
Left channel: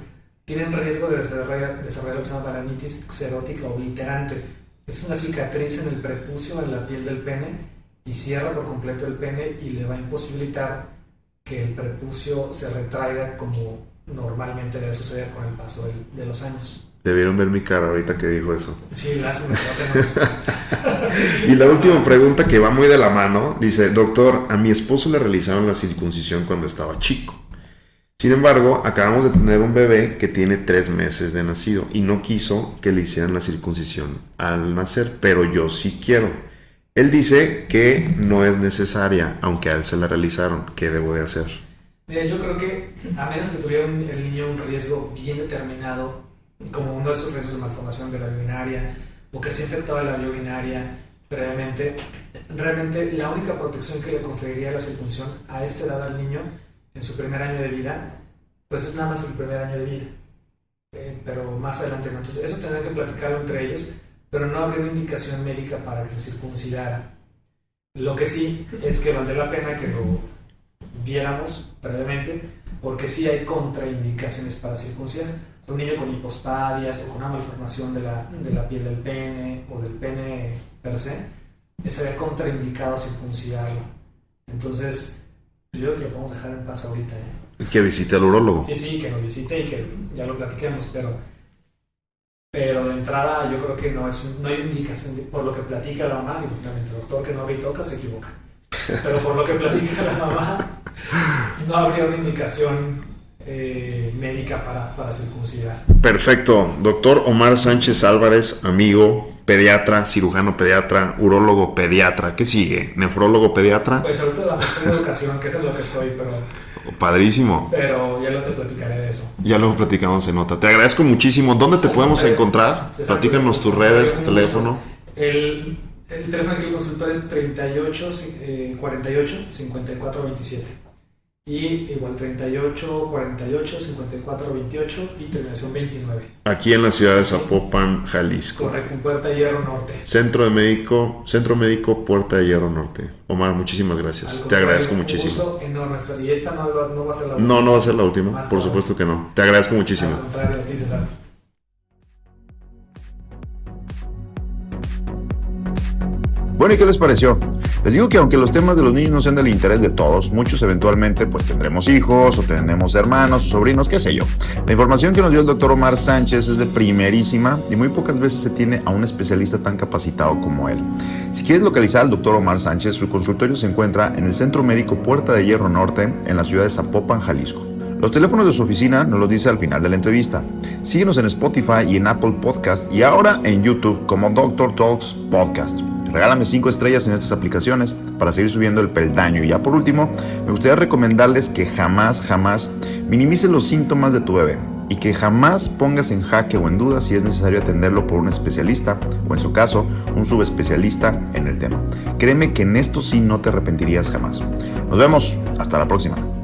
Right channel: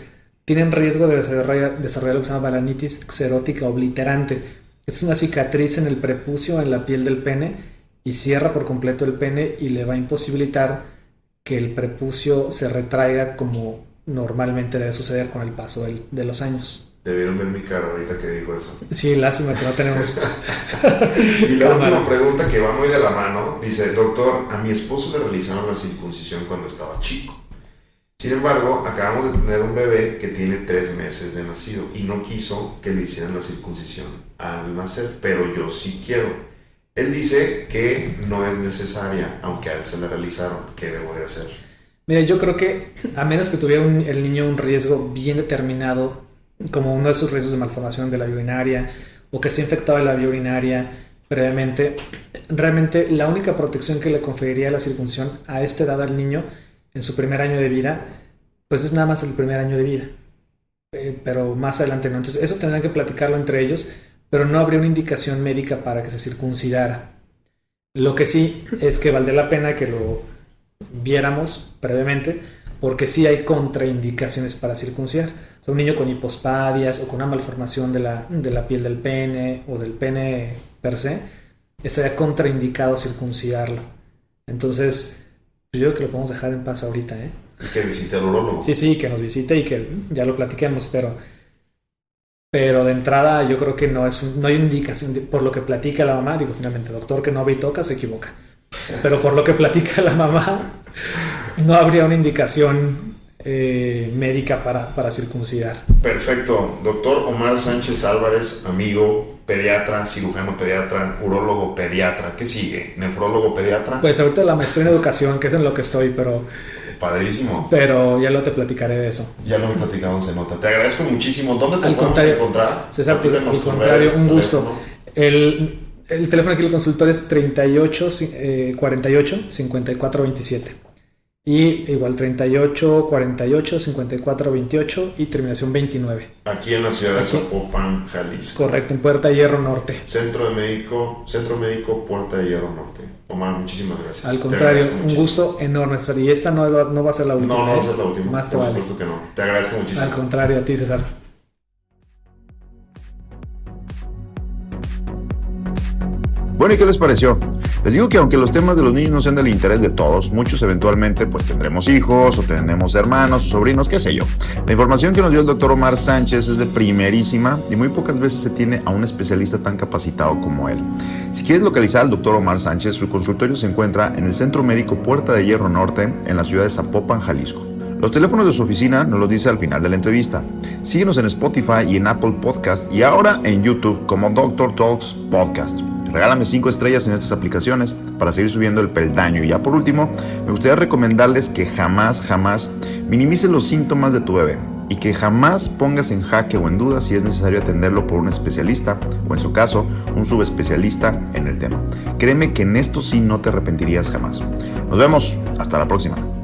tienen riesgo de desarrollar lo que se llama balanitis xerótica obliterante. Es una cicatriz en el prepucio, en la piel del pene, y cierra por completo el pene y le va a imposibilitar que el prepucio se retraiga como normalmente debe suceder con el paso de los años. Debieron ver mi cara ahorita que dijo eso. Sí, lástima que no tenemos. Y la última pregunta, que va muy de la mano, dice, doctor, a mi esposo le realizaron la circuncisión cuando estaba chico. Sin embargo, acabamos de tener un bebé que tiene 3 meses de nacido y no quiso que le hicieran la circuncisión al nacer, pero yo sí quiero. Él dice que no es necesaria, aunque a él se la realizaron. ¿Qué debo de hacer? Mira, yo creo que a menos que tuviera el niño un riesgo bien determinado, como uno de sus riesgos de malformación de la vía urinaria o que se infectaba la vía urinaria previamente, realmente la única protección que le conferiría la circuncisión a esta edad al niño en su primer año de vida, pues es nada más el primer año de vida, pero más adelante no. Entonces eso tendrán que platicarlo entre ellos, pero no habría una indicación médica para que se circuncidara. Lo que sí es que valdría la pena que lo viéramos previamente, porque sí hay contraindicaciones para circuncidar. O sea, un niño con hipospadias o con una malformación de la piel del pene o del pene per se, estaría contraindicado circuncidarlo. Entonces, yo creo que lo podemos dejar en paz ahorita, ¿eh? Que visite al urólogo. Sí, que nos visite y que ya lo platiquemos, pero de entrada yo creo que no hay indicación por lo que platica la mamá. Finalmente, doctor que no ve y toca se equivoca. Pero por lo que platica la mamá, no habría una indicación médica para circuncidar. Perfecto. Doctor Omar Sánchez Álvarez, amigo, pediatra, cirujano pediatra, urólogo pediatra. ¿Qué sigue? ¿Nefrólogo pediatra? Pues ahorita la maestría en educación, que es en lo que estoy, pero... Padrísimo. Pero ya luego te platicaré de eso. Ya lo platicamos en nota. Te agradezco muchísimo. ¿Dónde te podemos encontrar? César, platícanos tus redes, tu teléfono. El teléfono aquí del consultorio es 38 48 54 27. Y igual 38 48 54 28 y terminación 29. Aquí en la ciudad de Zapopan, Jalisco. Correcto, en Puerta de Hierro Norte. Centro Médico Puerta de Hierro Norte. Omar, muchísimas gracias. Al contrario, te agradezco muchísimo. Un gusto enorme, César. Y esta no va a ser la última. No va a ser la última. Más por supuesto que no. Te agradezco muchísimo. Al contrario, a ti, César. Bueno, ¿y qué les pareció? Les digo que aunque los temas de los niños no sean del interés de todos, muchos eventualmente pues tendremos hijos o tendremos hermanos o sobrinos, qué sé yo. La información que nos dio el doctor Omar Sánchez es de primerísima y muy pocas veces se tiene a un especialista tan capacitado como él. Si quieres localizar al doctor Omar Sánchez, su consultorio se encuentra en el Centro Médico Puerta de Hierro Norte, en la ciudad de Zapopan, Jalisco. Los teléfonos de su oficina nos los dice al final de la entrevista. Síguenos en Spotify y en Apple Podcast y ahora en YouTube como Dr. Talks Podcast. Regálame 5 estrellas en estas aplicaciones para seguir subiendo el peldaño. Y ya por último, me gustaría recomendarles que jamás minimices los síntomas de tu bebé y que jamás pongas en jaque o en duda si es necesario atenderlo por un especialista o, en su caso, un subespecialista en el tema. Créeme que en esto sí no te arrepentirías jamás. Nos vemos, hasta la próxima.